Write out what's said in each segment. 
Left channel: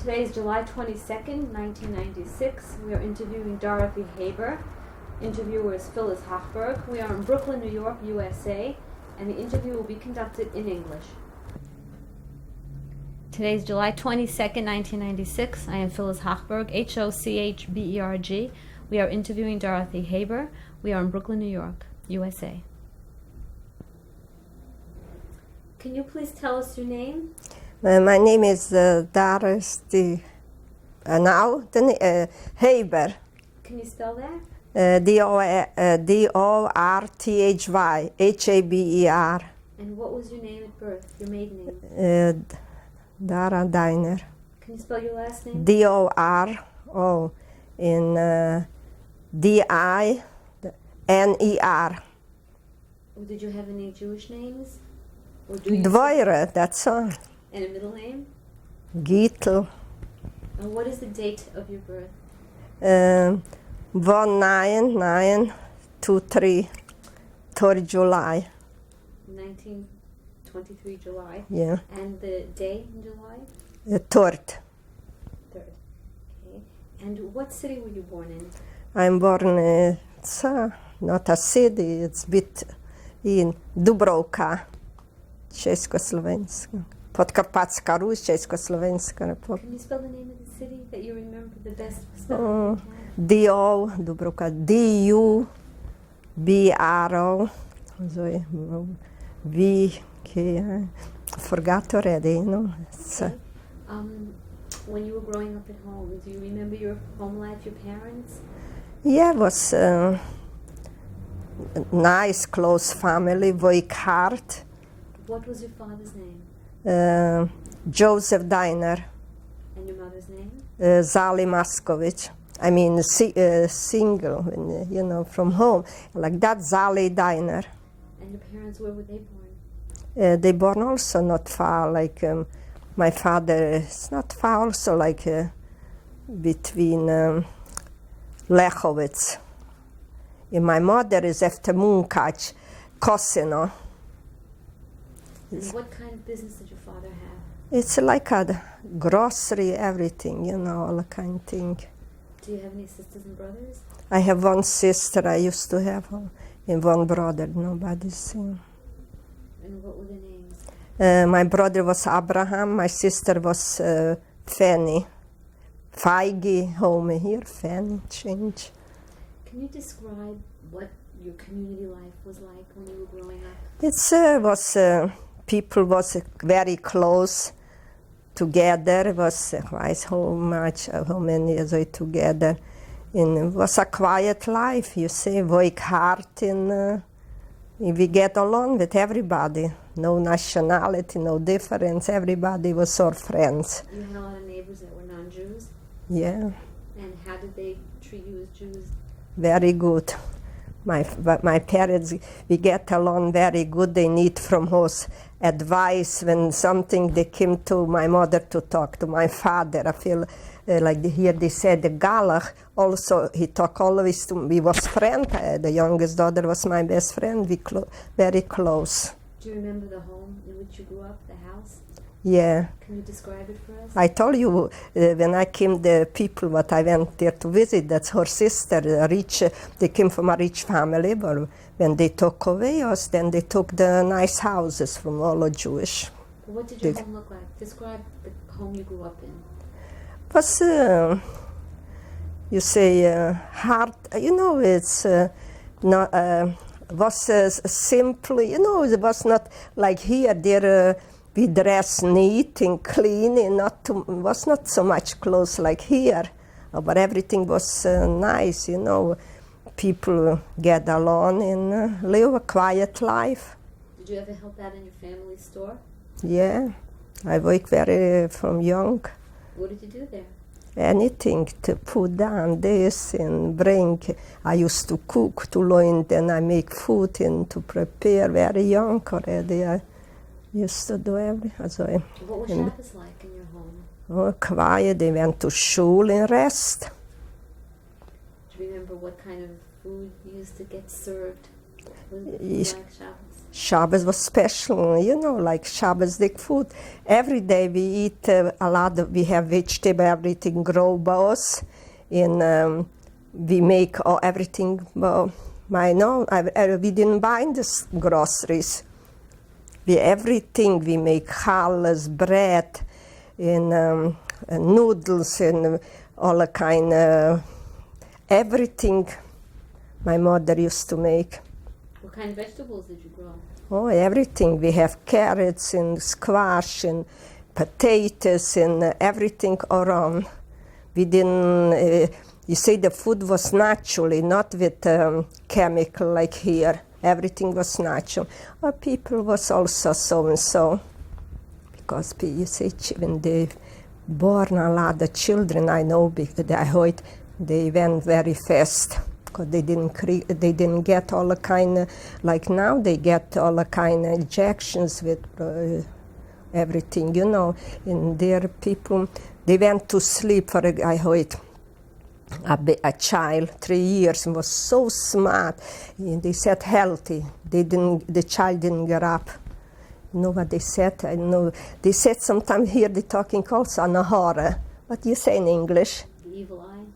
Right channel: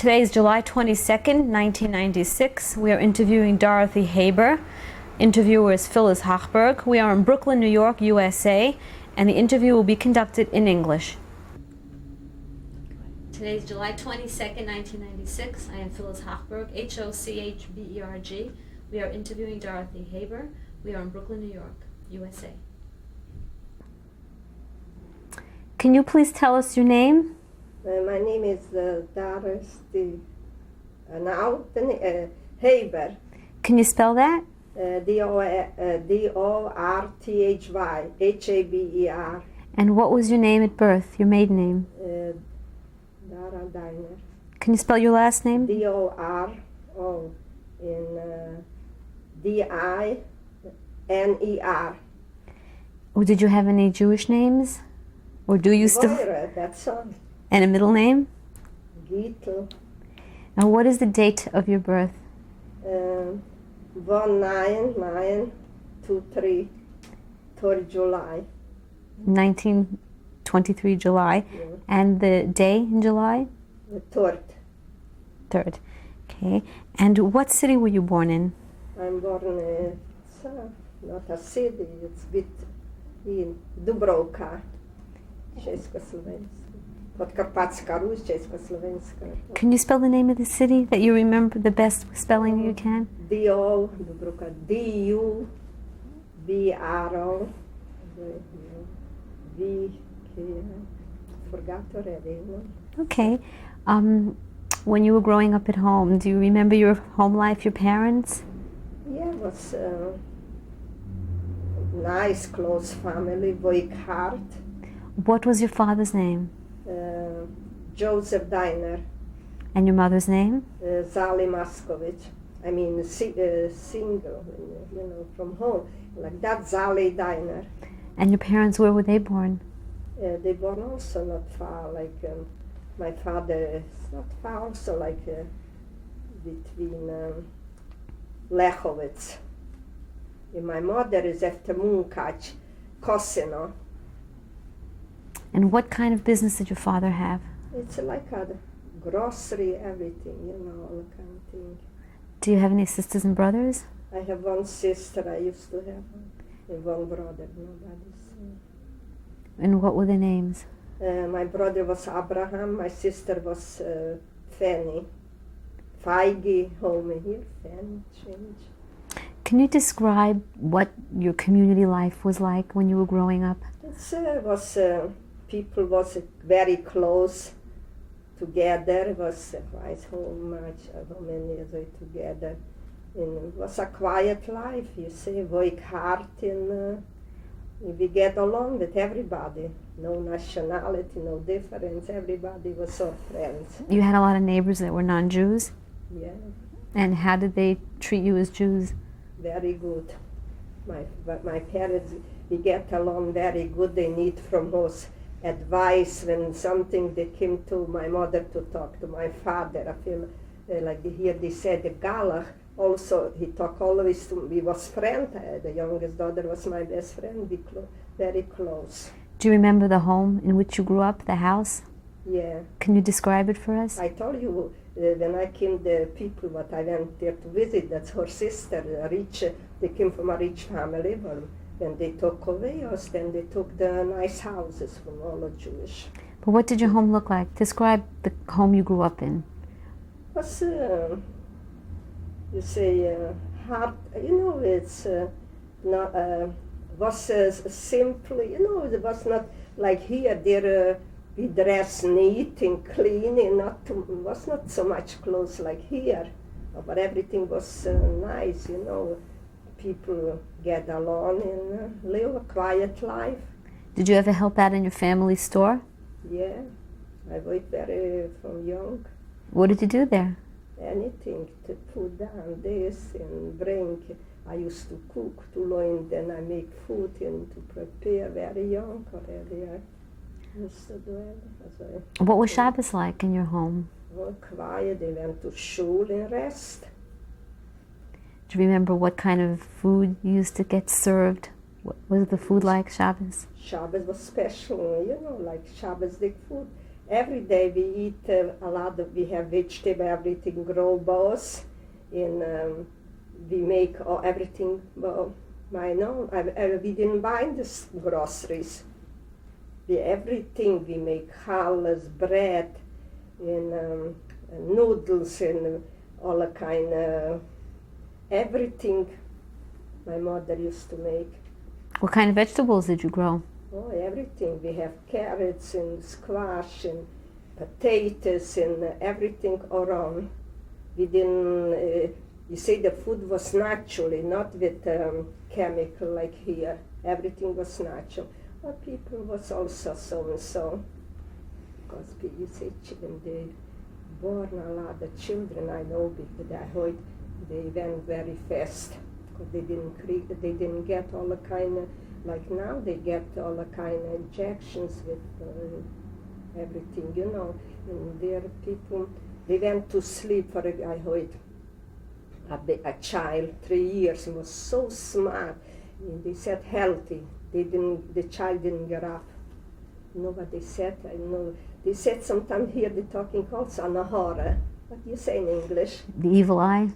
Today is July 22nd, 1996. We are interviewing Dorothy Haber. Interviewer is Phyllis Hochberg. We are in Brooklyn, New York, USA, and the interview will be conducted in English. Today is July 22nd, 1996. I am Phyllis Hochberg, Hochberg. We are interviewing Dorothy Haber. We are in Brooklyn, New York, USA. Can you please tell us your name? My name is Dorothy Haber. Can you spell that? Dorthy, Haber. And what was your name at birth, your maiden name? Dara Diner. Can you spell your last name? D-O-R-O in D-I-N-E-R. Or did you have any Jewish names? Or do you still? Dvoire, that's all. And a middle name? Gittel. And what is the date of your birth? 1923, 3rd July. 1923 July. Yeah. And the day in July? 3rd. 3rd. Okay. And what city were you born in? I'm born, it's not a city, it's bit in Dubrovka, Československa. Podkarpatska Rus, Československa Republika. Can you spell the name of the city that you remember the best spelling you can? D-O, Dubrovka, D-U-B-R-O, V-K, forgot already, you know. Okay. When you were growing up at home, do you remember your home life, your parents? Yeah, it was a nice, close family, work hard. What was your father's name? Joseph Diner. And your mother's name? Zali Maskovic. I mean, single, you know, from home. Like that, Zali Diner. And your parents, where were they born? They born also not far, like my father is not far, also like between Lechowitz. And my mother is after Munkac, Kosino. And what kind of business did your father have? It's like a grocery, everything, you know, all kind of thing. Do you have any sisters and brothers? I have one sister I used to have, and one brother, nobody's seen. And what were their names? My brother was Abraham, my sister was Fanny. Feige, home here, Fanny, change. Can you describe what your community life was like when you were growing up? It's was people was very close together. It was how many years we together. And it was a quiet life, you see, work hard, and we get along with everybody. No nationality, no difference. Everybody was our friends. You had a lot of neighbors that were non-Jews? Yeah. And how did they treat you as Jews? Very good. My parents, we get along very good. They need from us advice when something. They came to my mother to talk to my father. I feel like here they said the Galach. Also, he talked always to me. We was friends. The youngest daughter was my best friend. We very close. Do you remember the home in which you grew up, the house? Yeah. Can you describe it for us? I told you when I came, the people what I went there to visit, that's her sister, rich. They came from a rich family, but when they took away us, then they took the nice houses from all the Jewish. But what did your home look like? Describe the home you grew up in. Was you say hard? You know, it's not. Was simple. You know, it was not like here. There. We dress neat and clean, and was not so much clothes like here, but everything was nice, you know. People get along and live a quiet life. Did you ever help out in your family store? Yeah, I work very from young. What did you do there? Anything to put down this and bring. I used to cook, to learn, then I make food and to prepare very young already. I used to do everything. What was Shabbos like in your home? Oh, quiet. They went to school and rest. Do you remember what kind of food used to get served? What was the food like Shabbos? Shabbos was special, you know, like Shabbos-dik food. Every day we eat a lot we have vegetable, everything grow both, and we make everything, we didn't buy in the groceries. Everything we make, challah, bread, and noodles, and all the kind of, everything my mother used to make. What kind of vegetables did you grow? Oh, everything. We have carrots and squash and potatoes and everything around. We didn't, you say the food was naturally, not with chemical like here. Everything was natural. Our people was also so and so. Because you say when they born a lot of children, I know, because I heard they went very fast. Because they didn't get all the kind of, like now they get all the kind of injections with everything, you know. And their people, they went to sleep for, I heard, a child, 3 years, and was so smart. And they said healthy. The child didn't get up. You know what they said? I know. They said sometimes here they're talking also on a horror. What do you say in English? The evil eye?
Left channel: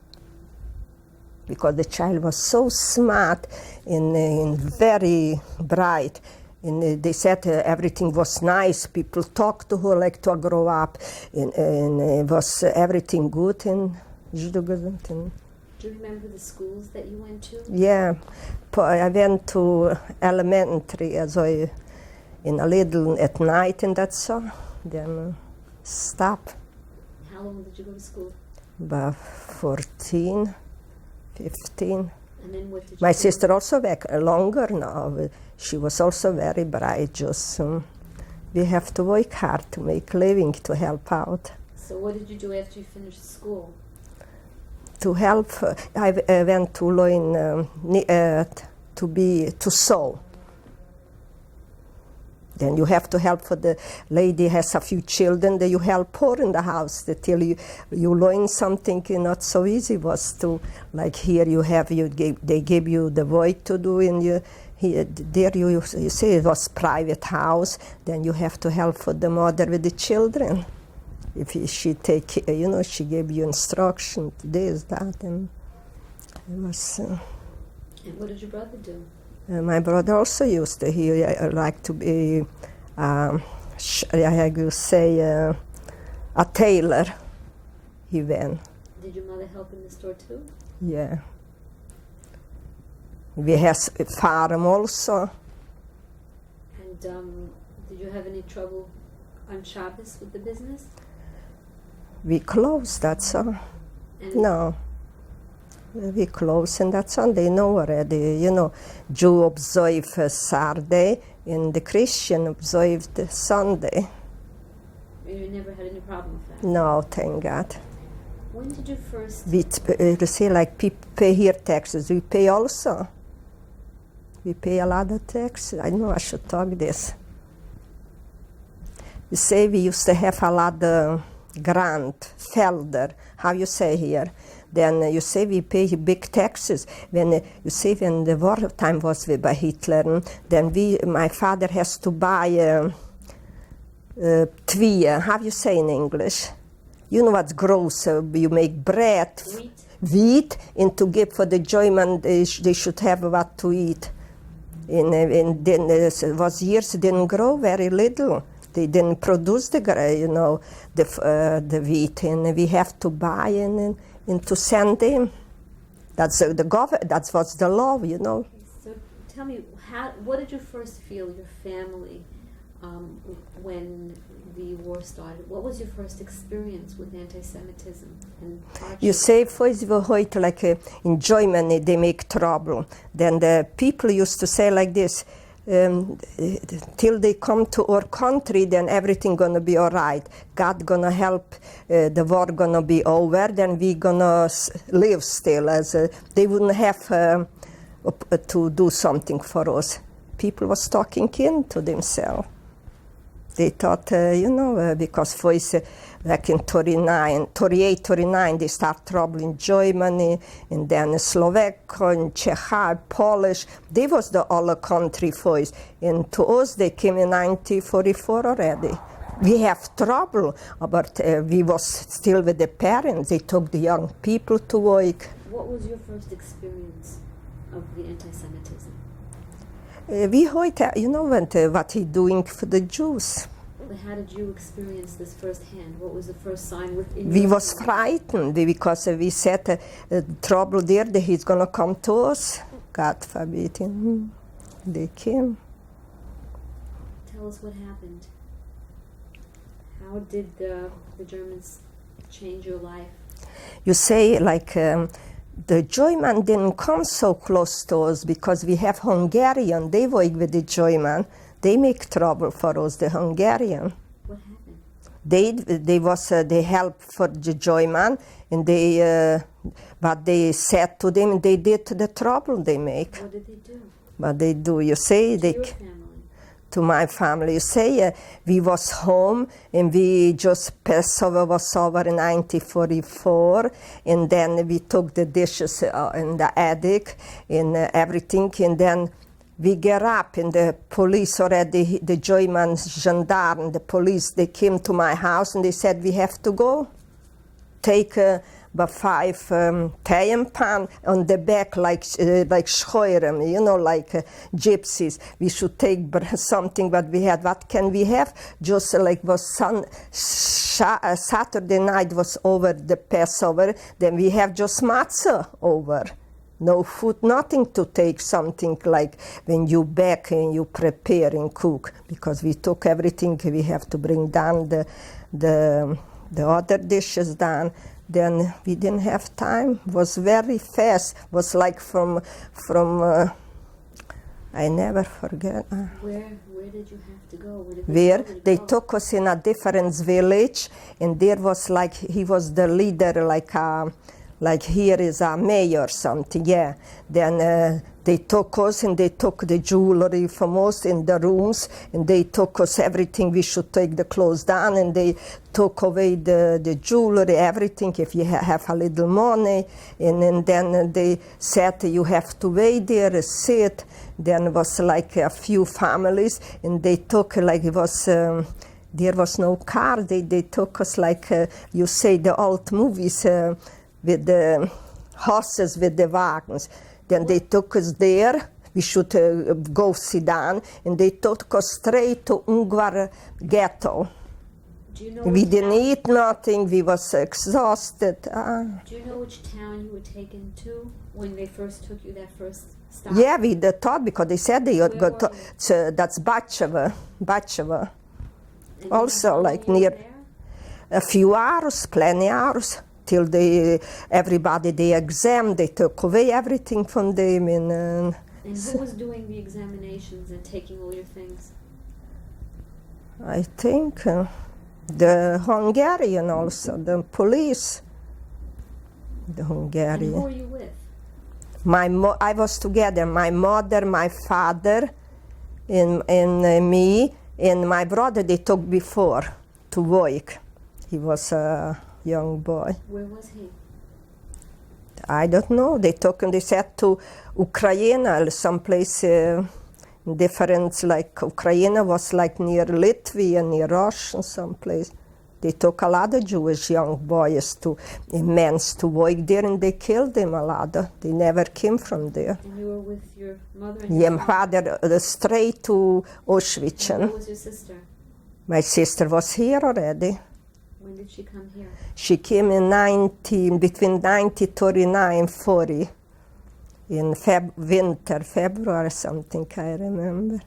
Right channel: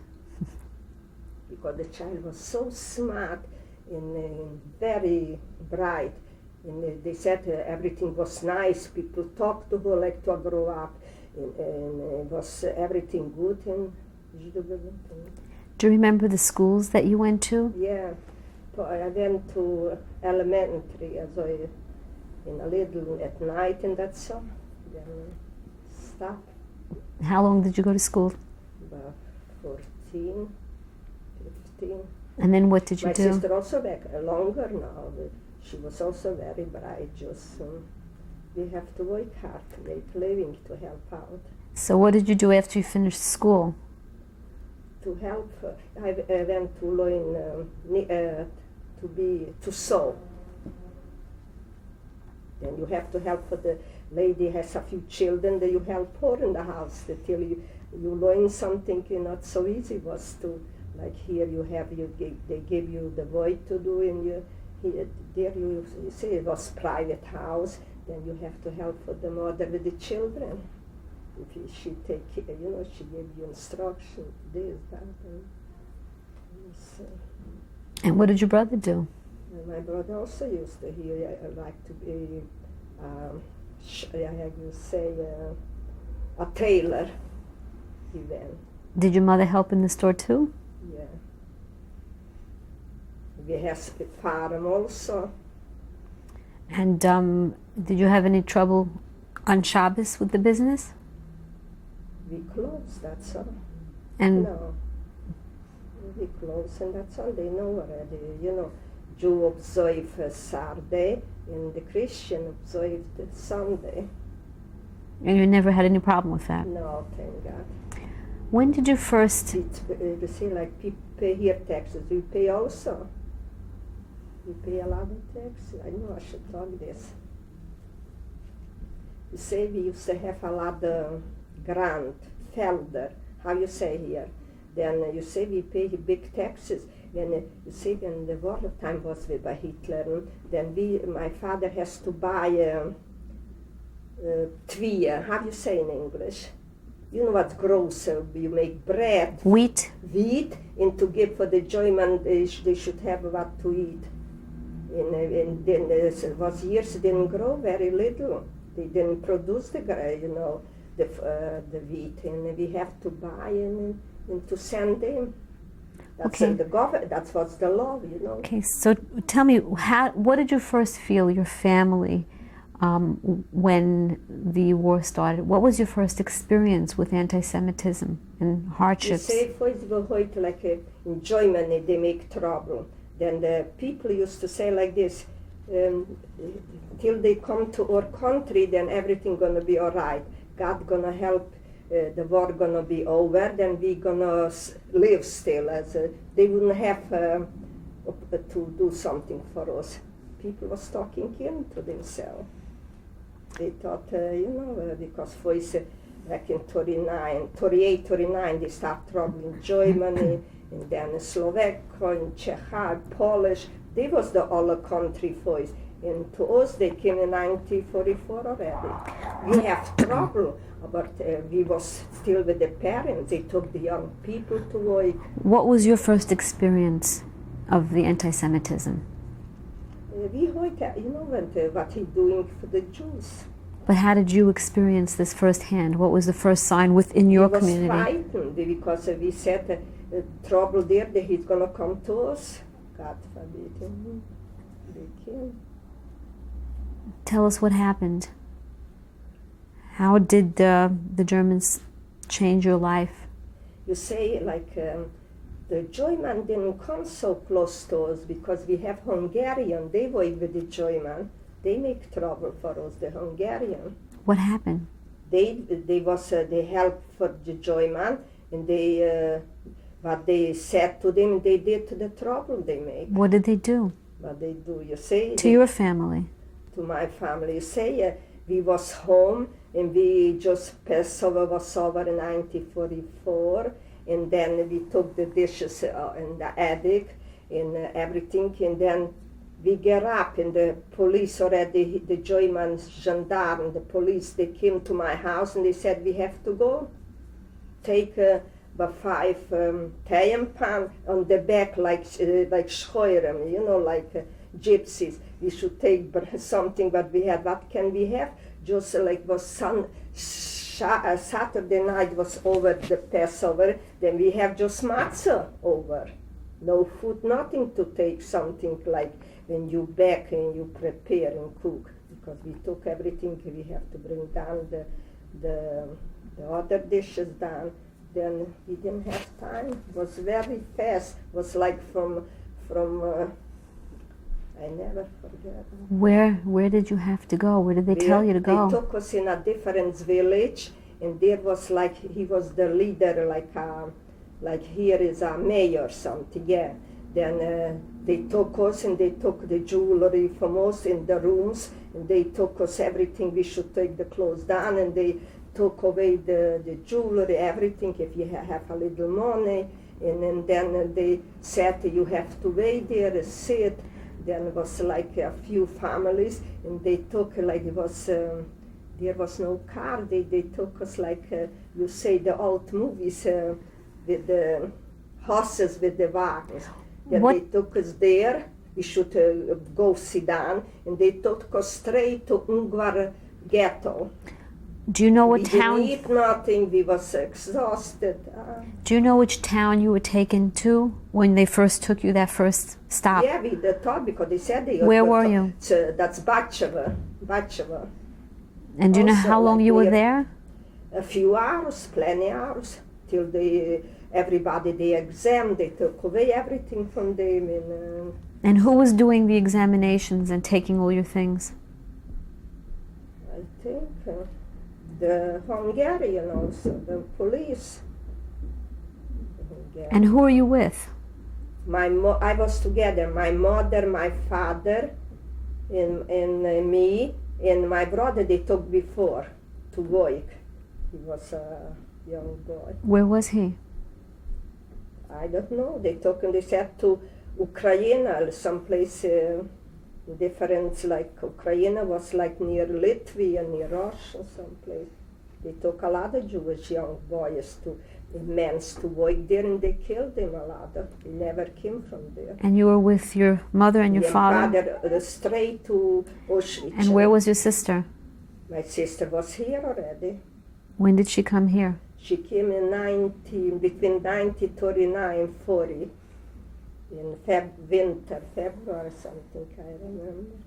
Because the child was so smart and very bright. And they said everything was nice. People talked to her like to grow up. And it was everything good. And do you remember the schools that you went to? Yeah. I went to elementary as in a little at night and that's all. Then stop. How long did you go to school? About 14. 15. And then what did you My do? sister also back longer now. She was also very bright. Just we have to work hard to make living to help out. So what did you do after you finished school? To help, I went to learn to sew. Then you have to help for the lady has a few children, then you help her in the house till you learn something not so easy was to, like here they give you the work to do and you say it was private house, then you have to help for the mother with the children. If she take, she gave you instruction, this, that, and it was... And what did your brother do? My brother also used to, he like to be, I would say, a tailor. He went. Did your mother help in the store too? Yeah. We have a farm also. And did you have any trouble on Shabbos with the business? We closed, that's all. And no. We close and that's all. They know already, Jew observe Saturday and the Christian observed Sunday. And you never had any problem with that? No, thank God. When did you first... We say like people pay here taxes. We pay also. We pay a lot of taxes. I know I should talk this. You say we used to have a lot of grant, felder, how you say here. Then you say we pay big taxes. When you say when the war time was by Hitler, then my father has to buy tvie. How you say in English? You know what's gross? You make bread. Wheat. Wheat, and to give for the German, they should have what to eat. And then it was years didn't grow very little. They didn't produce the wheat, and we have to buy and to send them. That's Okay. the government. That was the law, Okay, so tell me, what did you first feel, your family, when the war started? What was your first experience with anti-Semitism and hardships? You say first we heard like in Germany they make trouble. Then the people used to say like this, till they come to our country, then everything gonna be all right. God gonna help, the war gonna be over, then we gonna live still. As they wouldn't have to do something for us. People was talking into themselves. They thought, because first Back in 38, 39, they start trouble in Germany, and then Slovakia, and Czech, Polish. They was the other country first. And to us, they came in 1944 already. We have trouble, but we was still with the parents. They took the young people to work. What was your first experience of the anti-Semitism? We heard, what he doing for the Jews. But how did you experience this firsthand? What was the first sign within We your was community? frightened because we said trouble there, that he's going to come to us. God forbid. They came. Tell us what happened. How did the Germans change your life? You say the German didn't come so close to us because we have Hungarian. They work with the German. They make trouble for us, the Hungarian. What happened? They help for the German, and but they said to them they did the trouble they make. What did they do? But they do. You say To your family? To my family. You say we was home and we just Passover was over in 1944, and then we took the dishes in the attic and everything, and then we get up and the police already, the German gendarme, the police, they came to my house and they said we have to go. Take about 5 Tayen pan on the back like Scheuren, like gypsies. We should take something what we had. What can we have? Just was Saturday night was over the Passover. Then we have just matzah over. No food, nothing to take, something like when you bake and you prepare and cook. Because we took everything, we have to bring down the other dishes down. Then we didn't have time. It was very fast. It was like from I never forget. Where did you have to go? Where did they tell you to go? They took us in a different village, and there was he was the leader, like here is a mayor or something, yeah. Then they took us and they took the jewelry from us in the rooms, and they took us everything. We should take the clothes down, and they took away the jewelry, everything, if you have a little money. And then they said you have to wait there, sit. Then it was like a few families, and they took it was... there was no car. They took us you say the old movies, with the horses, with the wagons. Then they took us there. We should go sit down, and they took us straight to Ungvar ghetto. Do you know what town? We didn't eat nothing. We was exhausted. Do you know which town you were taken to when they first took you that first stop? Yeah, we thought because they said they. Where were you? So that's Bacheva. And do you know how long you were there? A few hours, plenty hours. Till everybody the exam, they took away everything from them. And who was doing the examinations and taking all your things? I think the Hungarian also, the police. The Hungarian. And who are you with? I was together, my mother, my father, and me, and my brother they took before to work. He was a young boy. Where was he? I don't know. They took him, they said to Ukraine, someplace different, like Ukraine was like near Latvia, near Russia, someplace. They took a lot of Jewish young boys men to work there, and they killed them a lot. They never came from there. And you were with your mother and your father? Yeah, father, straight to Auschwitz. And where was your sister? My sister was here already. When did she come here? She came in between 1939 and 40, in February something, I remember.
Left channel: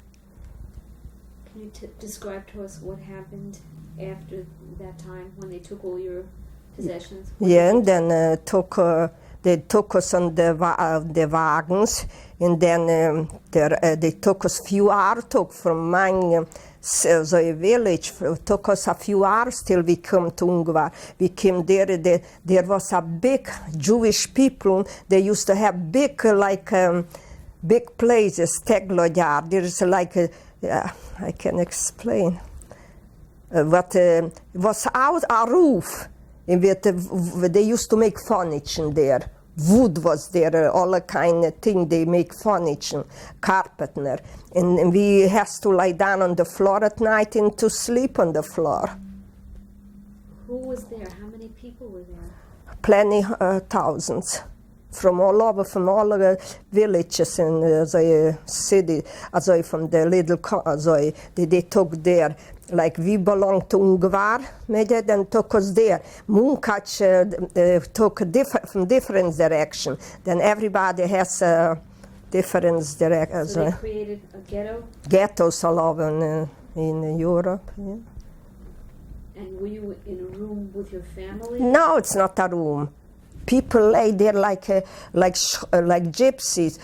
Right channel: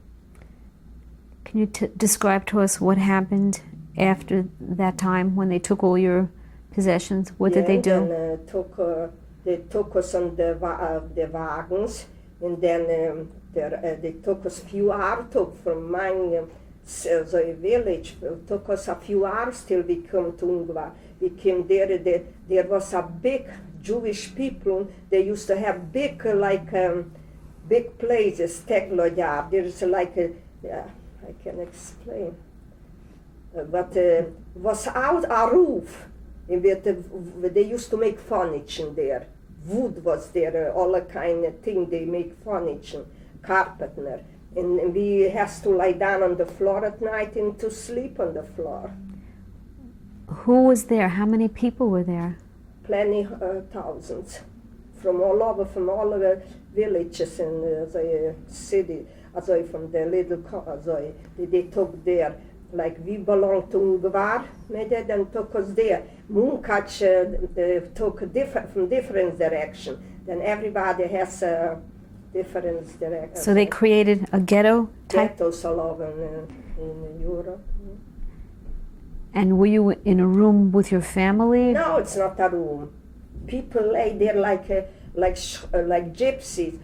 Can you describe to us what happened after that time when they took all your possessions? What did they do? And then they took us on the wagons, and then they took us few hours from mine. So a village took us a few hours till we come to Ungvar. We came there. There was a big Jewish people. They used to have big big places, Teglogyár. There's I can explain. was out a roof. And they used to make furniture there. Wood was there, all the kind of thing they make furniture, carpet there. And we has to lie down on the floor at night and to sleep on the floor. Who was there? How many people were there? Plenty, thousands. From all over, from all the villages and the city, from the little, they took there. Like we belong to Ungvar, then took us there. Munkac took from different direction. Then everybody has a different direction. So they created a ghetto? Ghettos all over in Europe. Yeah. And were you in a room with your family? No, it's not a room. People lay there like gypsies.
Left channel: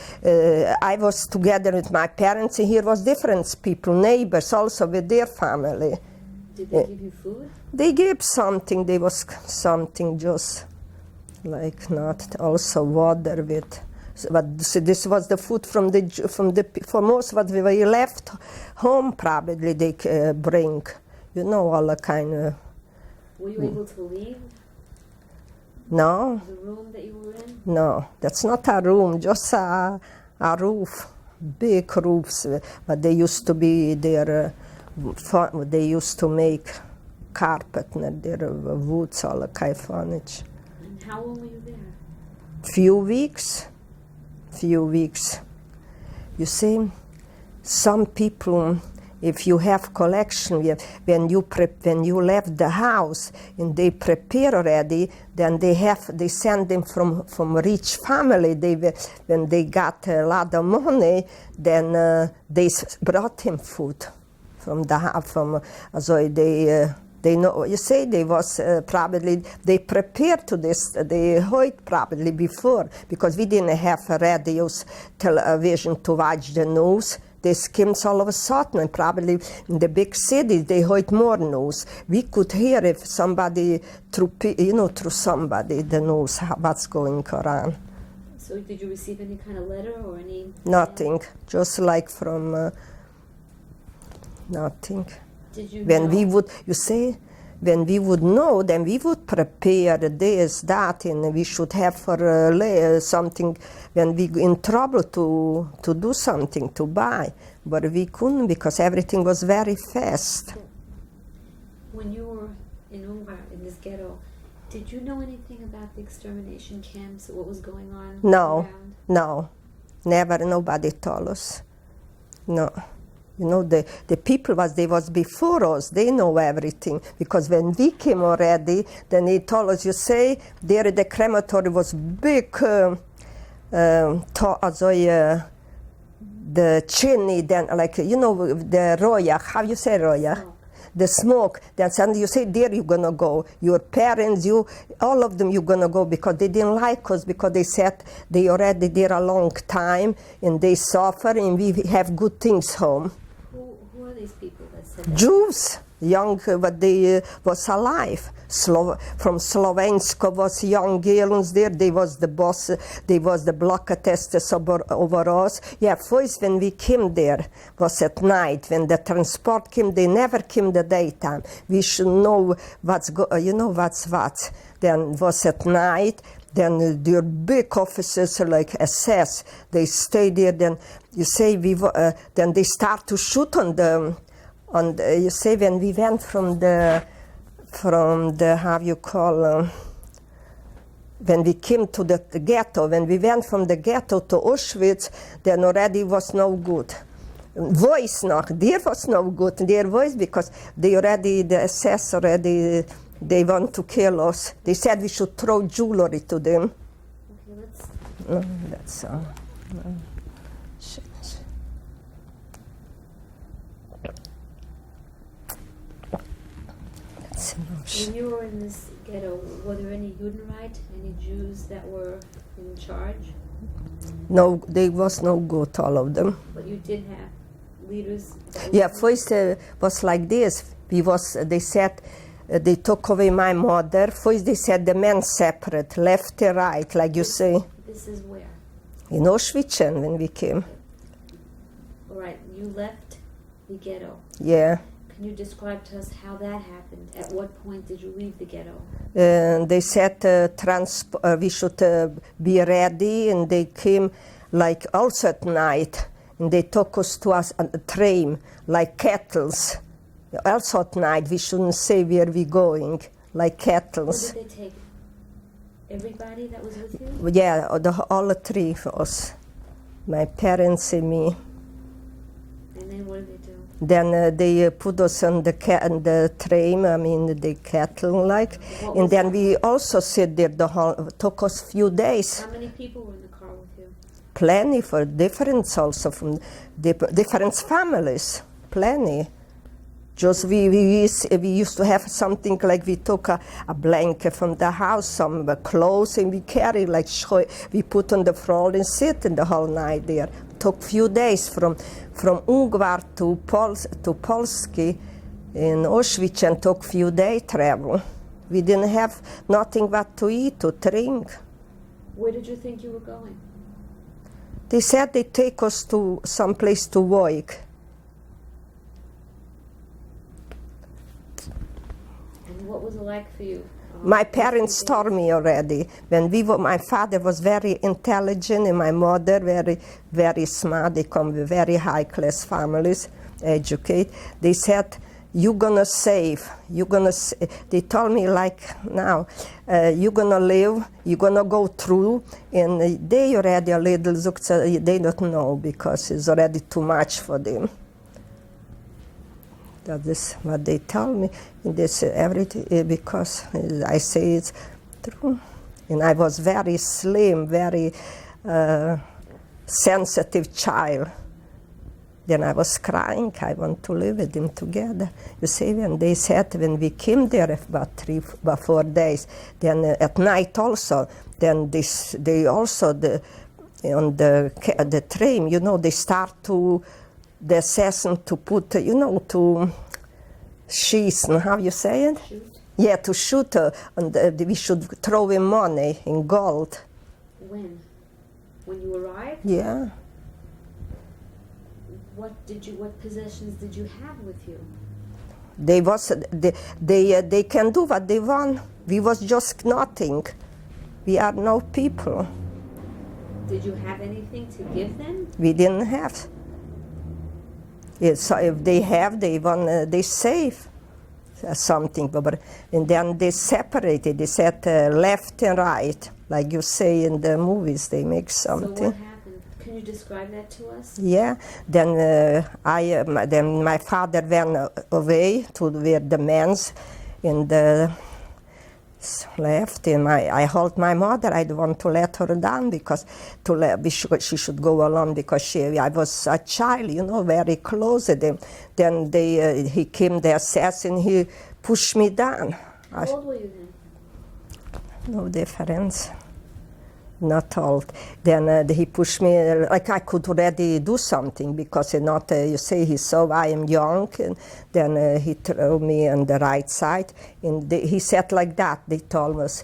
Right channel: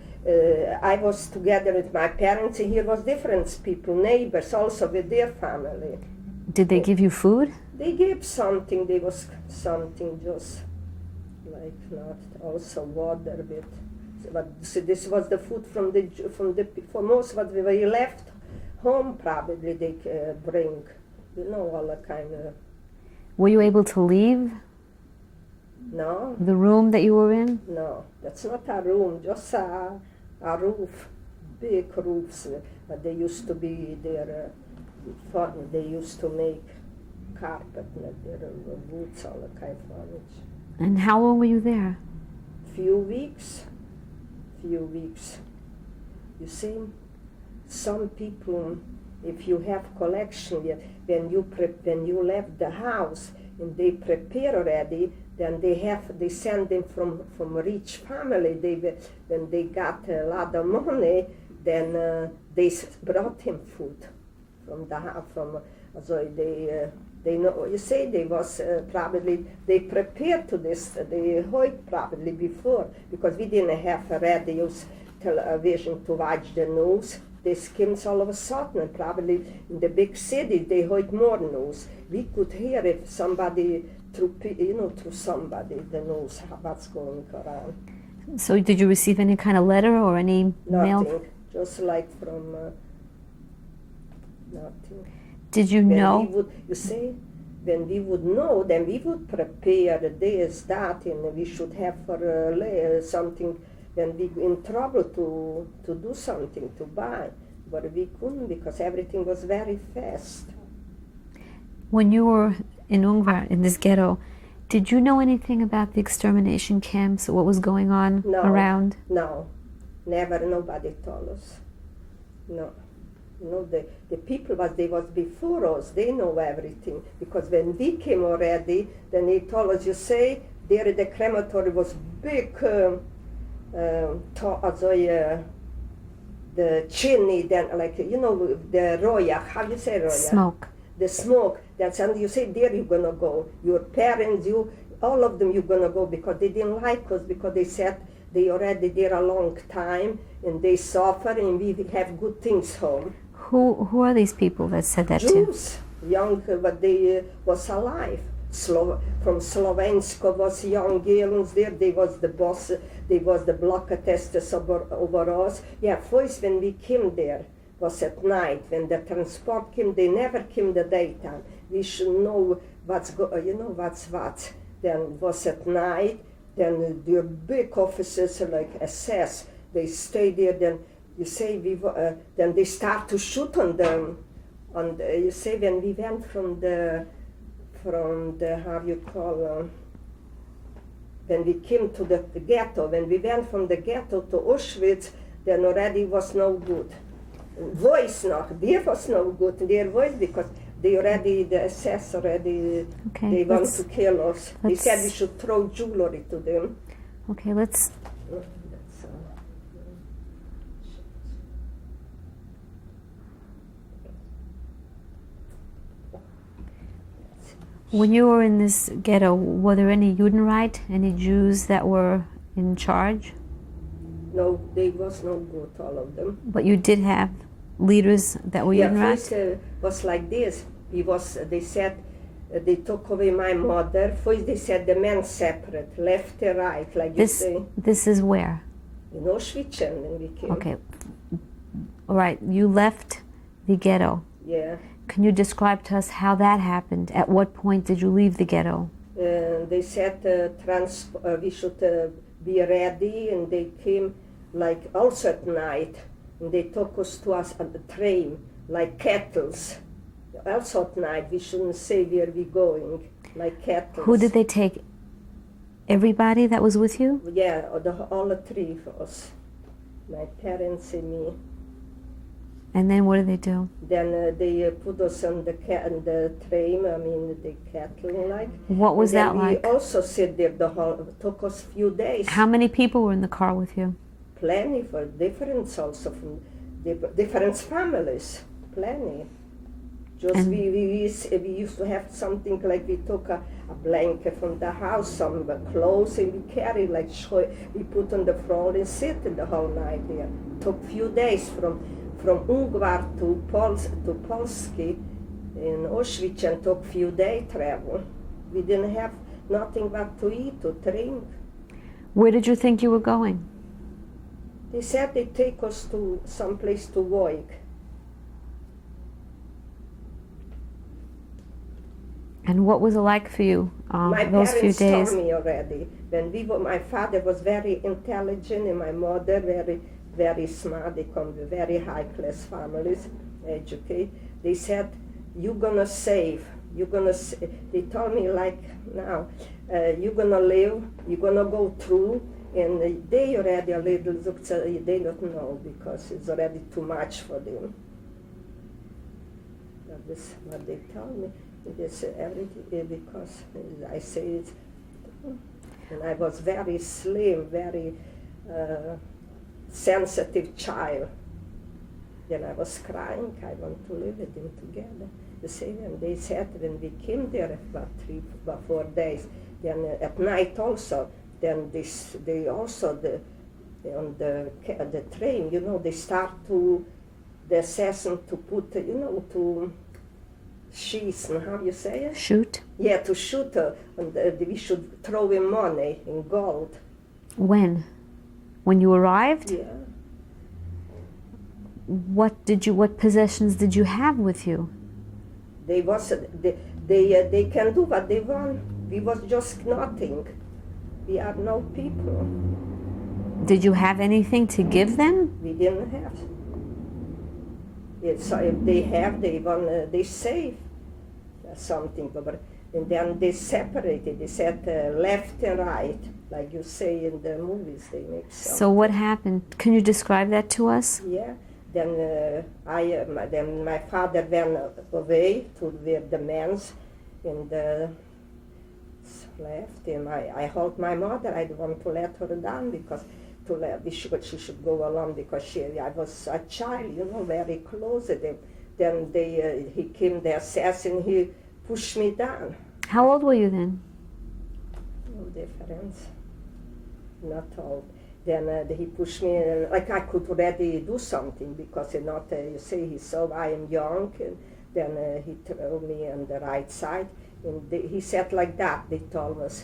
I was together with my parents, and here was different people, neighbors also with their family. Did they give you food? They gave something. There was something just like not also water with. But so this was the food for most what we left home. Probably they bring, all the kind of. Were you able to leave? No. The room that you were in? No, that's not a room, just a roof, big roofs. But they used to be there, they used to make carpet, there woods, all the kind of furniture. And how long were you there? Few weeks. You see, some people, if you have collection, when you left the house and they prepare already, then they send them from rich family. When they got a lot of money, then they brought him food from the house. They know. You say they was probably they prepared to this. They heard probably before because we didn't have radios, television to watch the news. They skimmed all of a sudden, and probably in the big cities they heard more news. We could hear if somebody through somebody the news what's going on. So did you receive any kind of letter or any Nothing, mail? just like from nothing. Did you When know? we would, you say, when we would know, then we would prepare this, that, and we should have for something when we in trouble to do something, to buy. But we couldn't because everything was very fast. When you were in Ungvar, in this ghetto, did you know anything about the extermination camps, what was going on around? No, never, nobody told us. No. The people was before us, they know everything. Because when we came already, then they told us, you say, there the crematory was big, the chimney, then like, the roya, how you say roya? Smoke. The smoke, that's, and you say, there you're gonna go. Your parents, all of them, you're gonna go because they didn't like us, because they said they already there a long time and they suffer and we have good things home. Who are these people that said that to you? Jews, young, but they was alive. From Slovenska was young girls there. They was the boss. They was the block testers over us. Yeah, first when we came there was at night. When the transport came, they never came the daytime. We should know what's what. Then was at night. Then the big officers like SS, they stay there. Then you say then they start to shoot on the. You say when we went from the how you call when we came to the ghetto, when we went from the ghetto to Auschwitz, then already was no good. Voice there was no good, their voice, because the SS already, they want to kill us. They said we should throw jewelry to them. Okay, let's... That's When you were in this ghetto, were there any Judenreich, any Jews that were in charge? No, they was no good, all of them. But you did have leaders that were Judenreich? First was like this. They said, they took away my mother. First they said the men separate, left and right, like you say. This is where? In Auschwitz when we came. Okay. All right, you left the ghetto. Yeah. Can you describe to us how that happened? At what point did you leave the ghetto? They said we should be ready, and they came like also at night, and they took us to us on the train like kettles. Also at night, we shouldn't say where we're going, like kettles. Who did they take? Everybody that was with you? Yeah, all the three of us, my parents and me. And then what did they do? Then they put us on the train, I mean the kettle like. What was that like? And then we also sit there took us few days. How many people were in the car with you? Plenty for different also from different families, plenty. Just we used to have something like we took a blanket from the house, some clothes, and we carry like we put on the floor and sit in the whole night there. Took few days from Ungvar to Polski in Auschwitz, and took few days travel. We didn't have nothing but to eat, to drink. Where did you think you were going? They said they take us to some place to work. And what was it like for you? My those parents few told days? me already. When my father was very intelligent, and my mother very, very smart. They come with very high class families, educate. They said, "You're gonna save. You're gonna." They told me like now, "You're gonna live. You're gonna go through." And they already a little. They don't know because it's already too much for them. That is what they tell me. And they say everything because I say it's true. And I was very slim, very sensitive child. Then I was crying. I want to live with them together. You see, when they said when we came there about 4 days, then at night also, then they also on the train, you know, they start to. The assassin to put, to sheath, how you say it? Shoot? Yeah, to shoot, we should throw in money, in gold. When? When you arrived? Yeah. What possessions did you have with you? They can do what they want. We was just nothing. We are no people. Did you have anything to give them? We didn't have. Yeah, so if they have, they save something, and then they separated. They said left and right, like you say in the movies. They make something. So what happened? Can you describe that to us? Yeah. Then then my father went away to where the men's, and left, and I hold my mother. I don't want to let her down because she should go alone because I was a child, very close to them. Then he came, the assassin, he pushed me down. How old were you then? No difference. Not old. Then he pushed me, like I could already do something because you say he saw I am young, and then he threw me on the right side, and he said like that. They told us,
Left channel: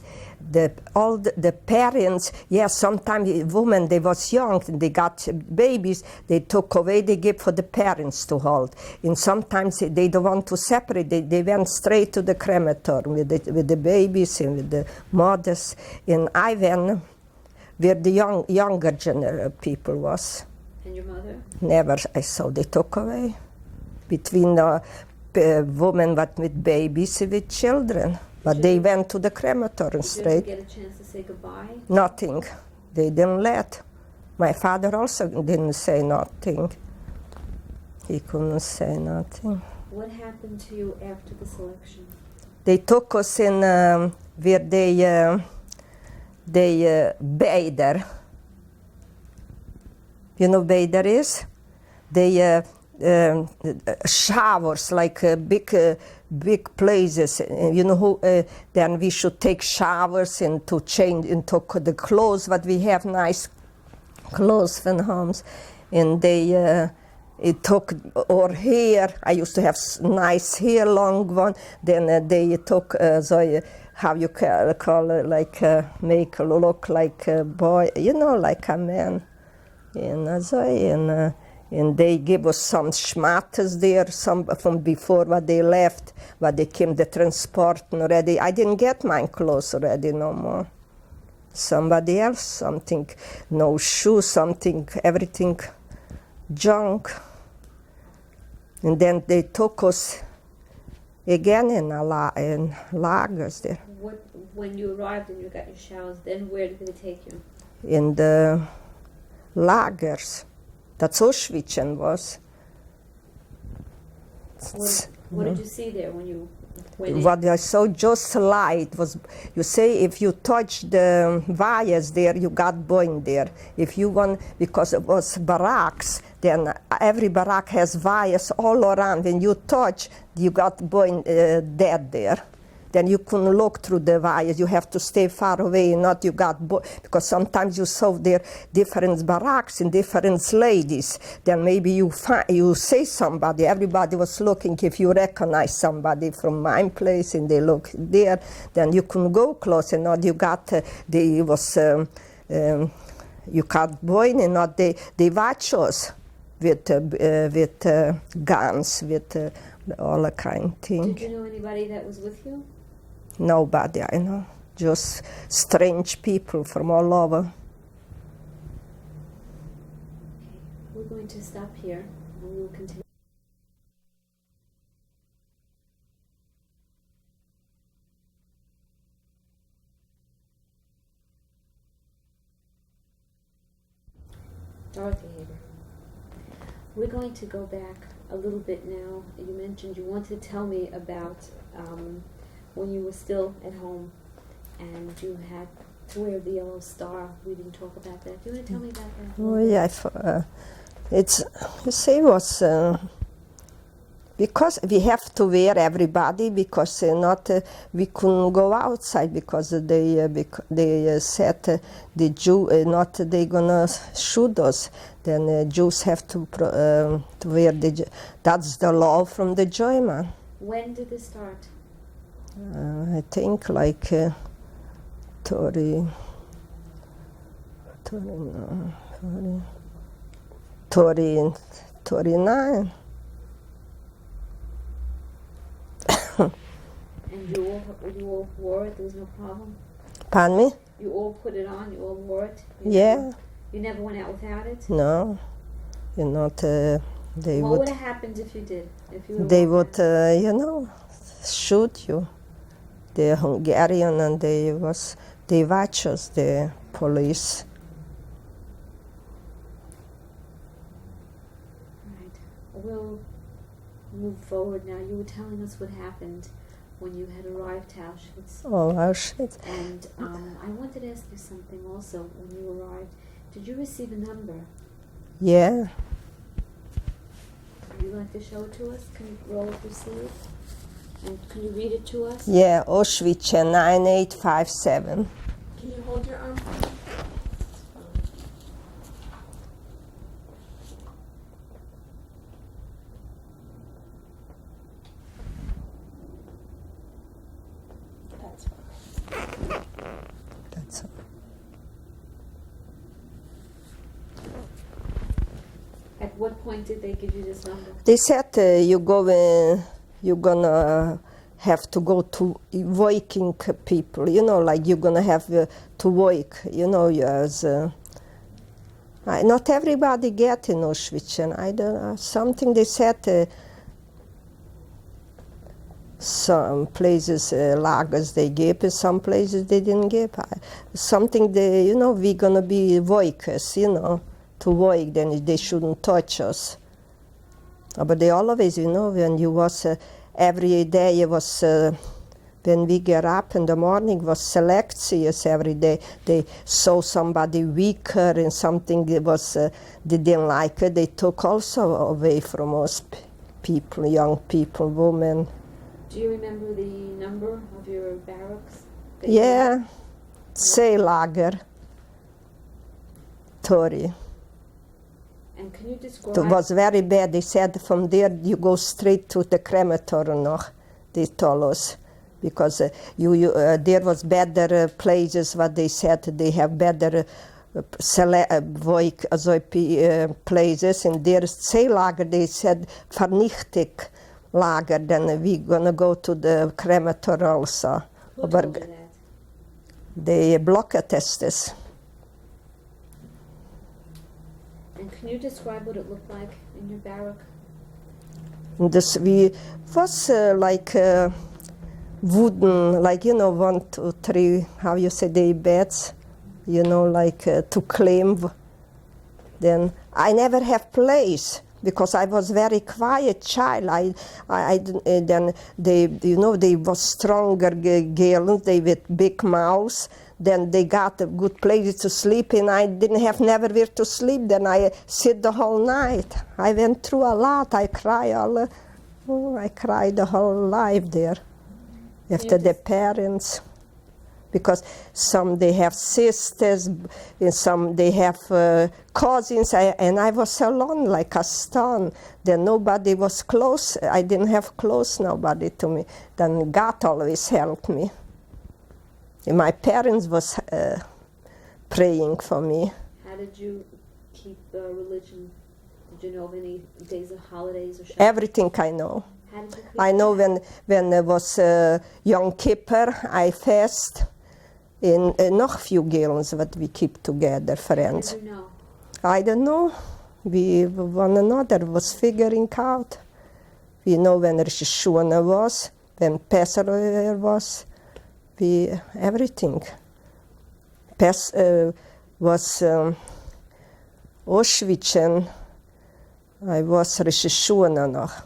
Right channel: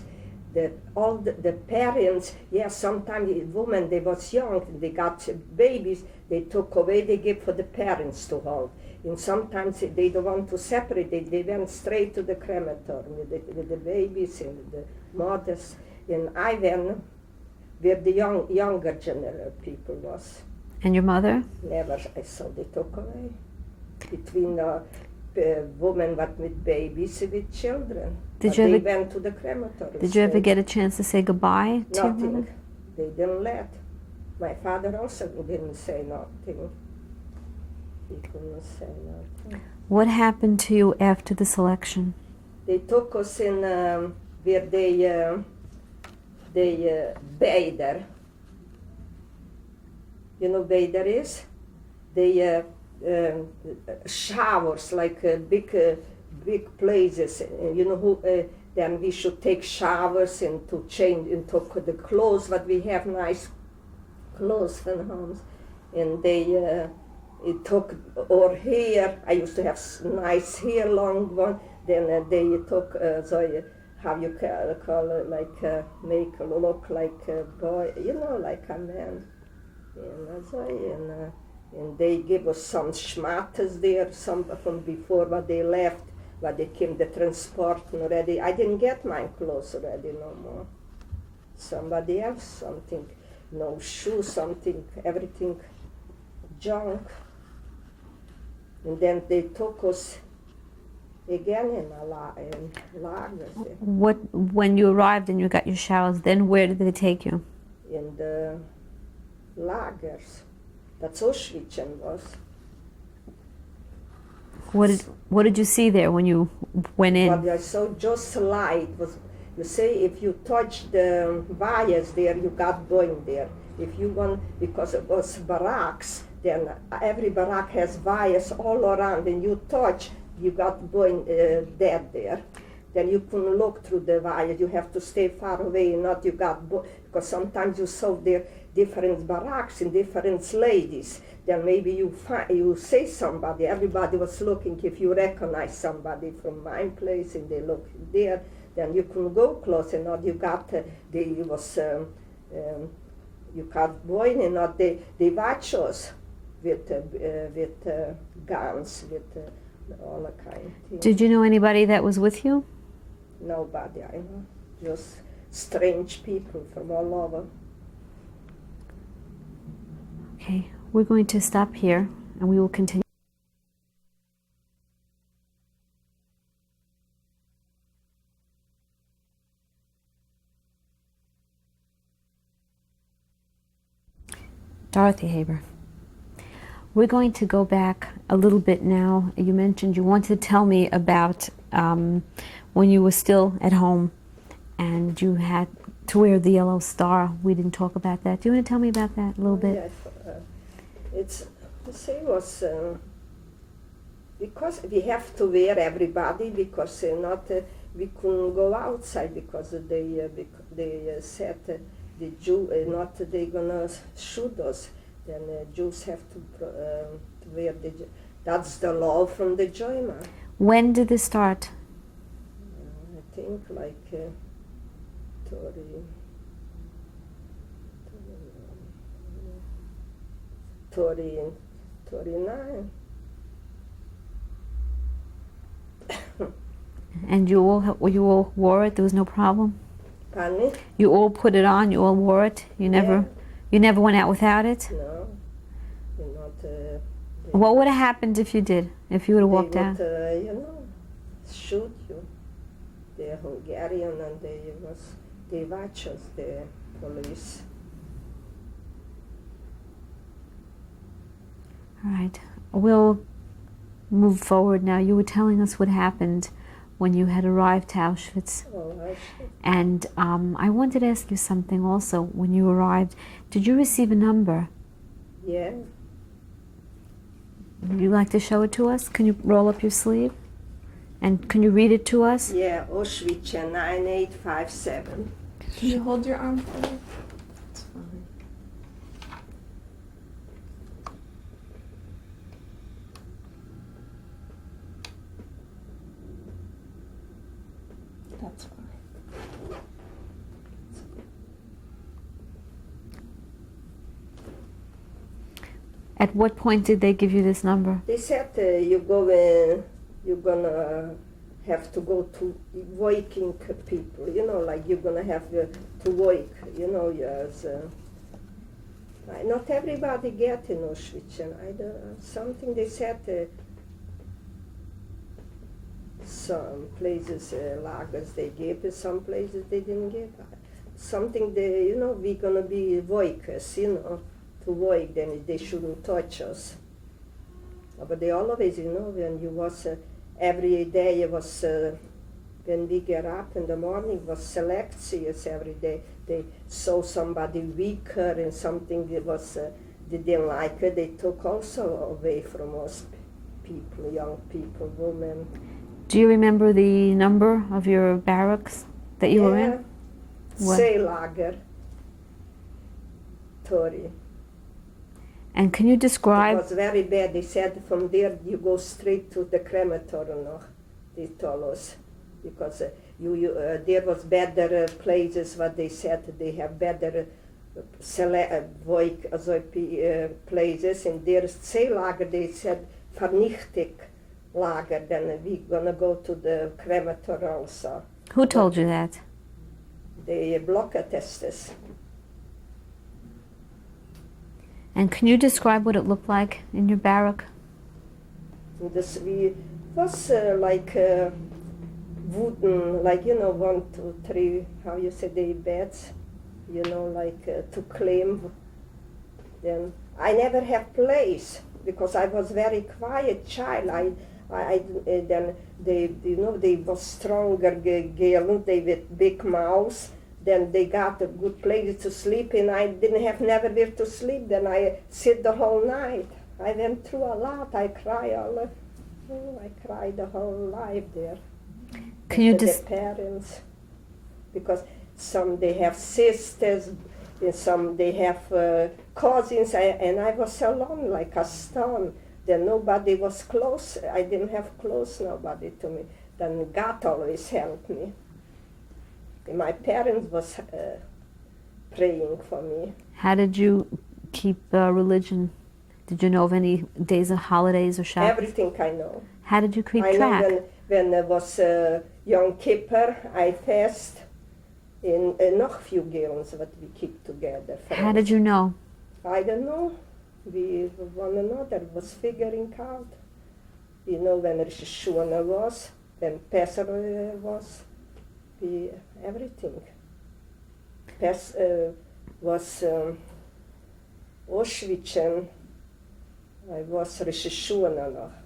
all the parents, sometimes women, they was young, and they got babies, they took away, they gave for the parents to hold, and sometimes they don't want to separate, they went straight to the crematorium with the babies and with the mothers, and I went where the younger people was. And your mother? Never, I saw they took away. Between women with babies, with children. But they went to the crematorium. Did you ever get a chance to say goodbye? Nothing. They didn't let. My father also didn't say nothing. He couldn't say nothing. What happened to you after the selection? They took us in where they bather. You know bather is? They showers, like big places. Then we should take showers and to change and took the clothes, but we have nice clothes from homes. And it took our hair. I used to have nice hair, long one. Then they took how you call it, like make look like a boy, like a man. And And they gave us some schmatters there, some from before what they left, what they came the transport already. I didn't get my clothes already no more. Somebody else, something, no shoes, something, everything junk. And then they took us again in lagers there. When you arrived and you got your showers, then where did they take you? In the lagers. That's Auschwitz was. What did you see there when you went in? What I saw just light was, you say if you touch the wires there, you got burned there. If you want, because it was barracks, then every barrack has wires all around. When you touch, you got burned dead there. Then you couldn't look through the wires. You have to stay far away, not you got because sometimes you saw there different barracks and different ladies. Then maybe you say somebody. Everybody was looking. If you recognize somebody from my place and they look there, then you couldn't go close. And not you got you got boy and not they watch us with guns with all the kind of things. Did you know anybody that was with you? Nobody I know, just strange people from all over. Okay, we're going to stop here and we will continue. Dorothy Haber. We're going to go back a little bit now. You mentioned you wanted to tell me about when you were still at home and you had to wear the yellow star. We didn't talk about that. Do you want to tell me about that a little bit? Yeah, it's, you say, was because we have to wear everybody because not we couldn't go outside because they said the Jew not they gonna shoot us. Then Jews have to wear that's the law from the German. When did this start? I think like 39. And you all wore it? There was no problem? Pardon me? You all put it on? You all wore it? You never went out without it? No. You're not... what would have happened if you did? If you would have walked out? You know, shoot you. The Hungarian and they watch us, the police. All right. We'll move forward now. You were telling us what happened when you had arrived to Auschwitz. Oh, Auschwitz. And I wanted to ask you something also. When you arrived, did you receive a number? Yeah. Would you like to show it to us? Can you roll up your sleeve? And can you read it to us? Yeah, Auschwitz 9857. Can you hold your arm? That's fine. That's At what point did they give you this number? They said you're gonna have to go to working people, you know, like you're gonna have to work, you know, as not everybody get in Auschwitz, and I don't know, something they said some places lagers they gave, and some places they didn't give. Something they, you know, we're gonna be workers, you know, to work, then they shouldn't touch us. But they always, you know, when you was every day it was when we get up in the morning was selections every day. They saw somebody weaker and something that was they didn't like it. They took also away from us people, young people, women. Do you remember the number of your barracks that you were Yeah, at? Seelager 30. And can you describe? It was very bad. They said from there you go straight to the crematorium noch, they told us. Because there was better places, what they said, they have better places. In their Seelager, they said Vernichtung-Lager, then we're gonna go to the crematory also. Who told you that? The blocker testers. And can you describe what it looked like in your barrack? This we was like wooden, like 1, 2, 3, how you say, the beds, like to climb. Then I never have place because I was very quiet child. Then they was stronger girls, they with big mouths. Then they got a good place to sleep, and I didn't have never where to sleep. Then I sit the whole night. I went through a lot. I cried I cried the whole life there. After the parents, because some they have sisters, and some they have cousins, and I was alone like a stone. Then nobody was close. I didn't have close nobody to me. Then God always helped me. And my parents was praying for me. How did you keep religion? Did you know of any days of holidays or Shabbos? Everything I know. How did you keep track? I know when it was Yom Kippur, I fast. And noch few girls that we keep together, friends. How did you know? I don't know. We one another was figuring out. We know when Rosh Hashanah was, when Passover was. Everything. Was Auschwitz, and I was Rosh Hashanah noch,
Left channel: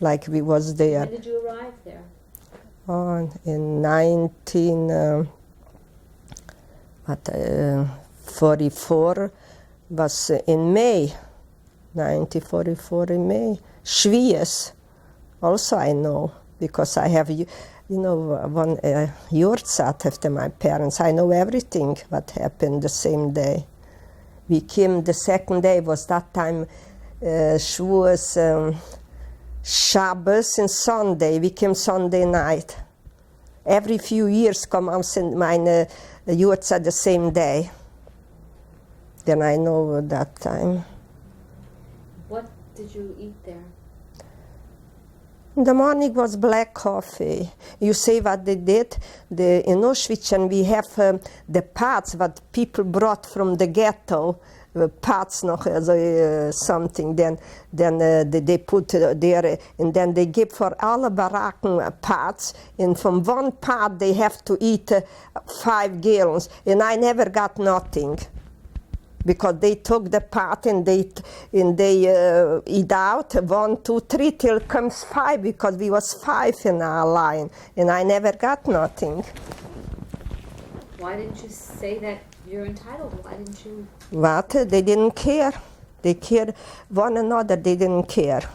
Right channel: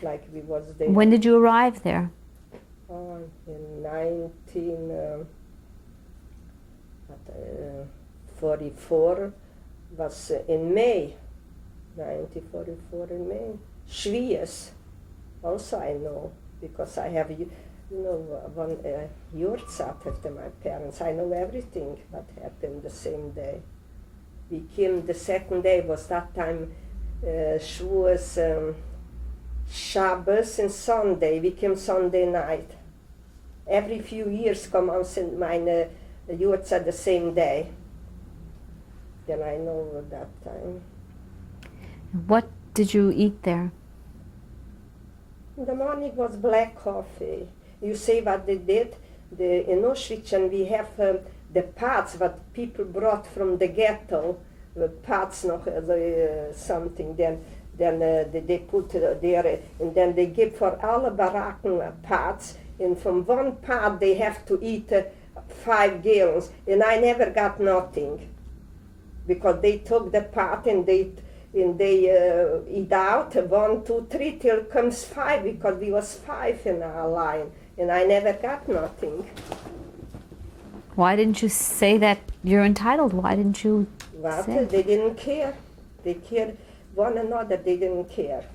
like we was there. When did you arrive there? In 1944 was in May, 1944 in May. Schwiez, also I know, because I have one Yurtzat after my parents. I know everything what happened the same day. We came the second day, was that time Shavuos, Shabbos and Sunday. We came Sunday night. Every few years come out my Yurtzat the same day. Then I know that time. What did you eat there? In the morning was black coffee. You say what they did? In Auschwitz, and we have the pots what people brought from the ghetto, pots noch, something. Then they put there, and then they give for alle baracken pots. And from one pot they have to eat 5 gallons, and I never got nothing. Because they took the pot and they eat out 1, 2, 3 till comes 5, because we was 5 in our line, and I never got nothing. Why didn't you say that you're entitled? Why didn't you? What? They didn't care. They cared one another. They didn't care.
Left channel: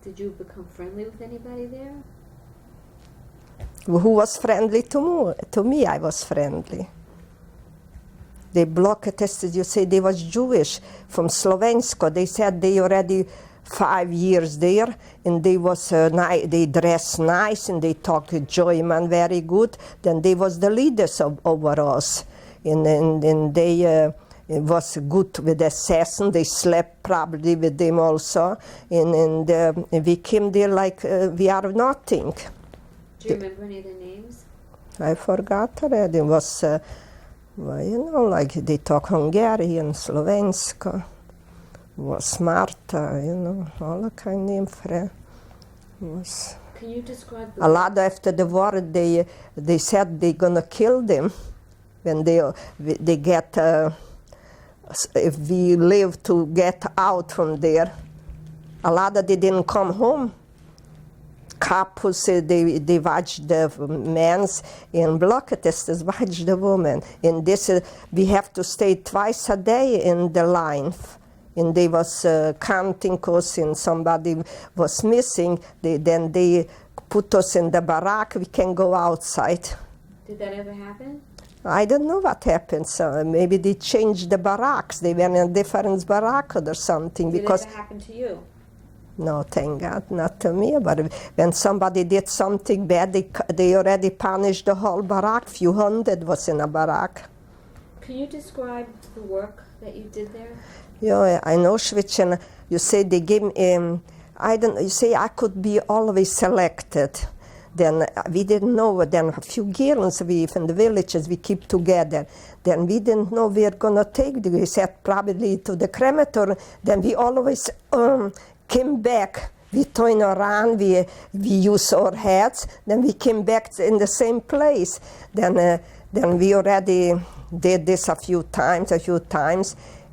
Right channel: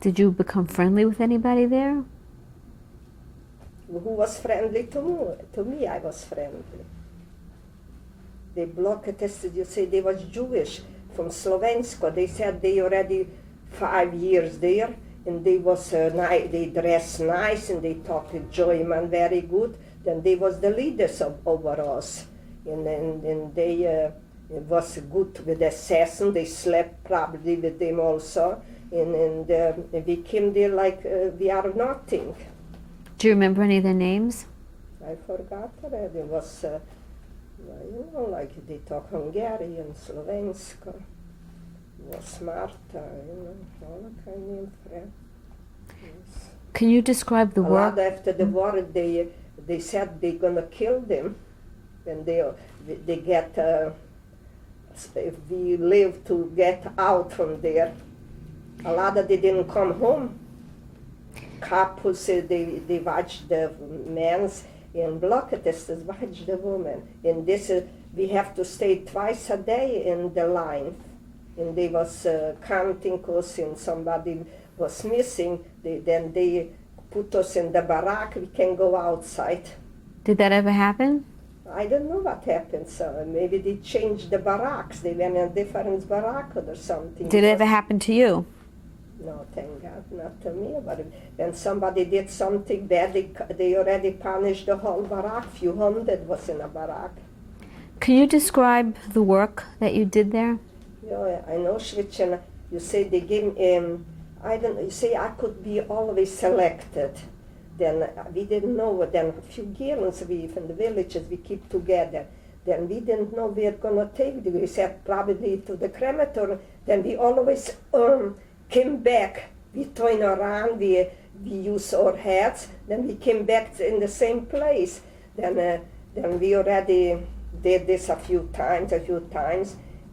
Did you become friendly with anybody there? Who was friendly to me? To me, I was friendly. They block tested, you say they was Jewish from Slovensko. They said they already 5 years there, and they was they dress nice and they talk German very good. Then they was the leaders over us, and they was good with the assassin. They slept probably with them also, and we came there like we are nothing. Do you remember any of their names? I forgot already. It was. Well, like they talk Hungarian, Slovensko, was Marta, all kind of names. Can you describe the a lot after the war? They said they're gonna kill them when they get if we live to get out from there. A lot of they didn't come home. Couples, they watch the men's in block testers watch the woman. And this we have to stay twice a day in the line. And they was counting us, and somebody was missing. Then they put us in the barrack. We can go outside. Did that ever happen? I don't know what happened. So maybe they changed the barracks. They went in a different barrack or something. Did it ever happen to you? No, thank God, not to me. But when somebody did something bad, they already punished the whole barrack. Few hundred was in a barrack. Can you describe the work that you did there? Yeah, I know Auschwitz, and you say they gave you say I could be always selected. Then we didn't know, then a few girls from the villages, we keep together. Then we didn't know we were gonna take, we said probably to the crematorium. Then we always came back. We turned around, we used our heads, then we came back in the same place. Then we already did this a few times,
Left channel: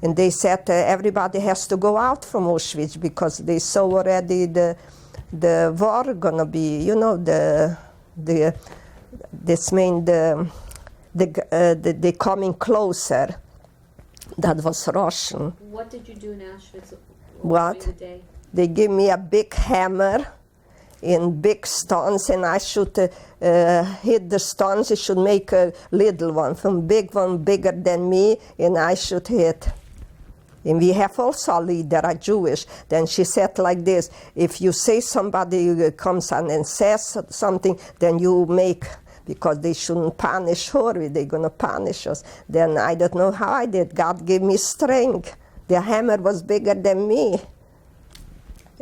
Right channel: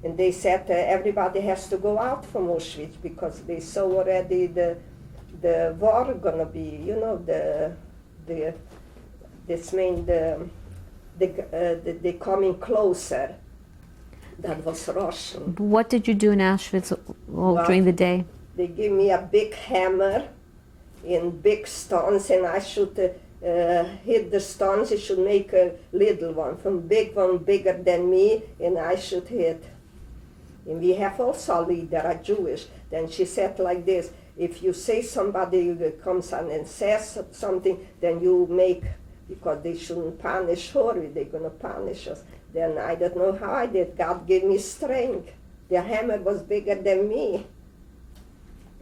and they said everybody has to go out from Auschwitz because they saw already the war gonna be, you know, they coming closer. That was Russian. What did you do in Auschwitz during the day? They gave me a big hammer in big stones, and I should hit the stones. It should make a little one, from big one bigger than me, and I should hit. And we have also a leader, a Jewish. Then she said like this: if you say somebody comes on and says something, then you make, because they shouldn't punish her, they're gonna punish us. Then I don't know how I did. God gave me strength. The hammer was bigger than me.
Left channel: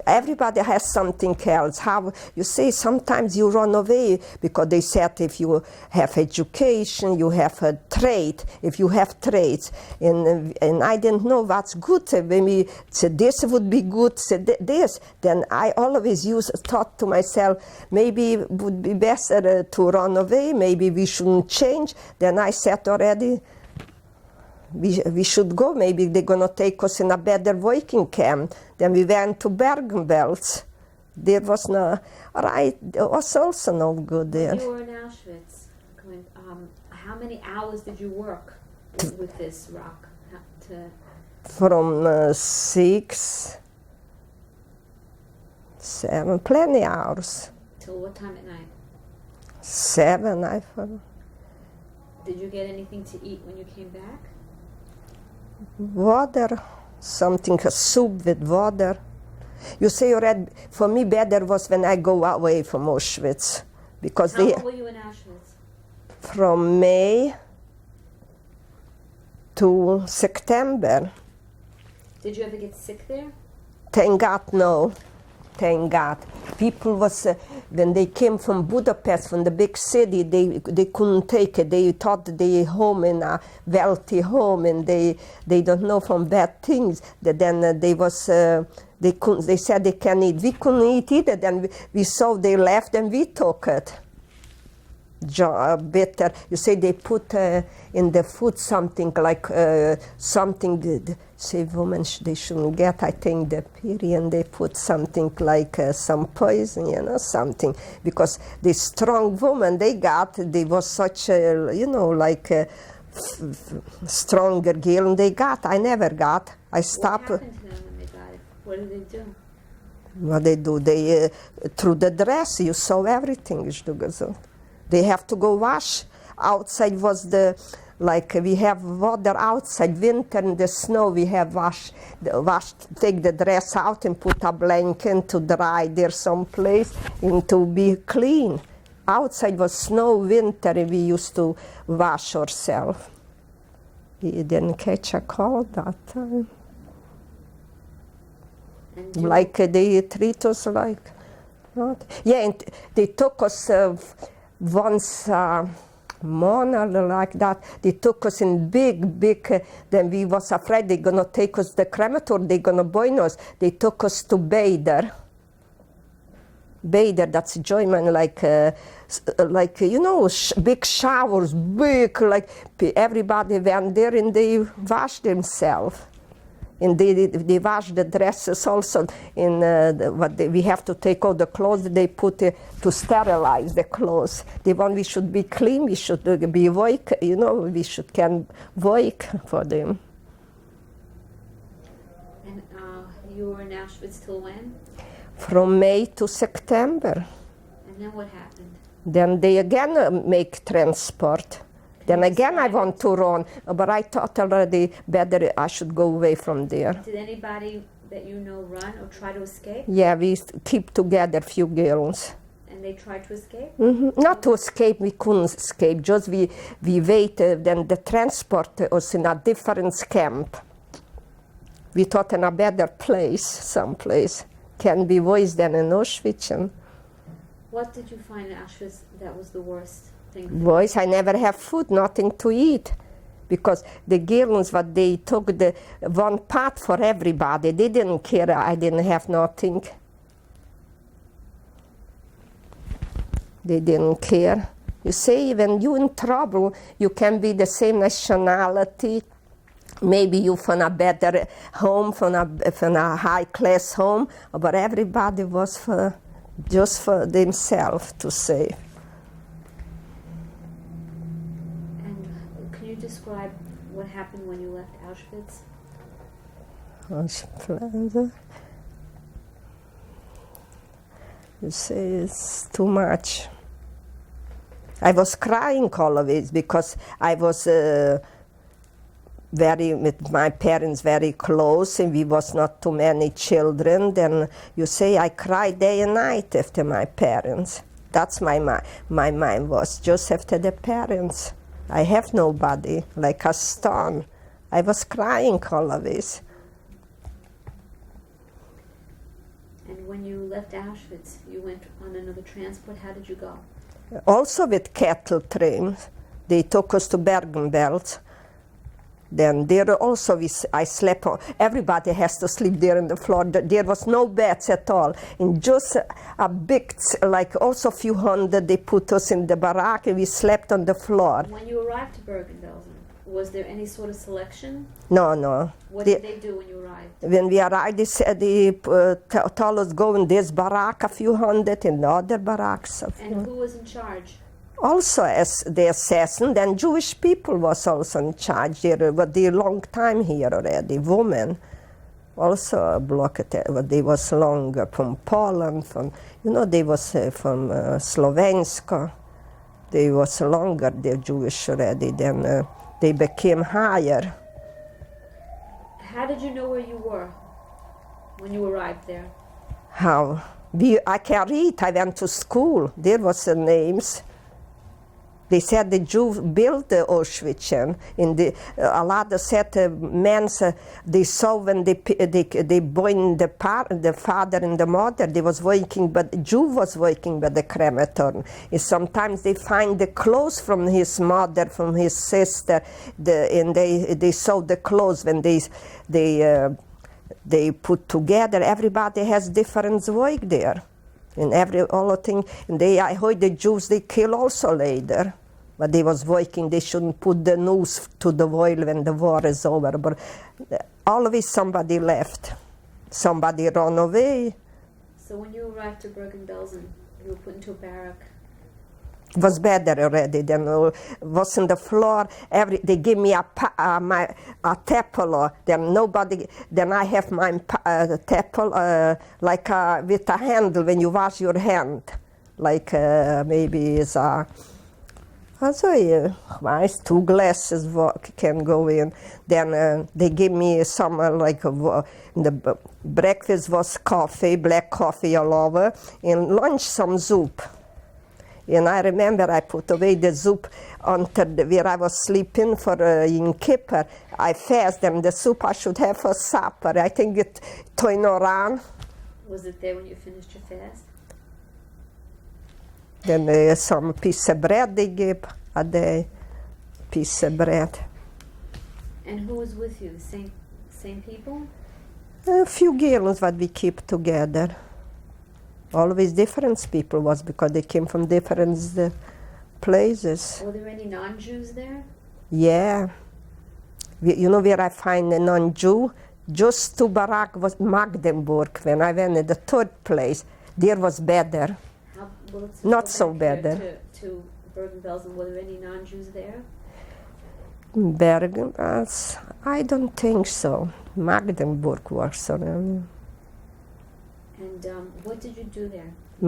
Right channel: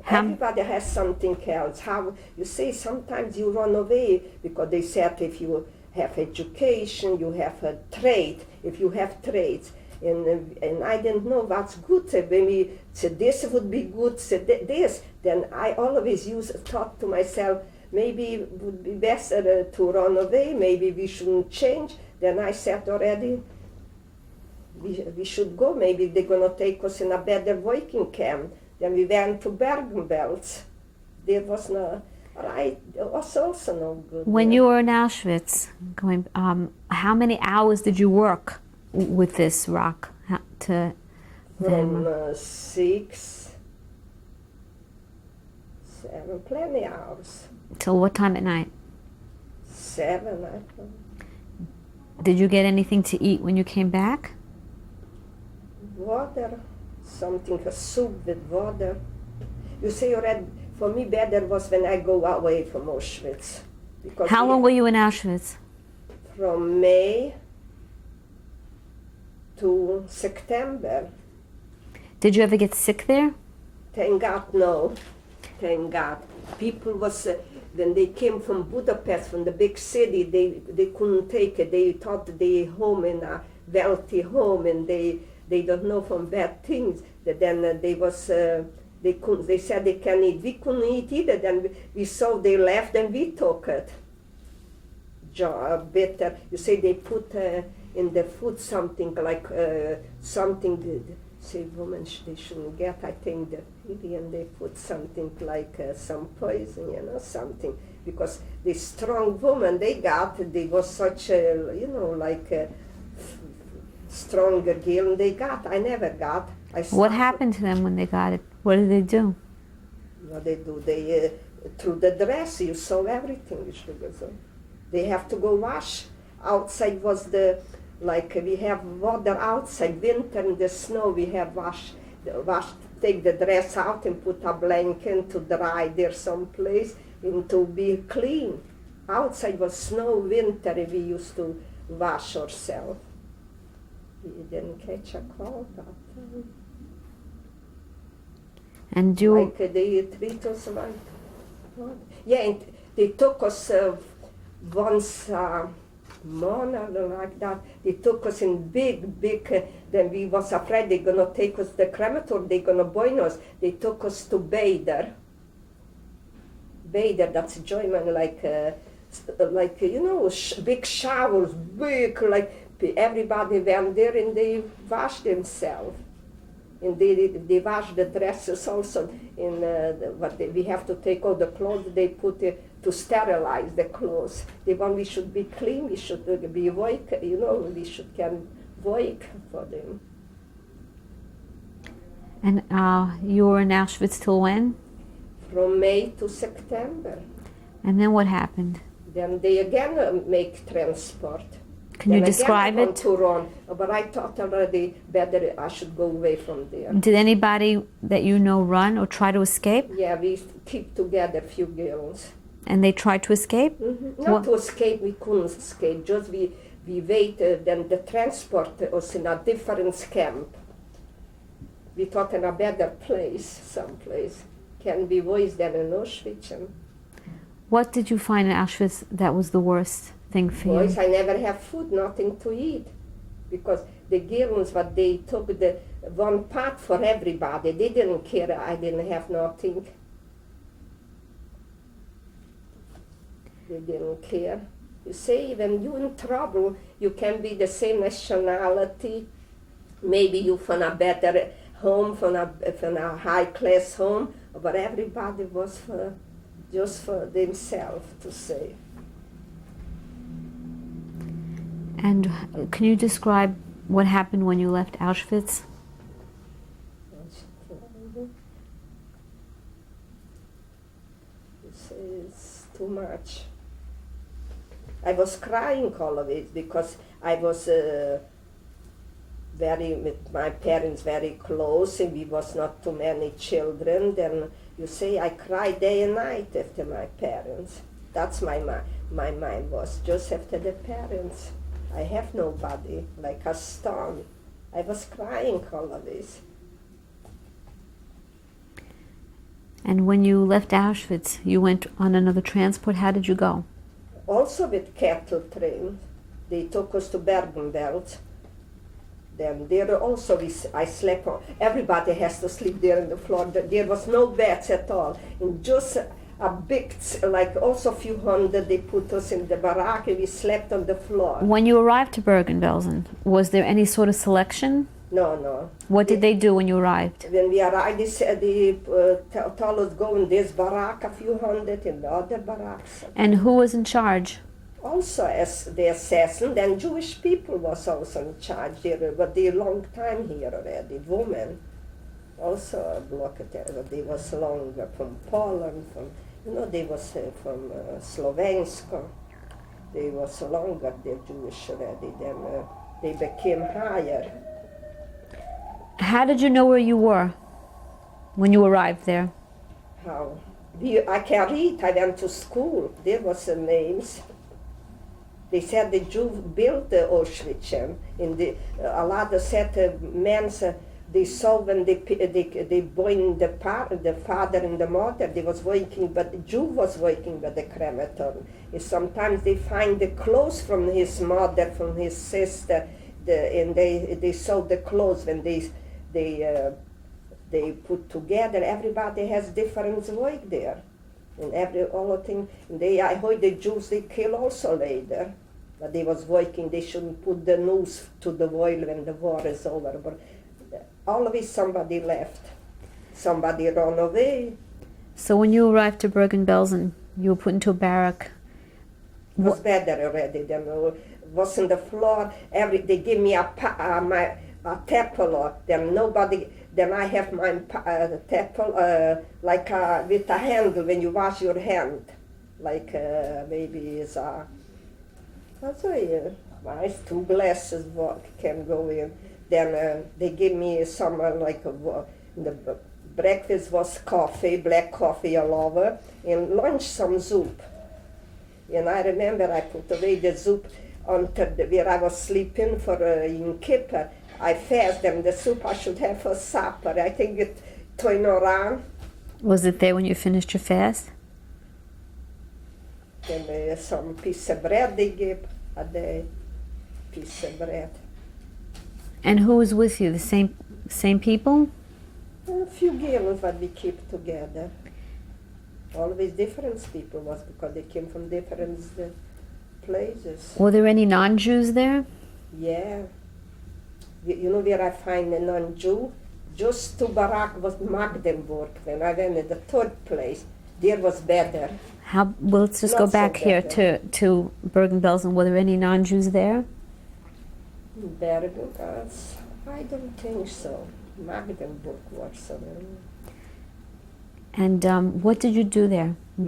Everybody has something else. How you say sometimes you run away because they said if you have education, you have a trade. If you have trades, and I didn't know what's good. Maybe this would be good. This. Then I always thought to myself, maybe it would be better to run away. Maybe we shouldn't change. Then I said already, we should go. Maybe they're gonna take us in a better working camp. Then we went to Bergen-Belsen. There was no right. It was also no good. When there. you were in Auschwitz, how many hours did you work with this rock? From 6, 7, plenty hours. Till what time at night? 7, I thought. Did you get anything to eat when you came back? Water, something, a soup with water. You say already, for me better was when I go away from Auschwitz. Because How long were you in Auschwitz? From May to September. Did you ever get sick there? Thank God, no. Thank God. People was, when they came from Budapest, from the big city, they couldn't take it. They thought they home in a wealthy home, and they don't know from bad things. Then they said they can eat. We couldn't eat either. Then we saw they left, and we took it. Better. You say they put in the food something like something. Say women they shouldn't get. I think the period they put something like some poison, you know, something, because the strong woman they was such a, you know, like a stronger girl, and they got. I never got. I stopped. What happened to them when they got it? What did they do? What they do? They through the dress you saw everything. They have to go wash. Outside was like we have water outside. Winter in the snow we have wash. Take the dress out and put a blanket to dry there someplace and to be clean. Outside was snow, winter, and we used to wash ourselves. We didn't catch a cold that time. And like they treat us like, not. Yeah, and they took us once a month like that. They took us in big, then we was afraid they're gonna take us the crematorium, they're gonna burn us. They took us to Bader. Bader, that's German, like you know, big showers, big, like everybody went there and they washed themselves. And they wash the dresses also. We have to take all the clothes they put to sterilize the clothes. We should be clean. We should be awake. You know, we can work for them. And you were in Auschwitz till when? From May to September. And then what happened? Then they again make transport. Can Then you again I describe want it? to run, but I thought already better I should go away from there. Did anybody that you know run or try to escape? Yeah, we keep together few girls. And they tried to escape? Not Well- to escape, we couldn't escape, just we waited, then the transport was in a different camp. We thought in a better place, someplace. Can be worse than in Auschwitz. And What did you find in Auschwitz that was the worst thing for boys, you? I never have food, nothing to eat. Because the girls, what they took the one part for everybody, they didn't care, I didn't have nothing. They didn't care. You say, when you're in trouble, you can be the same nationality. Maybe you from a better home, from a high-class home, but everybody was just for themselves to save. And can you describe what happened when you left Auschwitz? You say it's too much. I was crying always because I was with my parents very close, and we was not too many children. Then you say I cry day and night after my parents. That's my mind was just after the parents. I have nobody, like a stone. I was crying always. And when you left Auschwitz, you went on another transport. How did you go? Also with cattle trains. They took us to Bergen-Belsen. Then there also I slept on, everybody has to sleep there on the floor. There was no beds at all. And just a big, like also a few hundred, they put us in the barrack and we slept on the floor. When you arrived to Bergen-Belsen, was there any sort of selection? No. What did they do when you arrived? When we arrived, they said they told us go in this barrack, a few hundred, in the other barracks. And who was in charge? Also, as the assassin, then Jewish people was also in charge here, but they long time here already. Women also blocked it, but they was longer from Poland, they was from Slovenska. They was longer, the Jewish already. Then they became higher. How did you know where you were when you arrived there? How? I can read. I went to school. There was the names. They said the Jews built the Auschwitz, and a lot of said men, they saw when they bring the father and the mother, they was working, but the Jew was working by the crematorium. And sometimes they find the clothes from his mother, from his sister, and they saw the clothes when they put together. Everybody has different work there. And all the thing, and I heard the Jews, they kill also later. But they was working, they shouldn't put the news to the world when the war is over. But always somebody left. Somebody ran away. So when you arrived to Bergen-Belsen, you were put into a barrack. It was better already than was on the floor. They give me a tepel. Then I have my tepel like with a handle when you wash your hand, like maybe it's a. Nice, 2 glasses can go in. Then they give me some the breakfast was coffee, black coffee all over, and lunch some soup. And I remember I put away the soup where I was sleeping in Kippur. I fast, and the soup I should have for supper. I think it turned around. Was it there when you finished your fast? Then some piece of bread they give a day, piece of bread. And who was with you? The same people? A few girls that we keep together. Always different people was because they came from different places. Were there any non-Jews there? Yeah. You know where I find a non-Jew? Just to Barak was Magdeburg. When I went in the 3rd place, there was better. Well, let's just Not go so back here bad. to Bergen-Belsen. Were there any non-Jews there? Bergen, I don't think so. Magdeburg was. And what did you do there in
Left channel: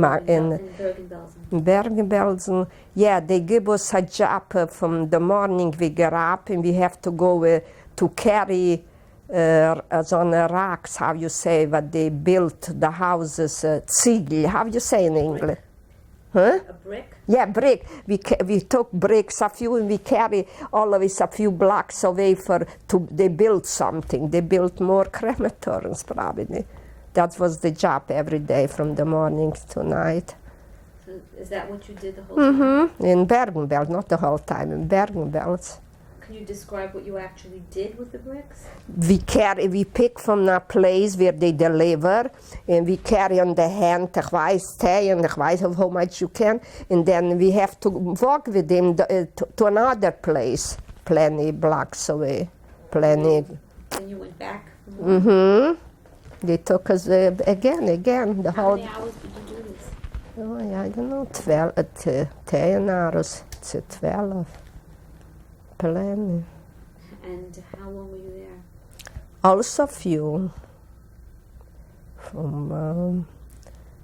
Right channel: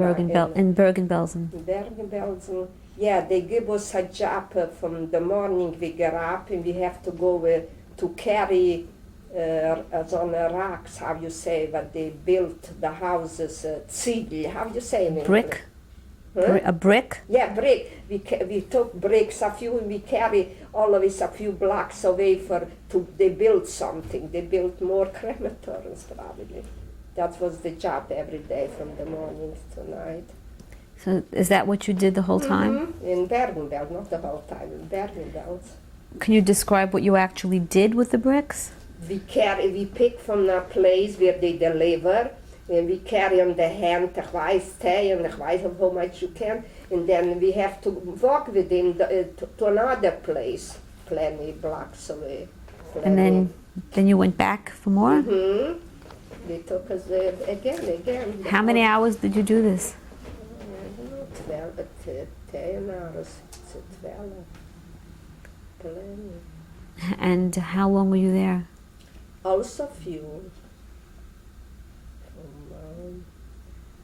Bergen-Belsen? In Bergen-Belsen, yeah, they give us a job from the morning we get up and we have to go to carry on rocks, how you say, what they built the houses, Ziegel, how you say in English? Brick? Huh? A brick? Yeah, brick. We took bricks, a few, and we carry always a few blocks away they built something. They built more crematoriums probably. That was the job every day from the morning to night. So is that what you did the whole time? In Bergen-Belsen, not the whole time, in Bergen-Belsen. Can you describe what you actually did with the bricks? We pick from a place where they deliver, and we carry on the hand, ich weiß how much you can, and then we have to walk with them to another place, plenty blocks away, plenty. And then you went back for more? They took us again. How many hours did you do this? Oh, I don't know, 10 hours, 12. Plenty. And how long were you there? Also few. From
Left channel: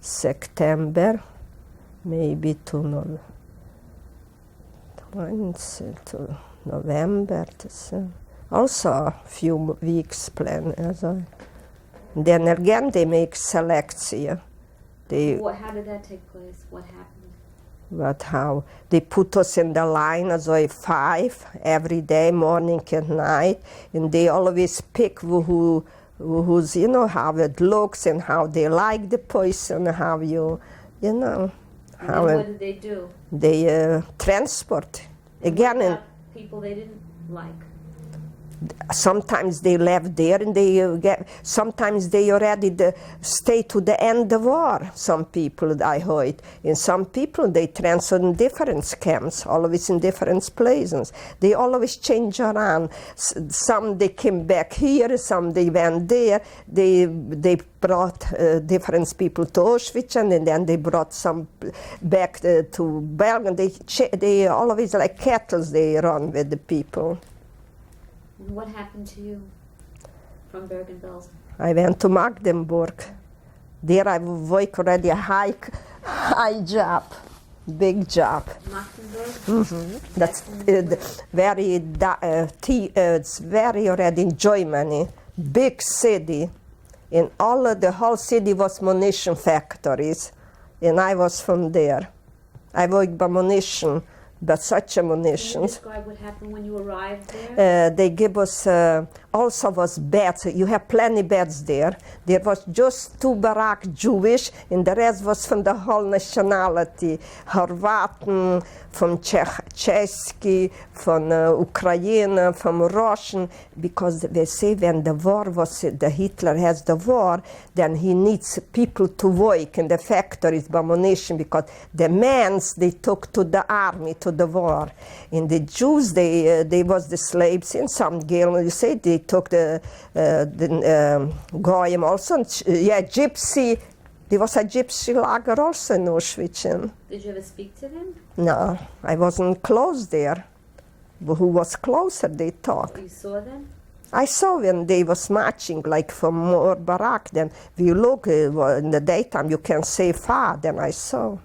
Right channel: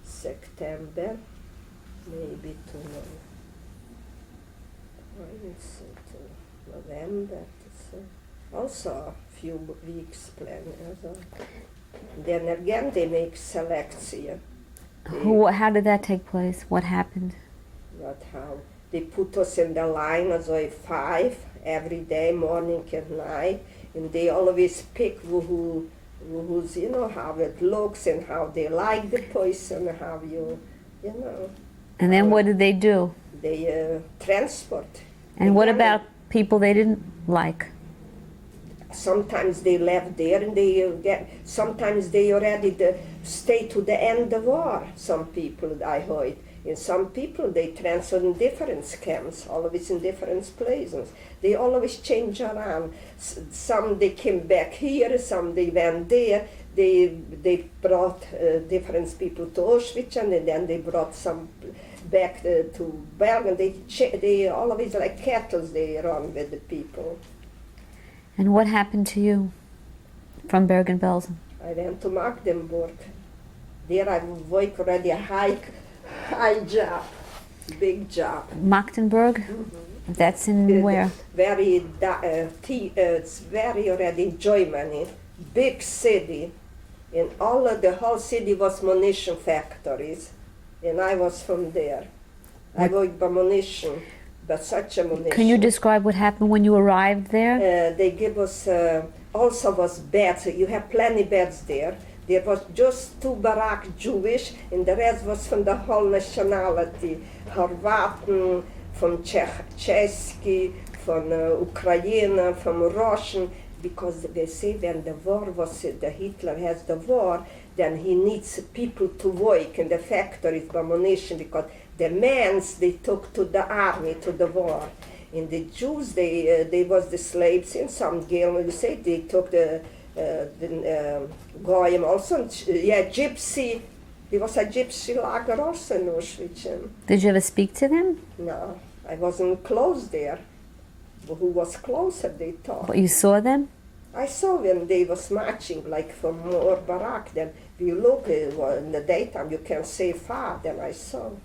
September, maybe to November. Also a few weeks plan. Then again they make selection. How did that take place? What happened? But how they put us in the line as 5 every day, morning and night, and they always pick who's how it looks and how they like the person, how you know. And then what did they do? They transport. And what about people they didn't like? Sometimes they left there and sometimes they already stay to the end of war, some people I heard. And some people they transfer in different camps, always in different places. They always change around. Some they came back here, some they went there. They brought different people to Auschwitz and then they brought some back to Bergen. They always like cattle they run with the people. And what happened to you from Bergen-Belsen? I went to Magdeburg. There I work already a high job, big job. Magdeburg? That's in where? It's very already in Germany, big city. And the whole city was munition factories. And I was from there. I worked by munition. But such a munition. Can you describe what happened when you arrived there? They give us, also was beds. You have plenty beds there. There was just 2 barracks Jewish, and the rest was from the whole nationality. Horvaten, from Czechsky, from Ukraine, from Russian, because they say when the war was, the Hitler has the war, then he needs people to work in the factories by munition, because the men they took to the army, to the war. And the Jews, they was the slaves in some girl, you say they took the Goyim also, gypsy. There was a gypsy lager also in Auschwitz. Did you ever speak to them? No, I wasn't close there. But who was closer, they talked. But you saw them? I saw when they was marching, like from more barrack. Then if you look in the daytime, you can see far. Then I saw.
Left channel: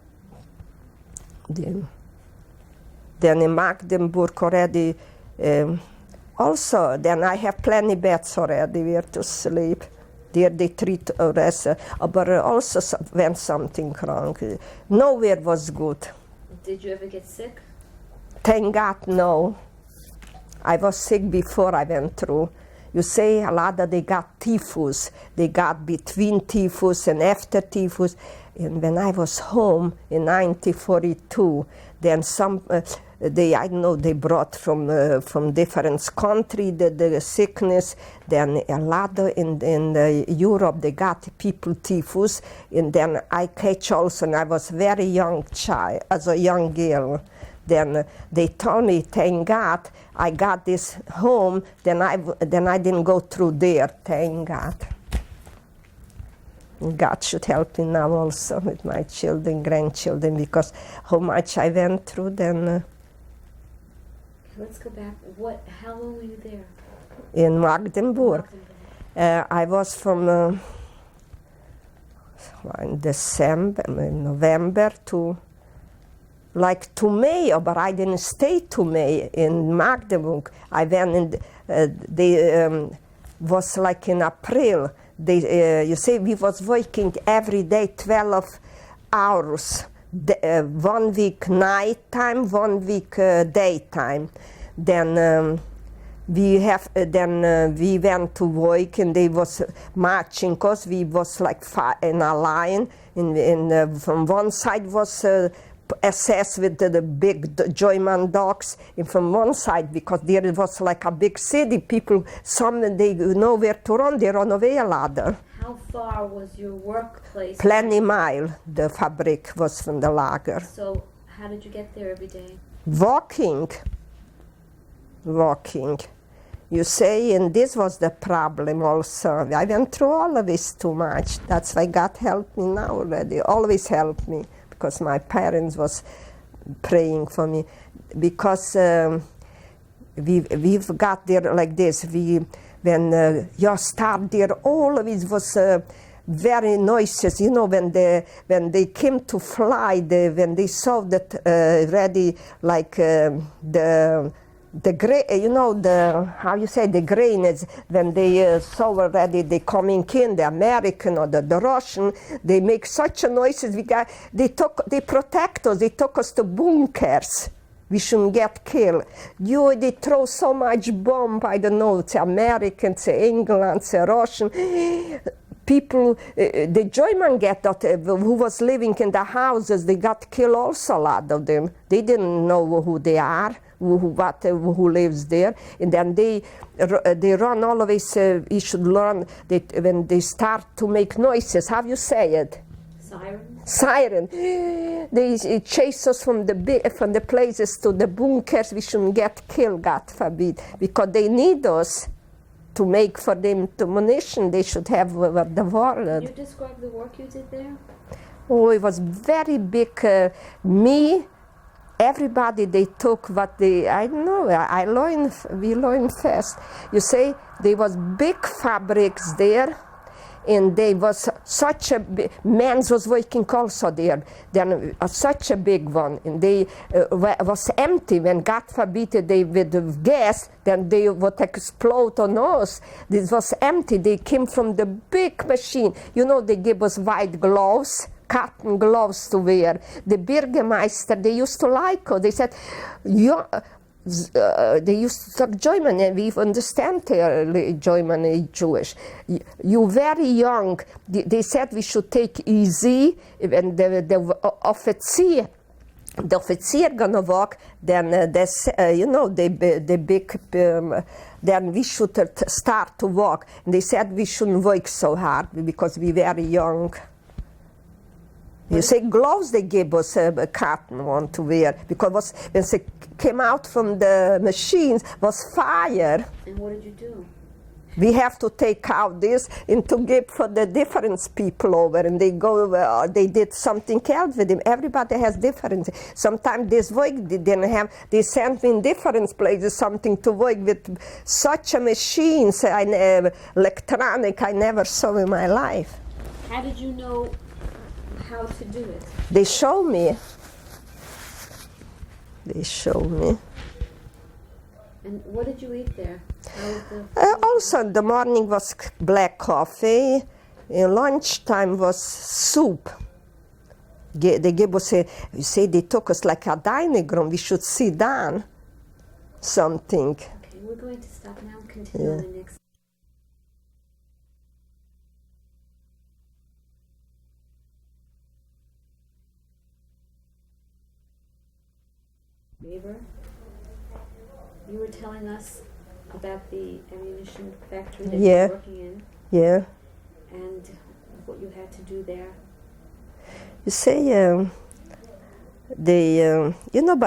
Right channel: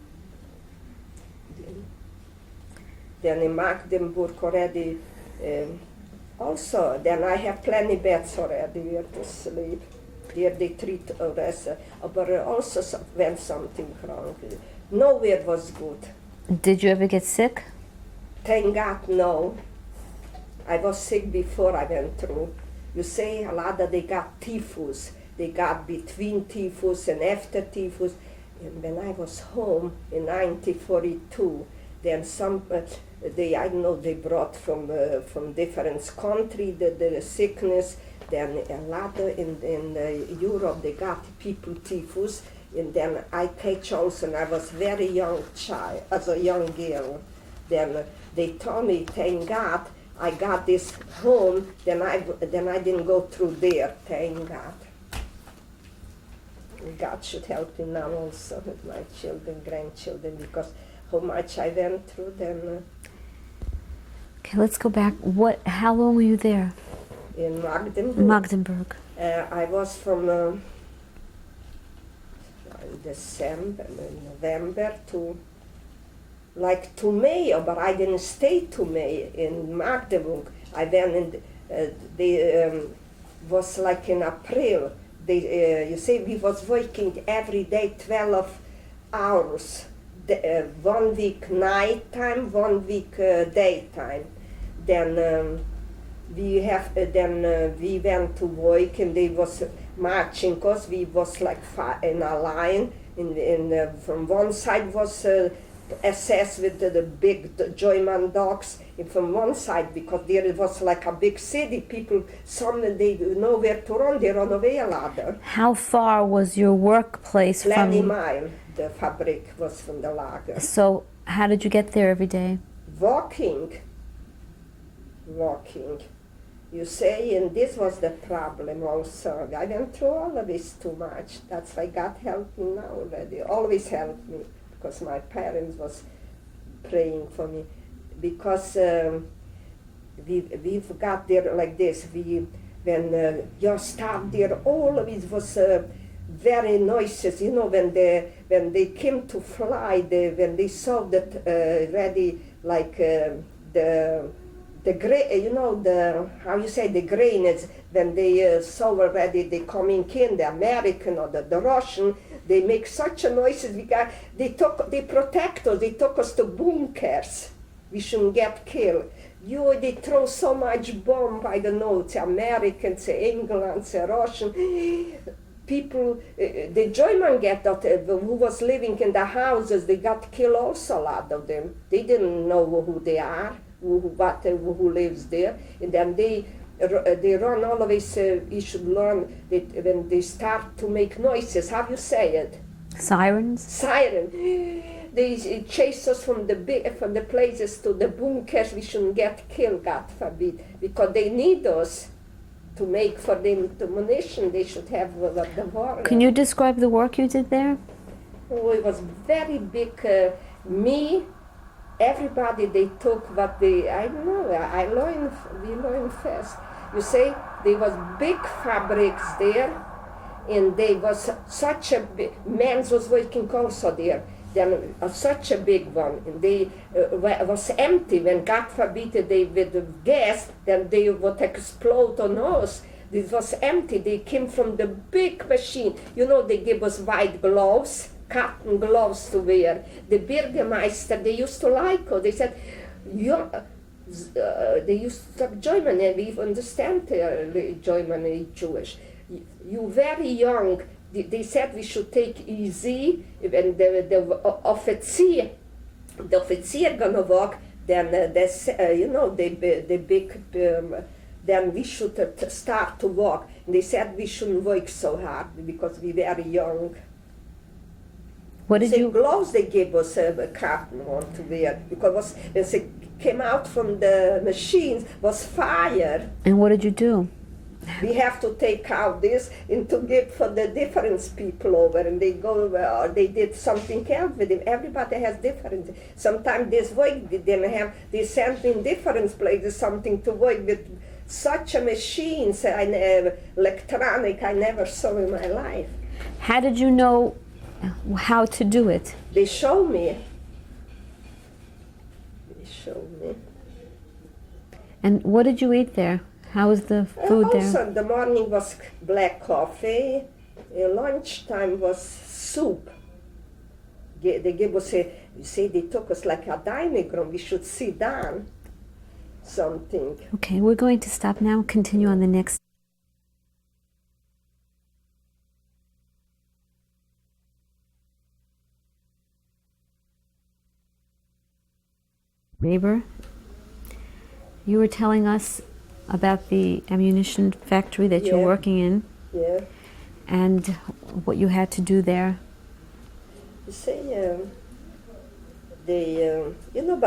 Then in Magdeburg already, also, then I have plenty beds already where to sleep. There they treat us, but also when something wrong. Nowhere was good. Did you ever get sick? Thank God, no. I was sick before I went through. You say a lot that they got typhus. They got between typhus and after typhus. And when I was home in 1942, then they brought from different countries the sickness. Then a lot in Europe they got people typhus, and then I catch also. And I was very young child, as a young girl. Then they told me, thank God, I got this home. Then I didn't go through there. Thank God. And God should help me now also with my children, grandchildren, because how much I went through. Then. Okay, let's go back. How long were you there? In Magdeburg. Magdeburg. I was from in December, November to May, but I didn't stay to May in Magdeburg. I went in, was like in April. You see, we was working every day 12 hours. 1 week night time, 1 week daytime. Then we went to work and they was marching because we was like in a line. From one side was SS with the big German dogs, and from one side, because there was like a big city, people, some they know where to run, they run away a lot. How far was your workplace 20 from? miles, the fabric was from the lager. So how did you get there every day? Walking. You say, and this was the problem also. I went through all of this too much. That's why God helped me now already, always helped me, because my parents was praying for me. Because we've got there like this. When you start there, all of it was very noises. You know, when they came to fly, when they saw that ready, like the grain is when they saw already they coming in, the American or the Russian, they make such a noises. They protect us. They took us to bunkers. We shouldn't get killed. They throw so much bomb. I don't know. It's Americans, it's England, it's Russian. People, the German who was living in the houses, they got killed also, a lot of them. They didn't know who they are. Who lives there, and then they run always. You should learn that when they start to make noises. How you say it? Sirens? Siren. They chase us from the places to the bunkers. We shouldn't get killed, God forbid, because they need us to make for them the munition. They should have the war. Can you describe the work you did there? Oh, it was very big. Everybody, they took what I don't know, we learned fast. You say, there was big fabrics there, and there was such a big, men's was working also there, then such a big one, and they was empty. When God forbid they with gas, then they would explode on us. This was empty. They came from the big machine. You know, they gave us white gloves, cotton gloves to wear. The Bürgermeister, they used to like us. They said, they used to talk German, and we understand German and Jewish. You very young. They said we should take easy, and the officer gonna walk. Then the big. Then we should start to walk. And they said we shouldn't work so hard because we very young. Gloves they gave us a cotton one to wear, because when they came out from the machines was fire. And what did you do? We have to take out this and to give for the different people over, and they go over, or they did something else with them. Everybody has different. Sometimes this work they didn't have. They sent me in different places something to work with. Such a machines, electronic, I never saw in my life. How did you know how to do it? They show me. And what did you eat there? How was the food also, there? in the morning was black coffee. In lunchtime was soup. They gave us they took us like a dining room. We should sit down. Something. Okay, we're going to stop now. Continue on the next. Haber, you were telling us about the ammunition factory that you're working in. Yeah. And what you had to do there. You say, about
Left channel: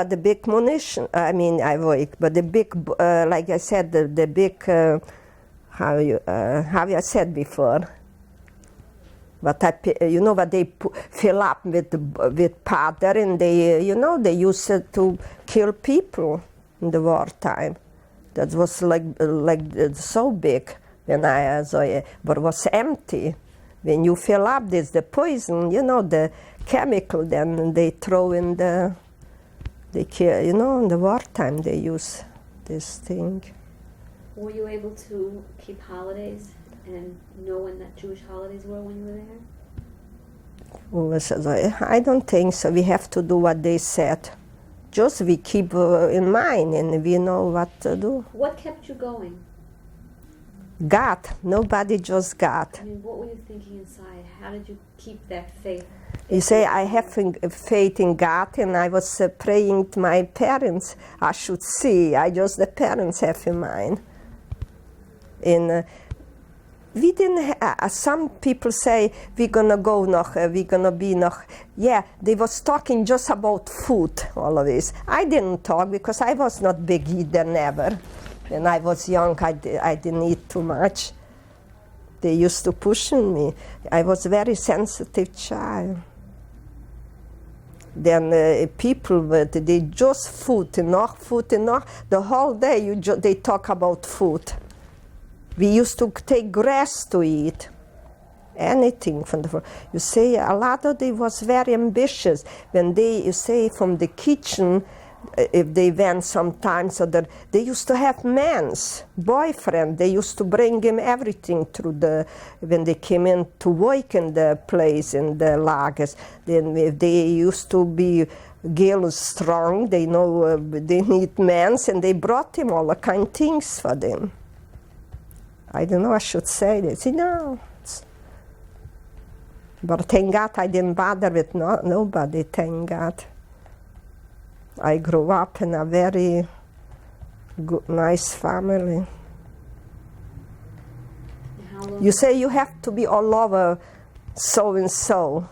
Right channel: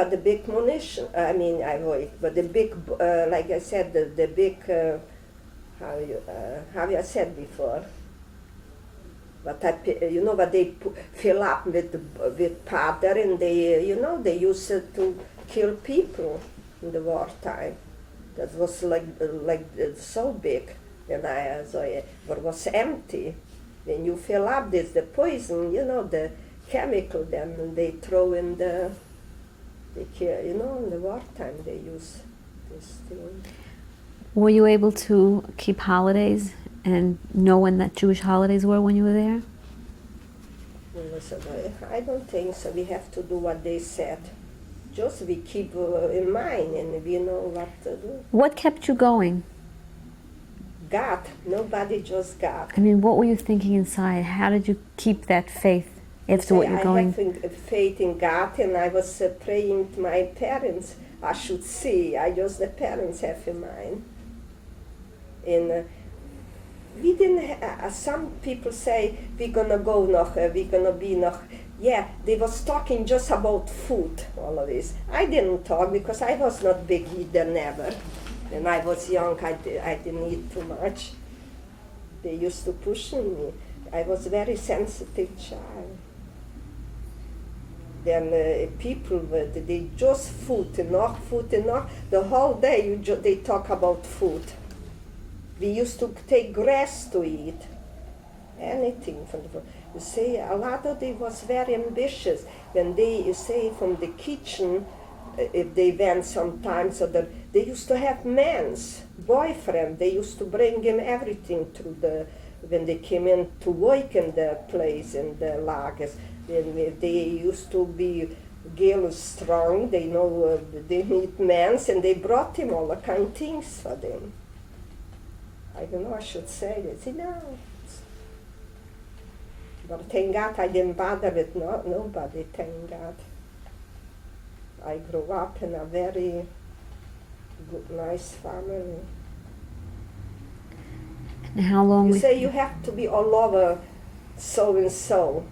the big munition. I mean, I work, but the big, like I said, the big, how I said before. But what they fill up with powder, and they use it to kill people in the wartime. That was like so big when I saw it, but it was empty. When you fill up, there's the poison, you know, the chemical, then they throw in the, you know, in the wartime they use this thing. Were you able to keep holidays and know when that Jewish holidays were when you were there? Well, I don't think so. We have to do what they said. Just we keep in mind and we know what to do. What kept you going? God, nobody, just God. I mean, what were you thinking inside? How did you keep that faith? You say I have faith in God, and I was praying to my parents. I should see. The parents have in mind. And we didn't. Some people say we're gonna go noch. We're gonna be noch. Yeah, they was talking just about food always. I didn't talk because I was not big eater never. When I was young, I didn't eat too much. They used to push me. I was a very sensitive child. Then people, they just food enough. The whole day they talk about food. We used to take grass to eat. Anything from the food. You say a lot of them was very ambitious. When you say from the kitchen, if they went sometimes, they used to have men's boyfriend. They used to bring him everything through when they came in to work in the place, in the lagers. Then if they used to be girls strong, they know they need men's, and they brought him all the kind of things for them. I don't know, I should say this, But thank God I didn't bother with nobody, thank God. I grew up in a very good, nice family. And how long? You say you have to be all over so and so,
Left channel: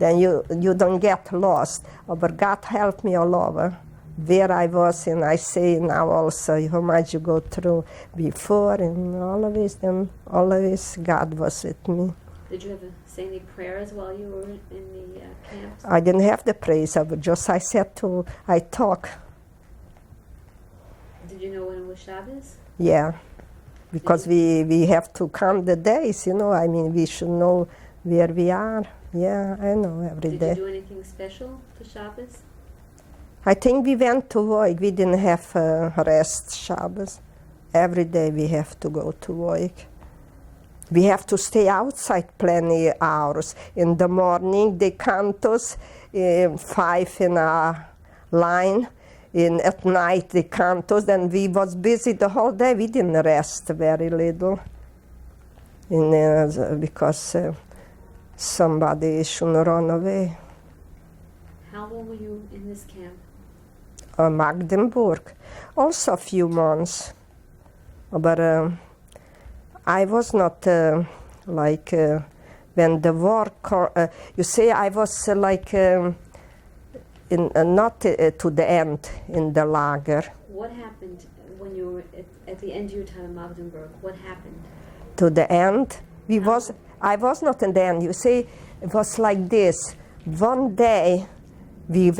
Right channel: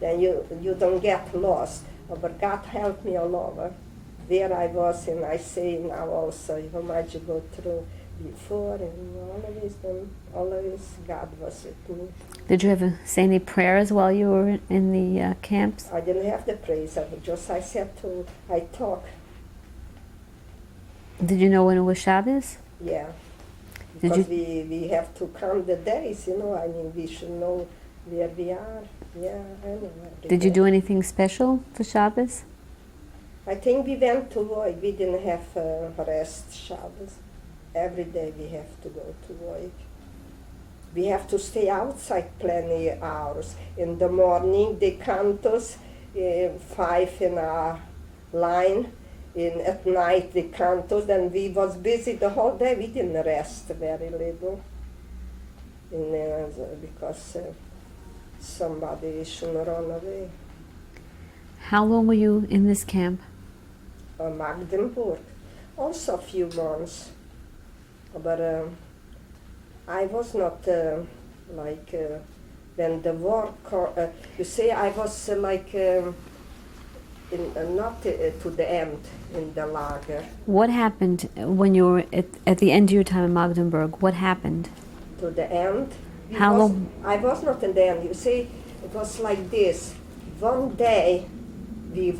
then you don't get lost. But God helped me all over. Where I was, and I say now also how much you go through before, and always God was with me. Did you ever say any prayers while you were in the camps? I didn't have the praise, I talk. Did you know when it was Shabbos? Yeah, because we have to count the days, I mean, we should know where we are. Yeah, I know every day. Did you do anything special for Shabbos? I think we went to work. We didn't have rest Shabbos. Every day we have to go to work. We have to stay outside plenty hours. In the morning, they count us 5 in a line. At night, they count us. Then we was busy the whole day. We didn't rest very little. Because somebody shouldn't run away. How long were you in this camp? Magdeburg. Also a few months. But I was not when the war, you say I was not to the end in the lager. What happened when you were at the end of your time in Magdeburg? What happened? To the end? Long? I was not in the end. You see, it was like this. One day, we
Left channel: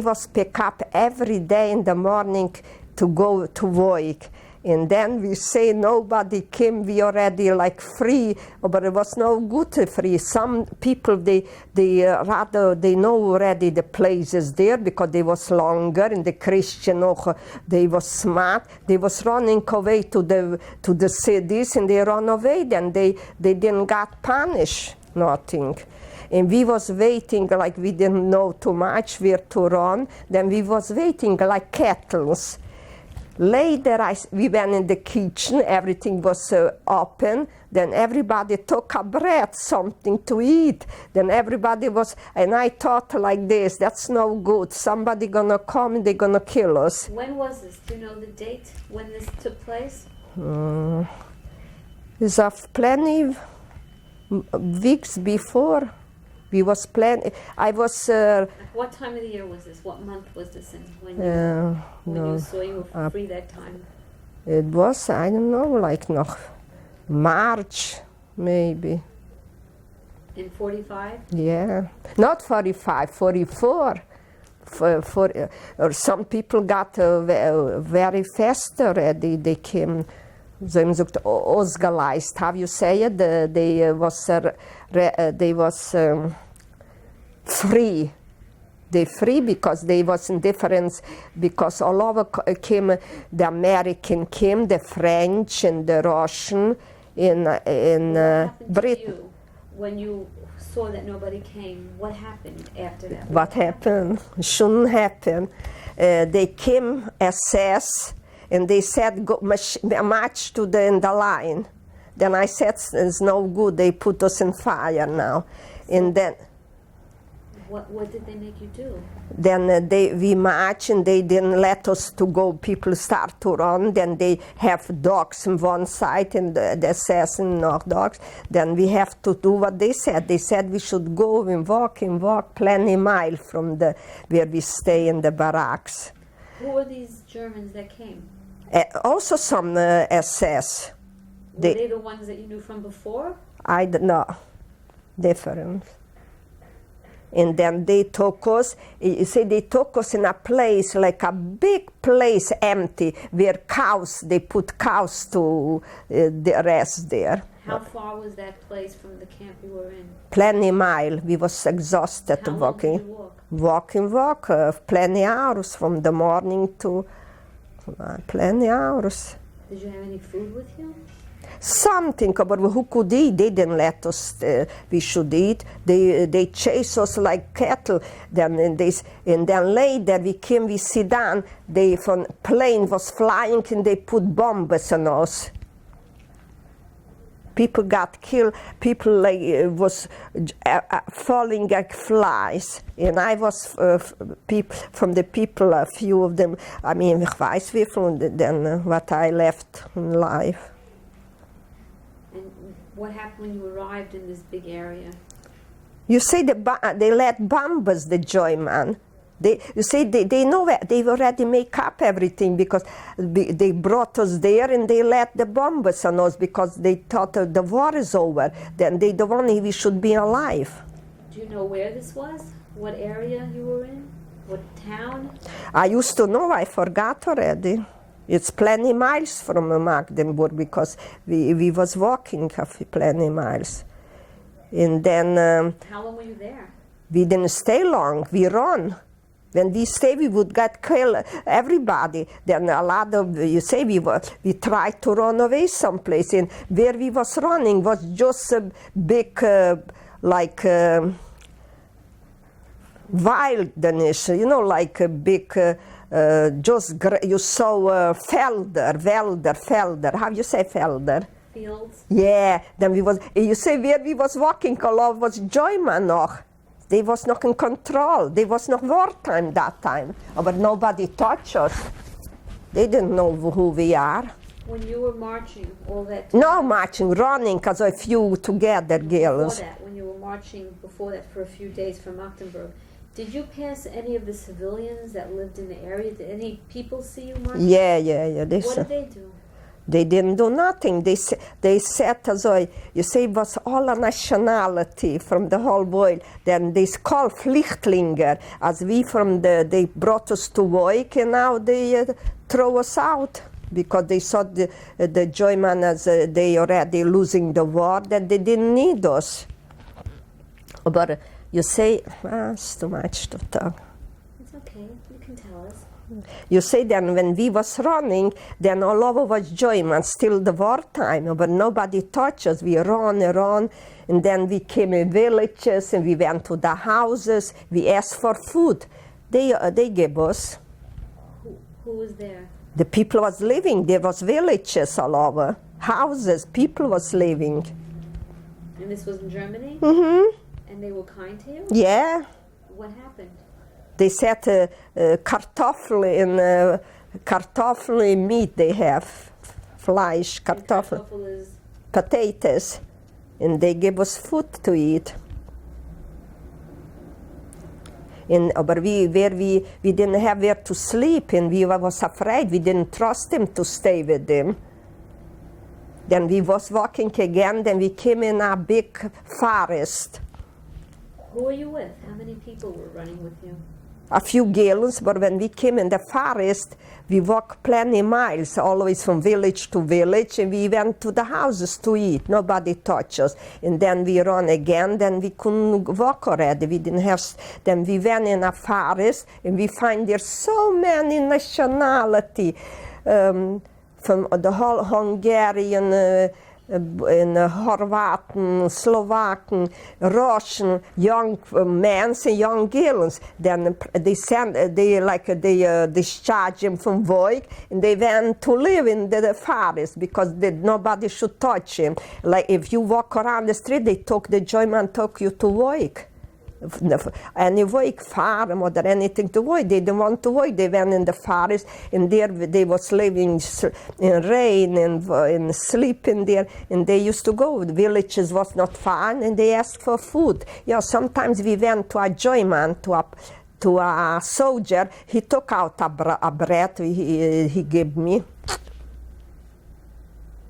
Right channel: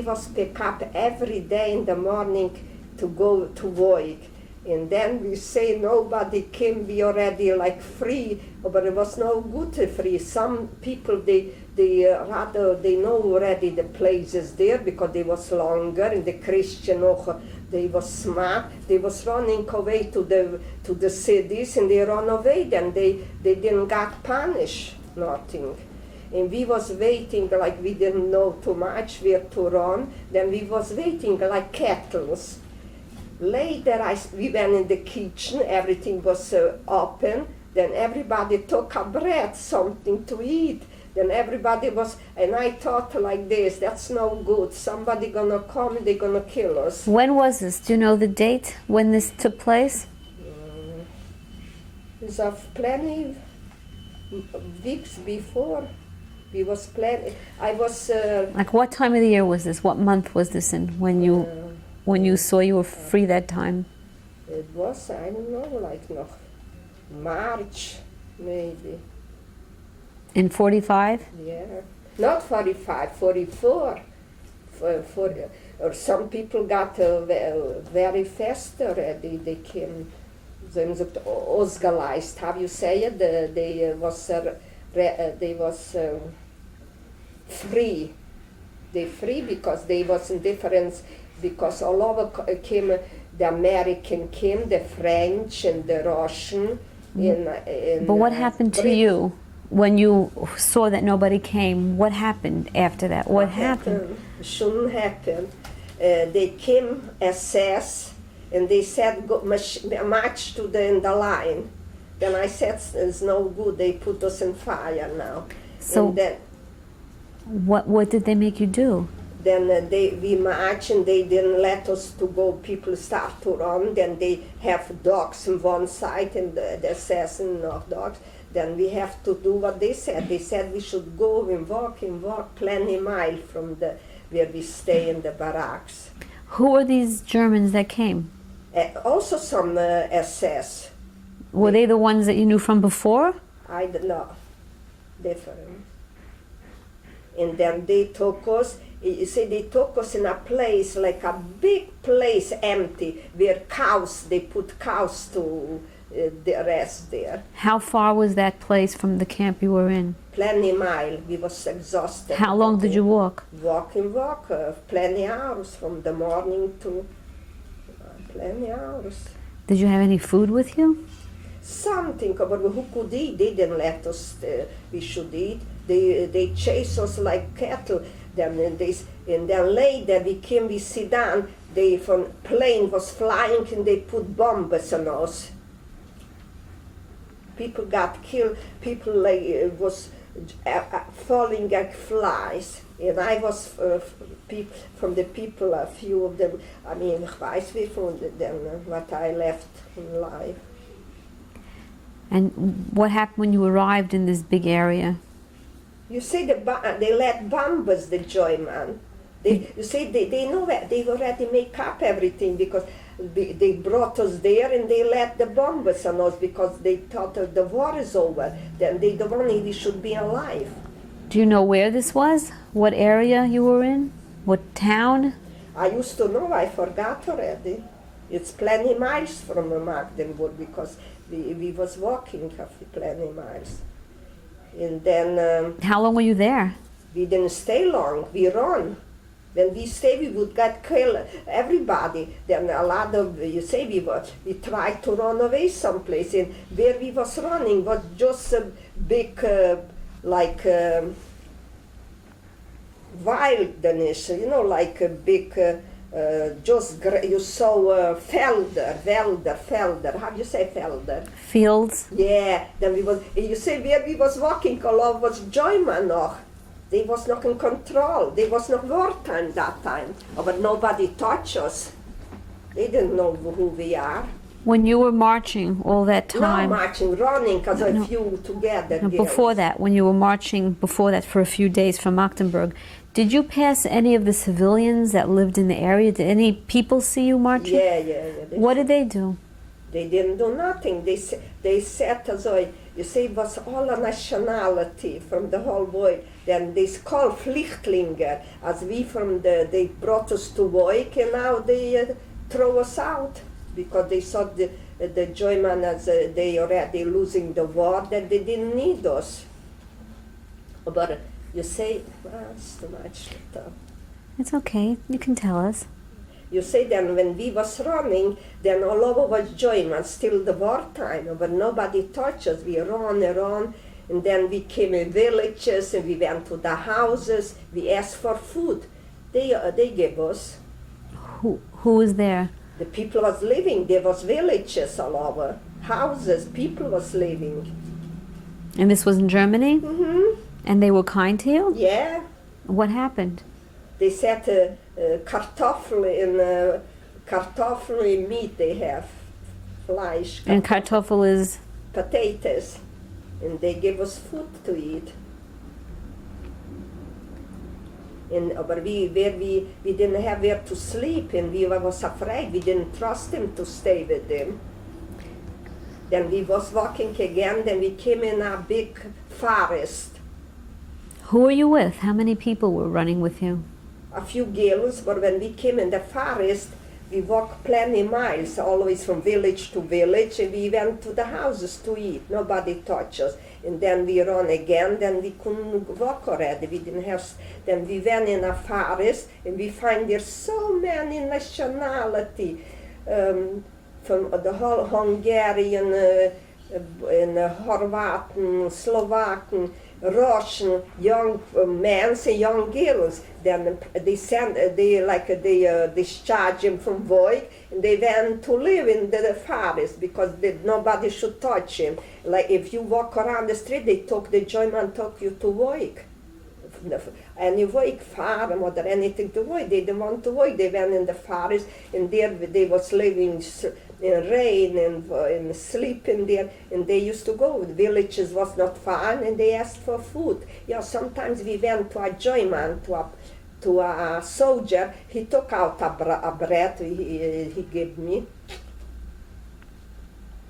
was pick up every day in the morning to go to work. And then we say nobody came, we already free, but it was no good free. Some people, they know already the places there because they was longer, and the Christian, they was smart. They was running away to the cities, and they run away, then they didn't get punished, nothing. And we was waiting, we didn't know too much where to run, then we was waiting like kettles. Later, we went in the kitchen, everything was open, then everybody took a bread, something to eat. Then everybody was, and I thought like this, that's no good, somebody gonna come, they're gonna kill us. When was this? Do you know the date when this took place? It's plenty weeks before. We was planning, I was... what time of the year was this? What month was this in when you saw you were free that time? It was, I don't know, March, maybe. In 45? Yeah. Not 45, 44. Or some people got very fast already. They came ze hebben gezegd, ausgeleist. How you say it? They was free. They free because they was in difference, because all over came, the American came, the French and the Russian. But what happened to you when you saw that nobody came? What happened after that? What happened? Shouldn't happen. They came SS and they said, go march to in the line. Then I said, it's no good. They put us in fire now. So and then, what did they make you do? then we marched and they didn't let us to go. People start to run. Then they have dogs on one side and the assassin not dogs. Then we have to do what they said. They said we should go and walk plenty mile from where we stay in the barracks. Who were these Germans that came? Also some SS. Were they the ones that you knew from before? I don't know. Different. And then they took us, you see, they took us in a place, like a big place, empty, where cows, they put cows to the rest there. How far was that place from the camp you were in? Plenty mile. We was exhausted. How long did you walk? Walk, plenty hours from the morning to plenty hours. Did you have any food with you? Something, but who could eat? They didn't let us. We should eat. They chase us like cattle. Then later we came. We sit down. They from plane was flying and they put bombs on us. People got killed. People like was falling like flies. And I was from the people. A few of them. I mean, ich weiß wie von then what I left in life. And what happened when you arrived in this big area? You say they let bombers, the German. You see, they know it. They already make up everything because they brought us there and they let the bombers on us because they thought the war is over. Then they don't want we should be alive. Do you know where this was? What area you were in? What town? I used to know. I forgot already. It's plenty miles from Magdeburg because we was walking plenty miles. And then... How long were you there? We didn't stay long, we run. When we stay, we would get killed, everybody. Then a lot of, you say, we tried to run away someplace. And where we was running was just a big, wilderness, you know, like a big... you saw felder. How do you say felder? Fields? Yeah, then you say where we was walking, all was German noch. They was not in control. They was not wartime that time. But nobody touched us. They didn't know who we are. When you were marching all that time? No marching, running, because a few together girls. Before that, when you were marching before that for a few days from Magdeburg, did you pass any of the civilians that lived in the area? Did any people see you marching? Yeah. What did they do? They didn't do nothing. They said, you say, it was all a nationality from the whole world. Then they called Flüchtlinge, as we they brought us to work, and now they throw us out because they saw the German as they already losing the war, that they didn't need us. But you say, it's too much to talk. It's okay, you can tell us. You say then when we was running, then all over was German, still the wartime, but nobody touched us. We run, and then we came in villages and we went to the houses. We asked for food. They gave us. Who was there? The people was living. There was villages all over, houses. People was living. And this was in Germany? Mm-hmm. And they were kind to you? Yeah. What happened? They said kartoffel and meat they have, flesh. And kartoffel is? Potatoes. And they gave us food to eat. But we didn't have where to sleep, and we was afraid. We didn't trust them to stay with them. Then we was walking again, then we came in a big forest. Who were you with? How many people were running with you? A few girls, but when we came in the forest, we walked plenty miles, always from village to village, and we went to the houses to eat. Nobody touched us. And then we run again, then we couldn't walk already. We didn't have, then we went in a forest, and we find there so many nationality, from the whole Hungarian, Horvaten, Slovakian, Russian, young men and young girls. Then they discharged them from work, and they went to live in the forest because nobody should touch him. Like if you walk around the street, the German took you to work. Any work, farm or anything to work. They didn't want to work. They went in the forest, and there they was living in rain and sleeping there. And they used to go. The villages was not far, and they asked for food. Yeah, sometimes we went to a German, to a soldier. He took out a bread he gave me.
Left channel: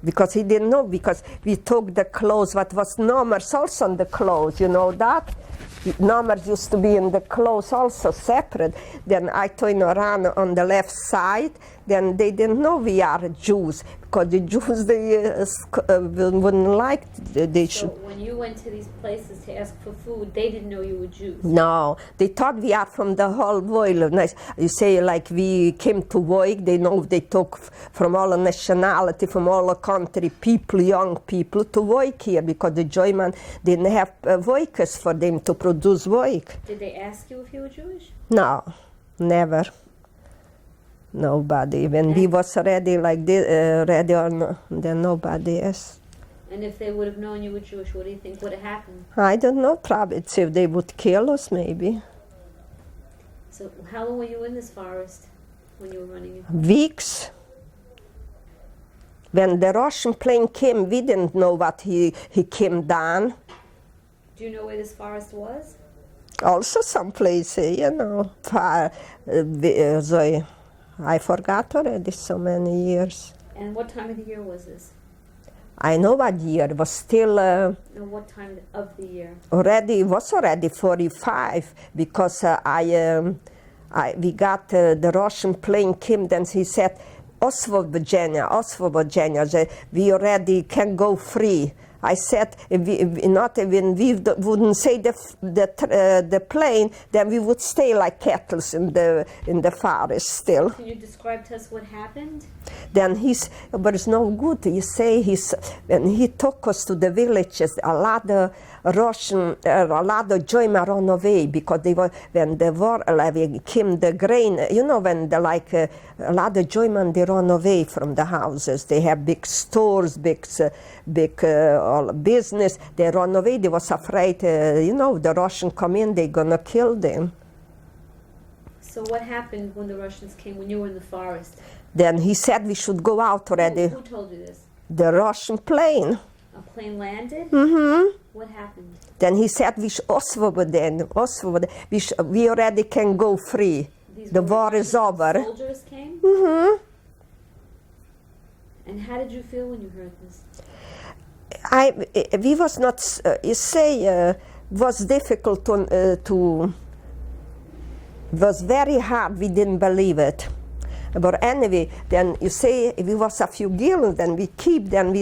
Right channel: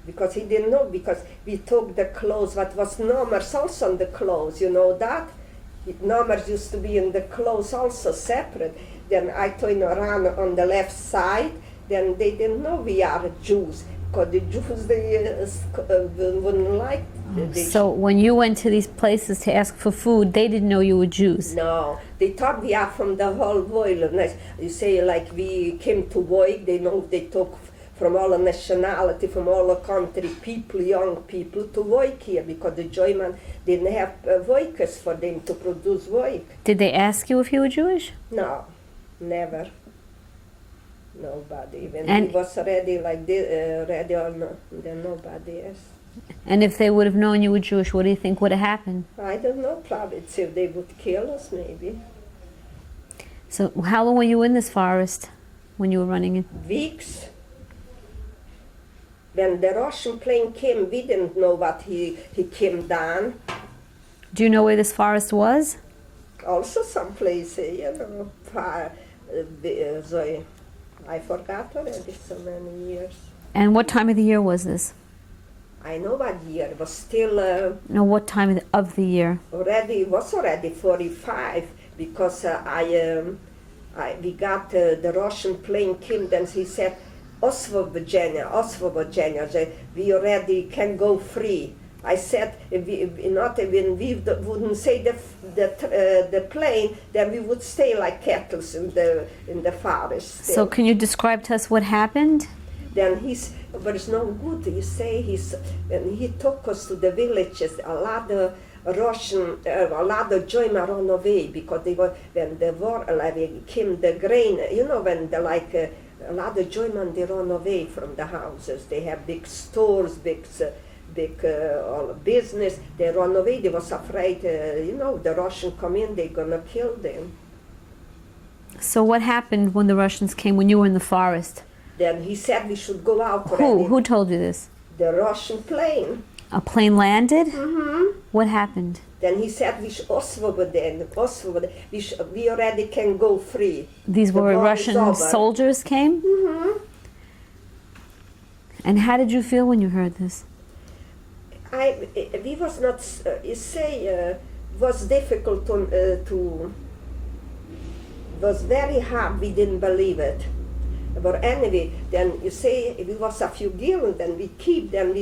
Because he didn't know, because we took the clothes, what was numbers also on the clothes, you know that? Numbers used to be in the clothes also separate. Then I turned around on the left side, then they didn't know we are Jews, because the Jews, they wouldn't like. So when you went to these places to ask for food, they didn't know you were Jews? No, they thought we are from the whole world. You say like we came to work, they know they took from all the nationality, from all the country, people, young people, to work here, because the German didn't have workers for them to produce work. Did they ask you if you were Jewish? No, never. Nobody. When he was already like this, ready on, then nobody asked. And if they would have known you were Jewish, what do you think would have happened? I don't know, probably if they would kill us, maybe. So how long were you in this forest when you were running in? Weeks. When the Russian plane came, we didn't know what he came down. Do you know where this forest was? Also some place, you know, far, I forgot already so many years. And what time of the year was this? I know what year, it was still... No, what time of the year? It was already 45, because we got the Russian plane came, then he said, Auschwitz, Virginia, we already can go free. I said, if we wouldn't say the plane, then we would stay like cattle in the forest still. So can you describe to us what happened? Then but it's no good. You say when he took us to the villages, a lot of Russian, a lot of German run away, because they were, when the war came the grain, you know, when a lot of German, they run away from the houses. They have big stores, big business. They run away. They was afraid, you know, the Russians come in, they're gonna kill them. So what happened when the Russians came, when you were in the forest? Then he said we should go out already. Who told you this? The Russian plane. A plane landed? Mm-hmm. What happened? Then he said we should we already can go free. These were Russian soldiers came? Mm-hmm. And how did you feel when you heard this? We was not, was difficult to, was very hard, we didn't believe it. But anyway, then you say, if it was a few gallons, then we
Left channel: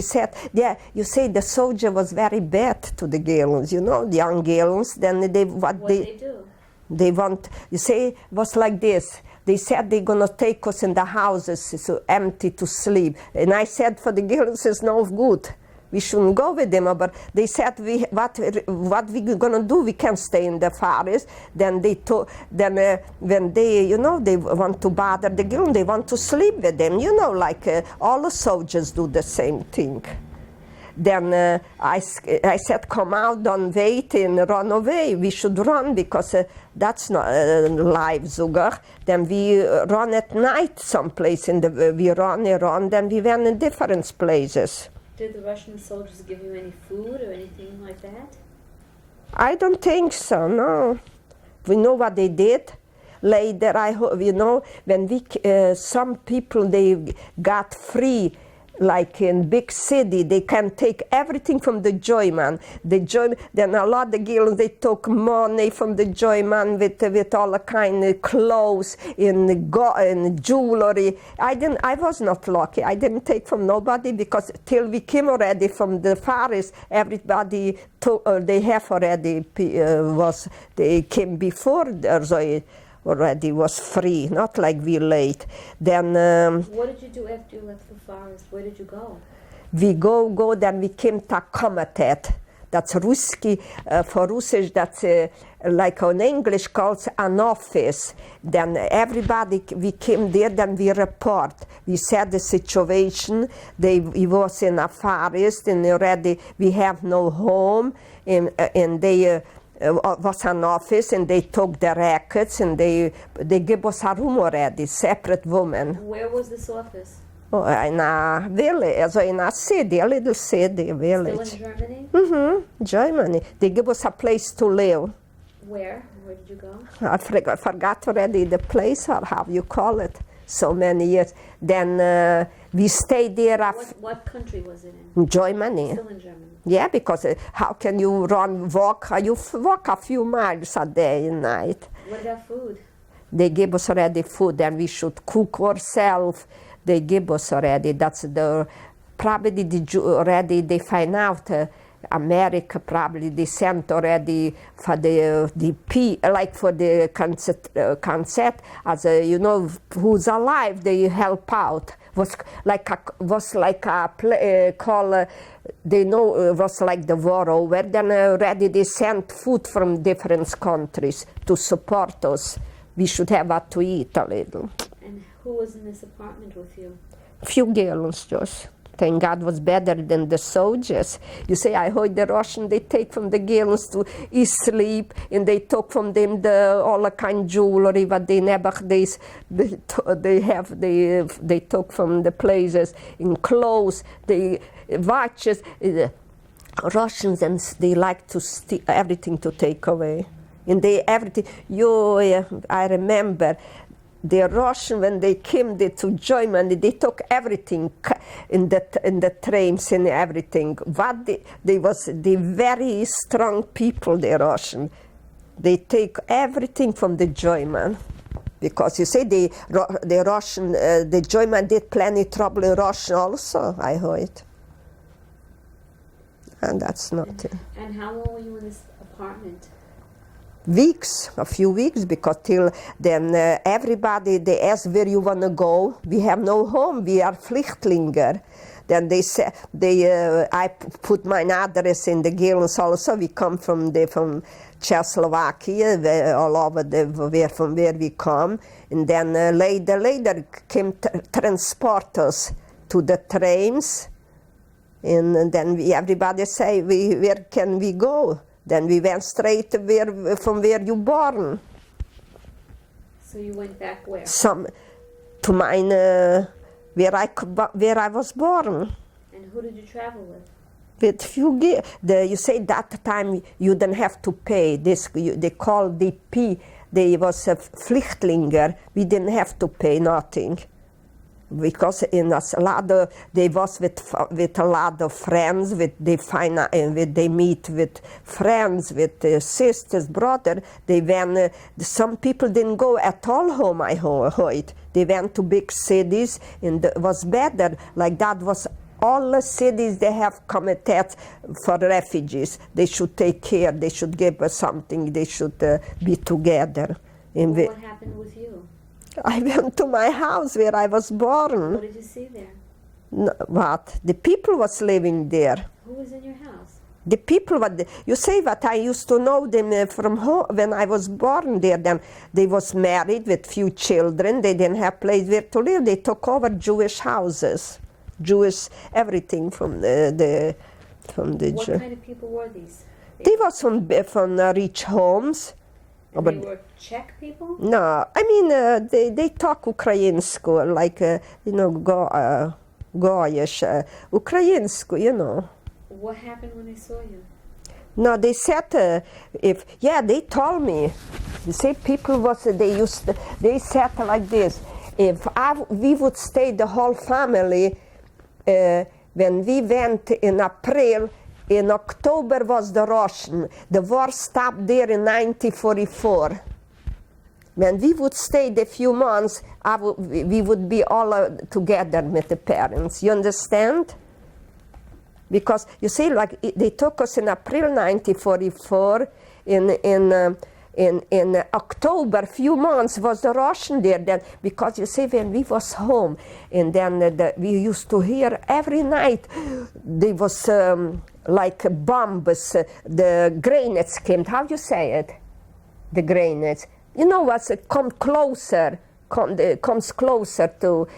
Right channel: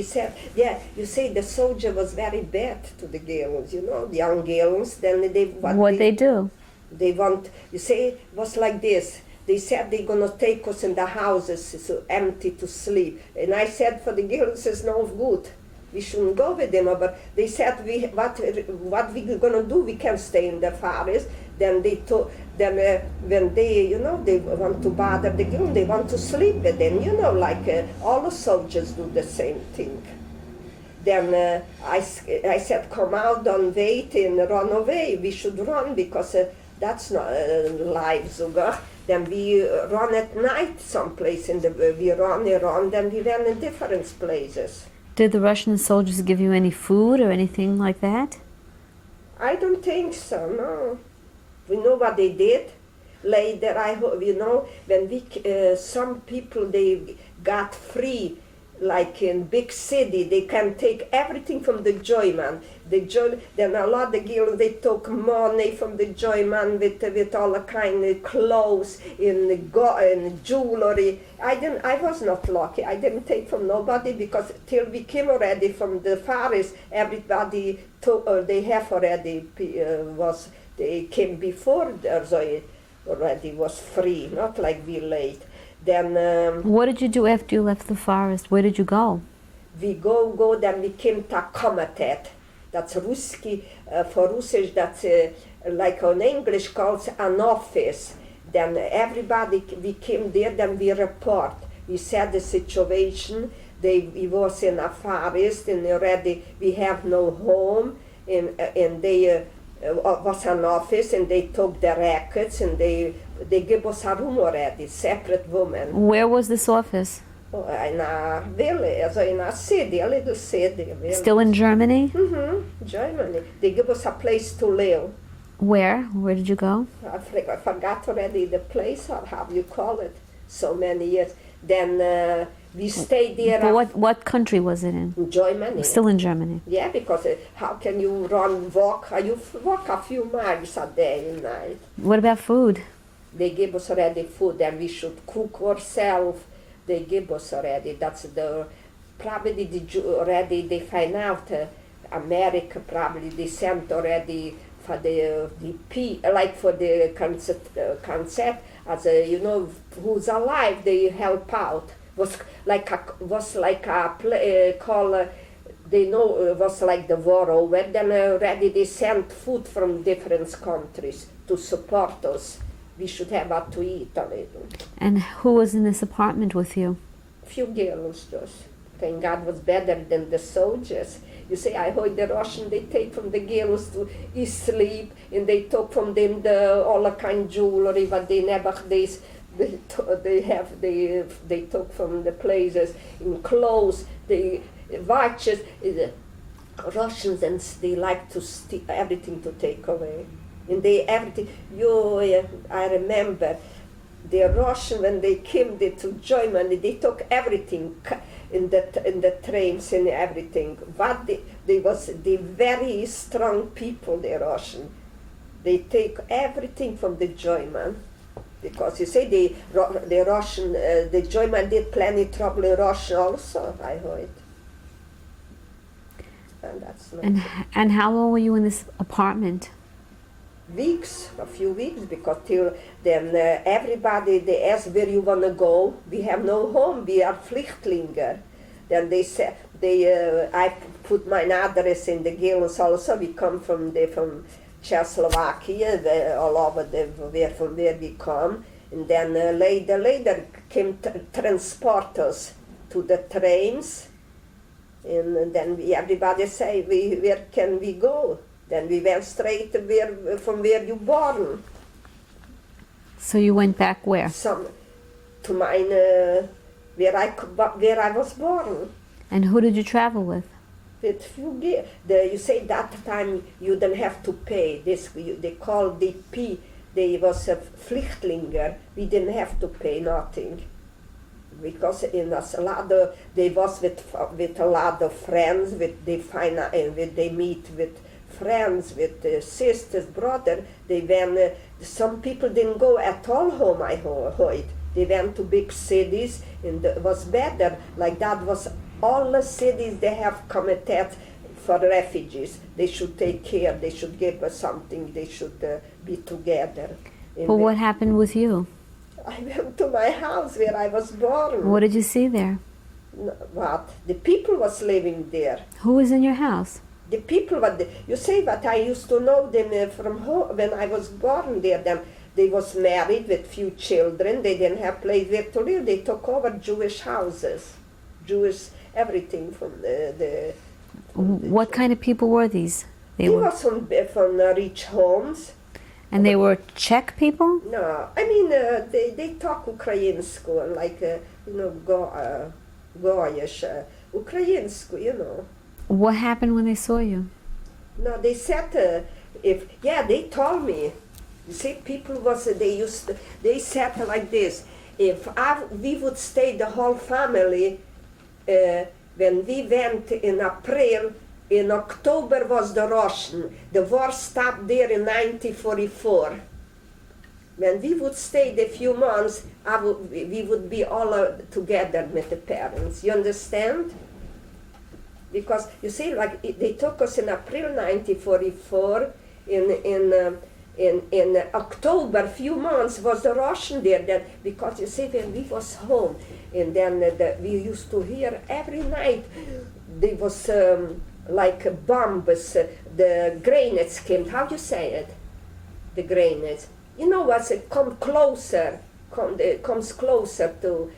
said, yeah, you say the soldier was very bad to the gallons, you know, the young gallons, then what they do? They want, you say, it was like this. They said they're gonna take us in the houses, so empty to sleep. And I said, for the gallons is no good. We shouldn't go with them, but they said, what we gonna do? We can't stay in the forest. Then when they, you know, they want to bother the girl, they want to sleep with them, you know, like all the soldiers do the same thing. Then I said, come out, don't wait and run away. We should run, because that's not live sogar. Then we run at night someplace, we run, then we went in different places. Did the Russian soldiers give you any food or anything like that? I don't think so, no. We know what they did. Later, I hope, you know, when some people, they got free, like in big city, they can take everything from the joyman. Then a lot of girls, they took money from the joyman with all the kind of clothes and jewelry. I was not lucky. I didn't take from nobody because till we came already from the forest, everybody took, they have already they came before, so it already was free, not like we late. Then What did you do after you left the forest? Where did you go? we go, then we came to Komitet. That's Ruski, for Russisch, that's like in English calls an office. Then everybody, we came there, then we report. We said the situation, we was in a forest and already we have no home, and they was an office and they took the records and they gave us a room already, separate woman. Where was this office? Oh, in a village, so in a city, a little city, village. Still in Germany? Germany. They give us a place to live. Where? Where did you go? I forgot already the place or how you call it. So many years. Then we stayed there. But what country was it in? Germany. Still in Germany. Yeah, because how can you walk? You walk a few miles a day and night. What about food? They give us already food and we should cook ourselves. They give us already. That's probably already they find out. America probably they sent already for the like for the concert as you know who's alive they help out was like a play call they know was like the war over. Then already they sent food from different countries to support us. We should have what to eat a little. And who was in this apartment with you? Few girls just. Thank God was better than the soldiers. You say, I heard the Russian, they take from the girls to sleep, and they took from them all the kind jewelry, but they never, they took from the places in clothes, they watches. Russians, and they like to steal everything to take away. And they everything, I remember, the Russian, when they came to Germany, they took everything in the trains and everything. But they was the very strong people, the Russian. They take everything from the German. Because you say the Russian, the German did plenty trouble in Russia also, I heard. And that's not it. And how long were you in this apartment? Weeks, a few weeks, because till then everybody, they ask where you want to go. We have no home, we are Flüchtlinge. Then they say, I put my address in the girls also. We come from Czechoslovakia, all over from where we come. And then later came transport us to the trains. And then everybody say, where can we go? Then we went straight from where you born. So you went back where? To mine, where I was born. And who did you travel with? With few you say that time you didn't have to pay. They called DP. They was a Flüchtlinger. We didn't have to pay nothing. Because in a lot of, they was with a lot of friends, they meet with friends, with sisters, brother. Some people didn't go at all home, I heard. They went to big cities and it was better. Like that was all the cities they have committed for refugees. They should take care, they should give us something, they should be together. Well, what happened with you? I went to my house where I was born. What did you see there? What? The people was living there. Who was in your house? The people, you say what I used to know them from home when I was born there. Then they was married with few children. They didn't have place where to live. They took over Jewish houses, Jewish everything from the What kind of people were these? They was from rich homes. And they were Czech people? No, I mean they talk Ukrainsku, like Goyish, Ukrainsku, you know. What happened when they saw you? No, they said they told me. They say people they said like this: if we would stay the whole family, when we went in April, in October was the Russian. The war stopped there in 1944. When we would stay a few months, we would be all together with the parents. You understand? Because you see, like they took us in April 1944. In October, few months was the Russian there. Then because you see, when we was home, and then we used to hear every night there was like bombs. The grenades came. How you say it? The grenades. You know what's come closer, comes closer to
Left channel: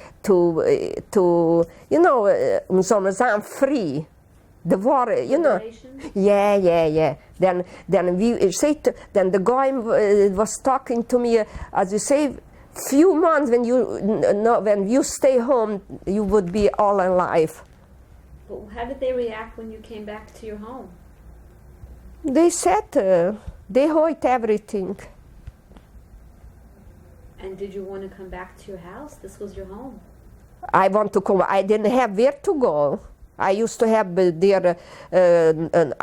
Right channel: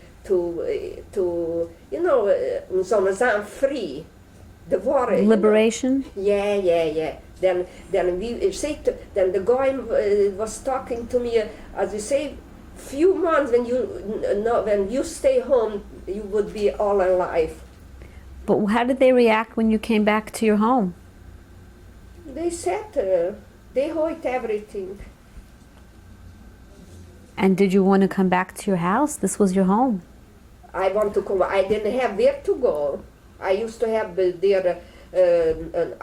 you know, so free. The war, Liberation? You know. Yeah. Then we say then the guy was talking to me, as you say, few months when you stay home, you would be all alive. But how did they react when you came back to your home? They said they hate everything. And did you want to come back to your house? This was your home. I want to come. I didn't have where to go. I used to have there a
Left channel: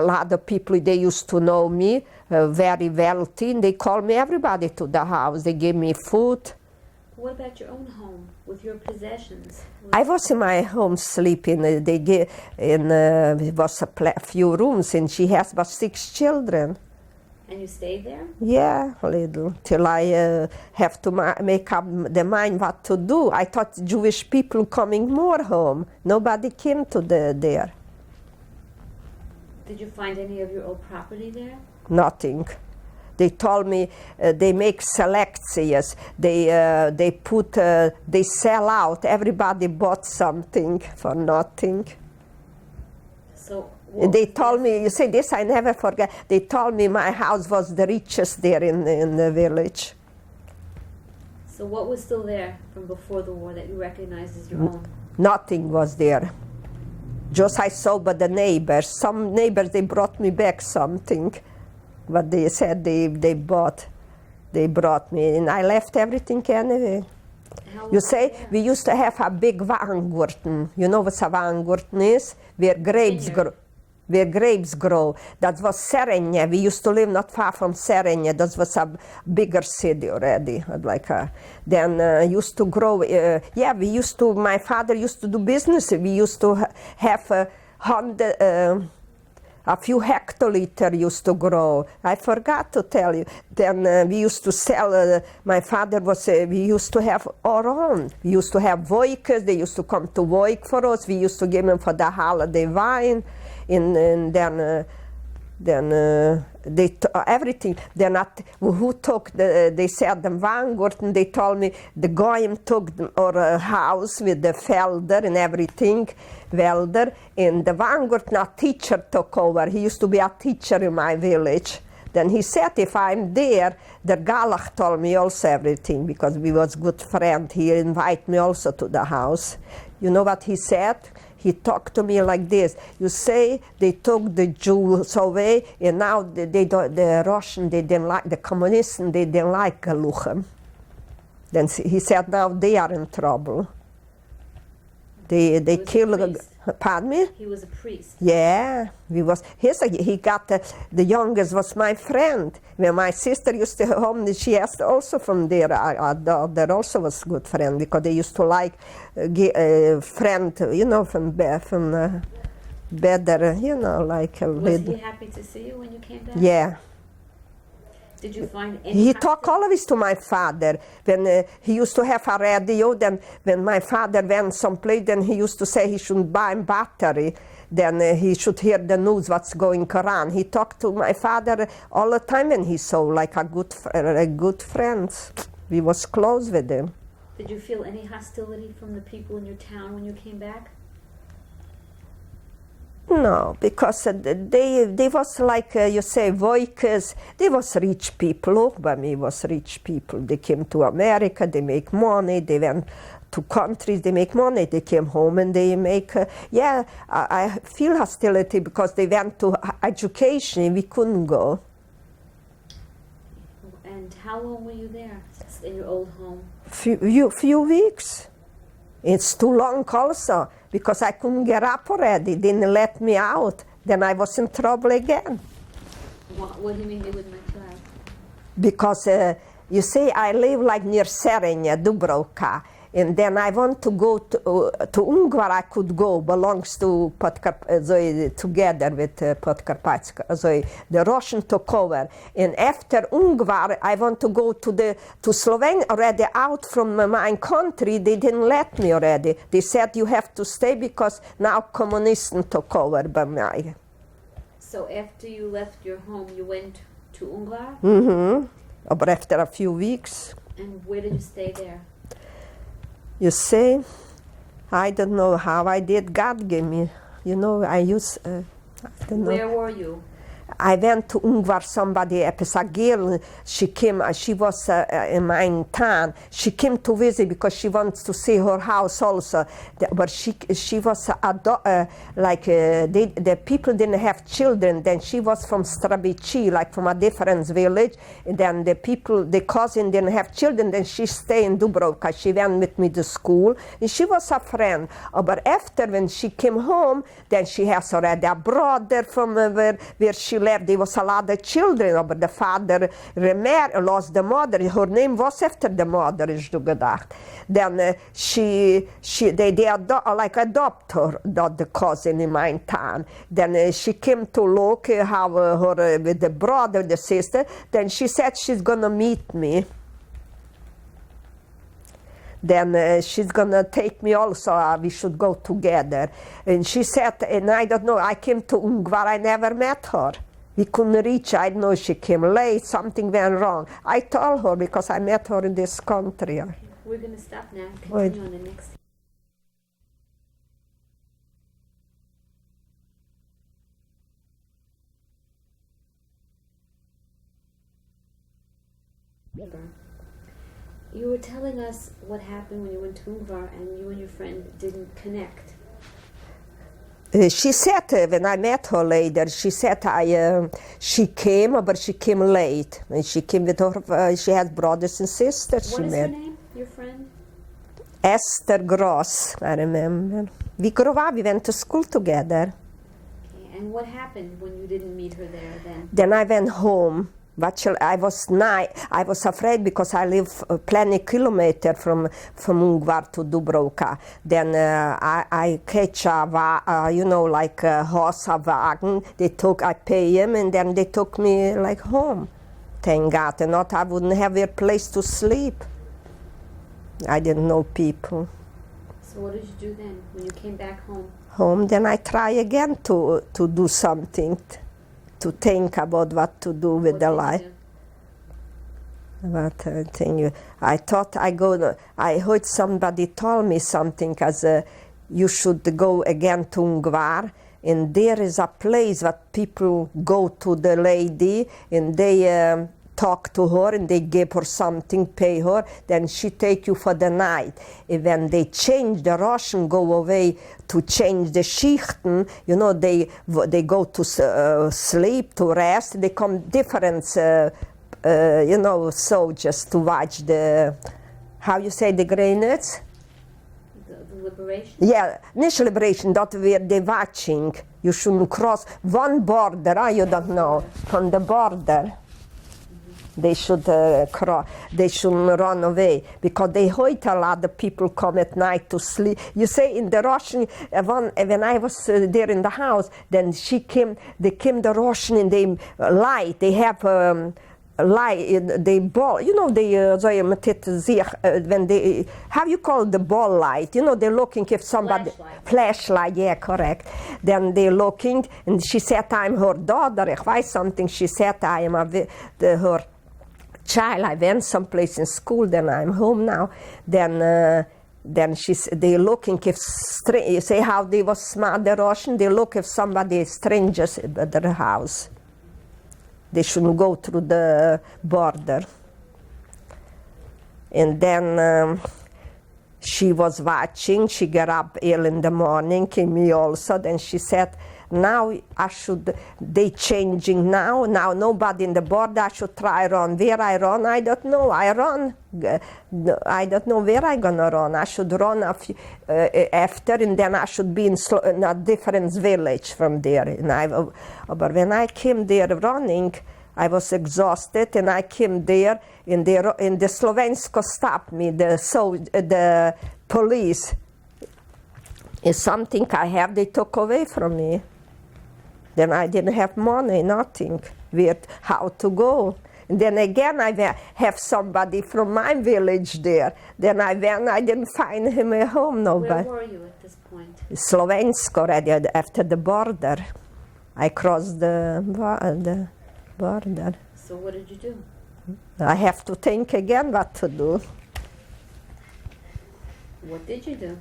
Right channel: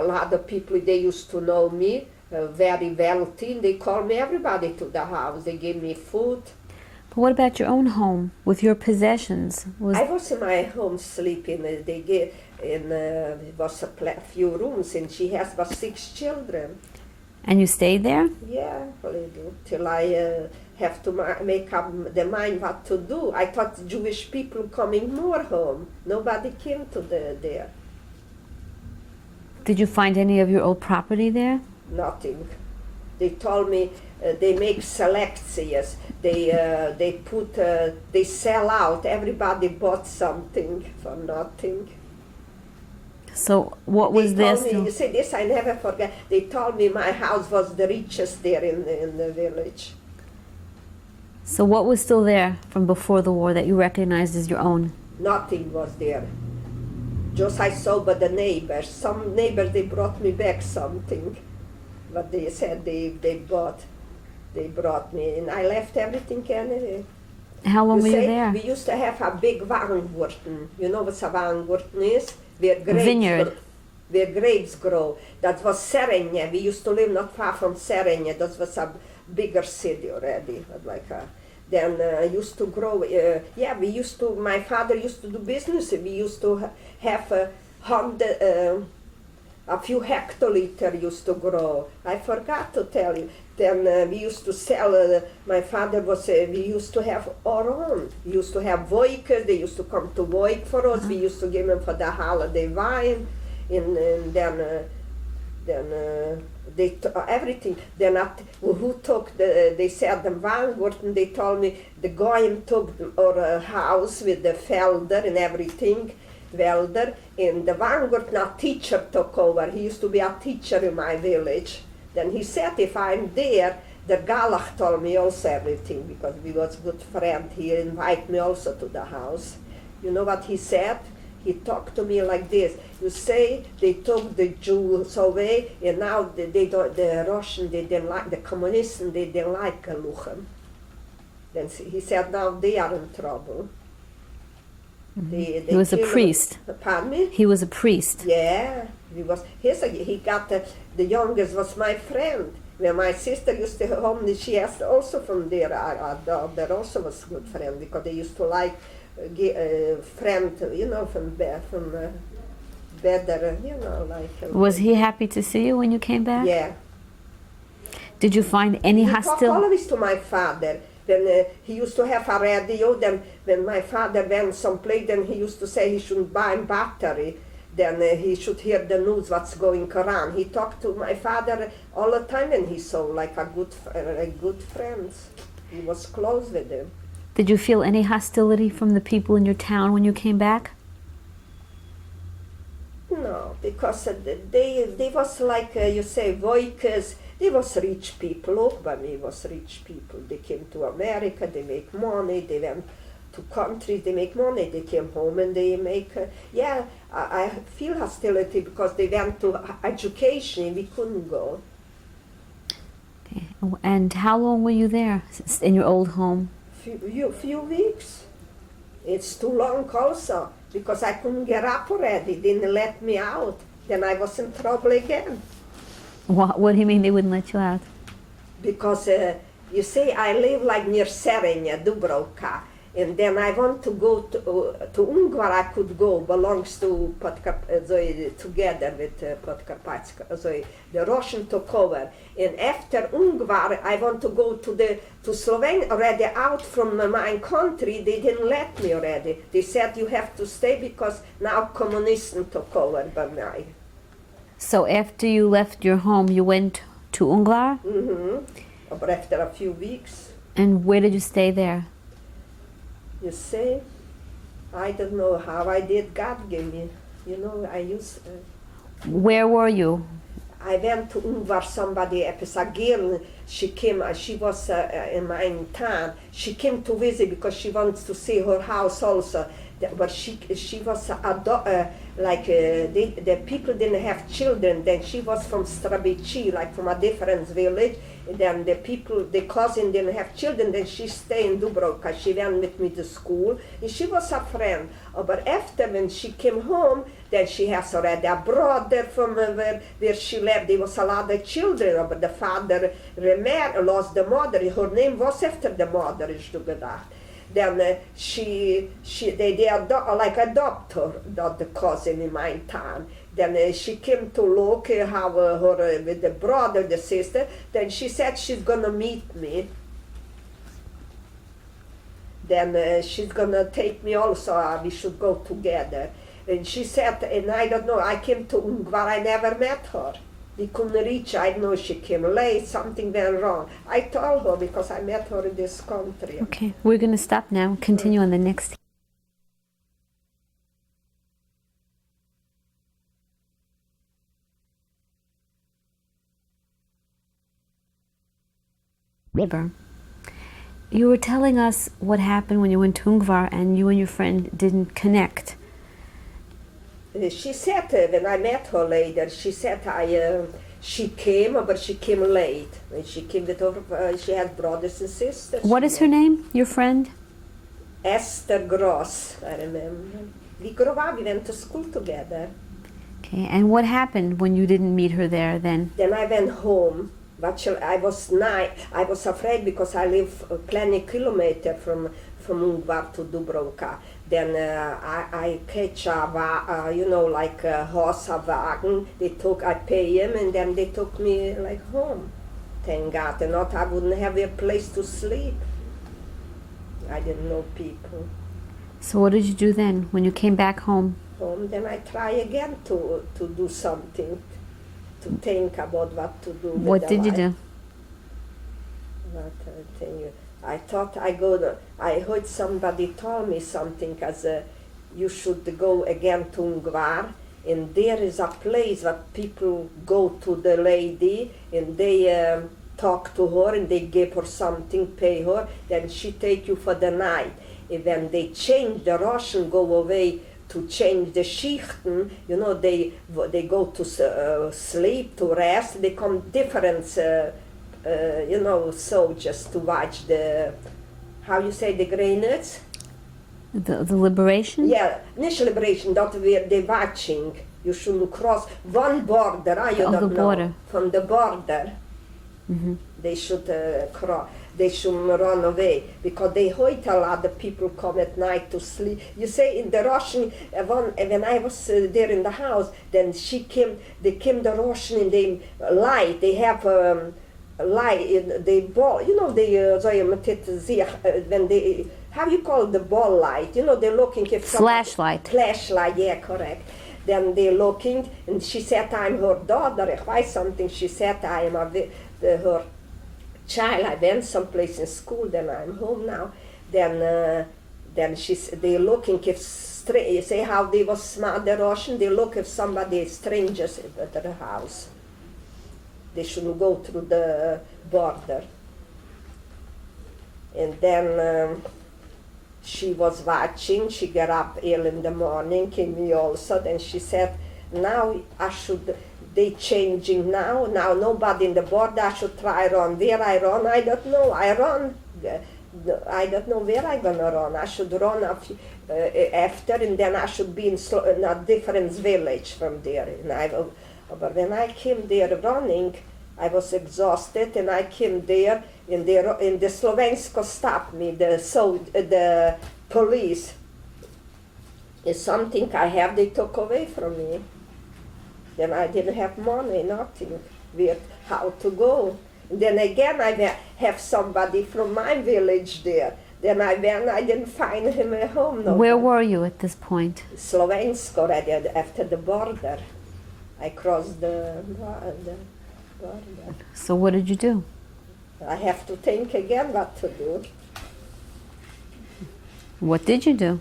lot of people. They used to know me, very wealthy. They called me everybody to the house. They gave me food. But what about your own home with your possessions? I was in my home sleeping. They gave it was a few rooms, and she has about 6 children. And you stayed there? Yeah, a little, till I have to make up the mind what to do. I thought Jewish people coming more home. Nobody came to there. Did you find any of your old property there? Nothing. They told me they make selections. They sell out. Everybody bought something for nothing. So what they was told this? me, you say this, I never forget. They told me my house was the richest there in the village. So what was still there from before the war that you recognized as your own? Nothing was there. Just I saw by the neighbors. Some neighbors, they brought me back something. But they said they brought me, and I left everything anyway. How long were you there? We used to have a big Weingarten. You know what a Weingarten is? Where grapes grow. That was Serenje. We used to live not far from Serenje. That was a bigger city already. Then used to grow. My father used to do business. We used to have a few hectoliter used to grow. I forgot to tell you. Then we used to sell, my father was, we used to have our own. We used to have Voikers, they used to come to Voik for us. We used to give them for the holiday wine. And then everything. Then who took, they said the Weingarten, they told me the guy took our house with the felder and everything. Welder, and the Weingarten, a teacher took over. He used to be a teacher in my village. Then he said, if I'm there, the Galach told me also everything, because we was good friend. He invited me also to the house. You know what he said? He talked to me like this. You say they took the Jews away, and now the Russian, they didn't like, the communists, they didn't like Galuchem. Then he said, now they are in trouble. They he was killed a priest. Pardon me? He was a priest. Yeah, he got the youngest was my friend. When my sister used to home, she asked also from there. That also was good friend, because they used to like friend, you know, from better, you know, like. Was he happy to see you when you came back? Yeah. Did you find any He talked always to my father. When he used to have a radio, then when my father went someplace, then he used to say he shouldn't buy a battery. Then he should hear the news, what's going around. He talked to my father all the time, and he saw like a good friend. He was close with him. Did you feel any hostility from the people in your town when you came back? No, because they was like, you say, Voikers, they was rich people. Bubby was rich people. They came to America, they make money, they went to countries, they make money, they came home and they make, I feel hostility because they went to education, we couldn't go. Okay. And how long were you there in your old home? Few weeks. It's too long also, because I couldn't get up already. They didn't let me out. Then I was in trouble again. What do you mean they wouldn't let you out? Because, you see, I live like near Serenja, Dubrovka. And then I want to go to Ungvar, I could go, belongs to together with Podkarpatska. The Russian took over. And after Ungvar, I want to go to Slovenia, already out from my country. They didn't let me already. They said you have to stay because now communists took over by me. So after you left your home, you went to Ungvar? Mm-hmm. But after a few weeks. And where did you stay there? You see, I don't know how I did. God gave me, you know, I used. Where were you? I went to Ungvar, somebody, Episagil, she came, she was in my town. She came to visit because she wants to see her house also. But she was, the people didn't have children. Then she was from Strabici, like from a different village. And then the cousin didn't have children. Then she stayed in Dubrovka. She went with me to school. And she was a friend. But after, when she came home, then she has already a brother from where she lived. There was a lot of children, but the father lost the mother. Her name was after the mother, is du gedacht. Then they adopt her, the cousin in my town. Then she came to look how her with the brother, the sister. Then she said she's gonna meet me. Then she's gonna take me also, we should go together. And she said, and I don't know, I came to Ungvar, I never met her. We couldn't reach, I don't know, she came late, something went wrong. I told her because I met her in this country. Okay, we're gonna stop now, continue on the next. You were telling us what happened when you went to Ungvar and you and your friend didn't connect. She said, when I met her later, she said she came, but she came late. And she came with her, she had brothers and sisters. What is her name, your friend? Esther Gross, I remember. We grew up, we went to school together. Okay, and what happened when you didn't meet her there then? Then I went home. But I was afraid because I live plenty kilometer from Ungvar to Dubrovka. Then I catch a horse, a wagon. I pay him, and then they took me like home. Thank God, and not I wouldn't have a place to sleep. I didn't know people. So what did you do then when you came back home? Then I try again to do something. To think about what to do with the life. What did you do? I thought I heard somebody tell me something as you should go again to Ungvar, and there is a place where people go to the lady and they talk to her and they give her something, pay her, then she take you for the night. And when they change, the Russian go away to change the Schichten, you know, they go to sleep, to rest, they come different, soldiers to watch the, how you say, the grenades? The liberation? Yeah, initial liberation, that where they're watching. You shouldn't cross one border, you don't know, border. From the border. Mm-hmm. They should they shouldn't run away because they heard a lot of people come at night to sleep. You say in the Russian, when I was there in the house, then they came the Russian and they light. They have light, they ball. You know when they, how you call the ball light? You know they're looking if somebody. Flashlight, yeah, correct. Then they're looking, and she said, "I'm her daughter." Ich weiß something. She said, "I am her child." I went someplace in school. Then I'm home now. Then they're looking if you say how they was smart, the Russian. They look if somebody strangers at their house. They shouldn't go through the border. And then she was watching. She got up early in the morning, came me also. Then she said, now they changing now nobody in the border, I should try run. Where I run, I don't know, I run. I don't know where I gonna run. I should run after, and then I should be in a different village from there. But when I came there running, I was exhausted, and I came there, and the Slovensko stopped me, the police. It's something I have, they took away from me. Then I didn't have money, nothing, how to go. And then again, I have somebody from my village there. Then I went, I didn't find him at home. Nobody. Where were you at this point? Slovensko already, after the border. I crossed the border. So what did you do? I have to think again what to do. What did you do?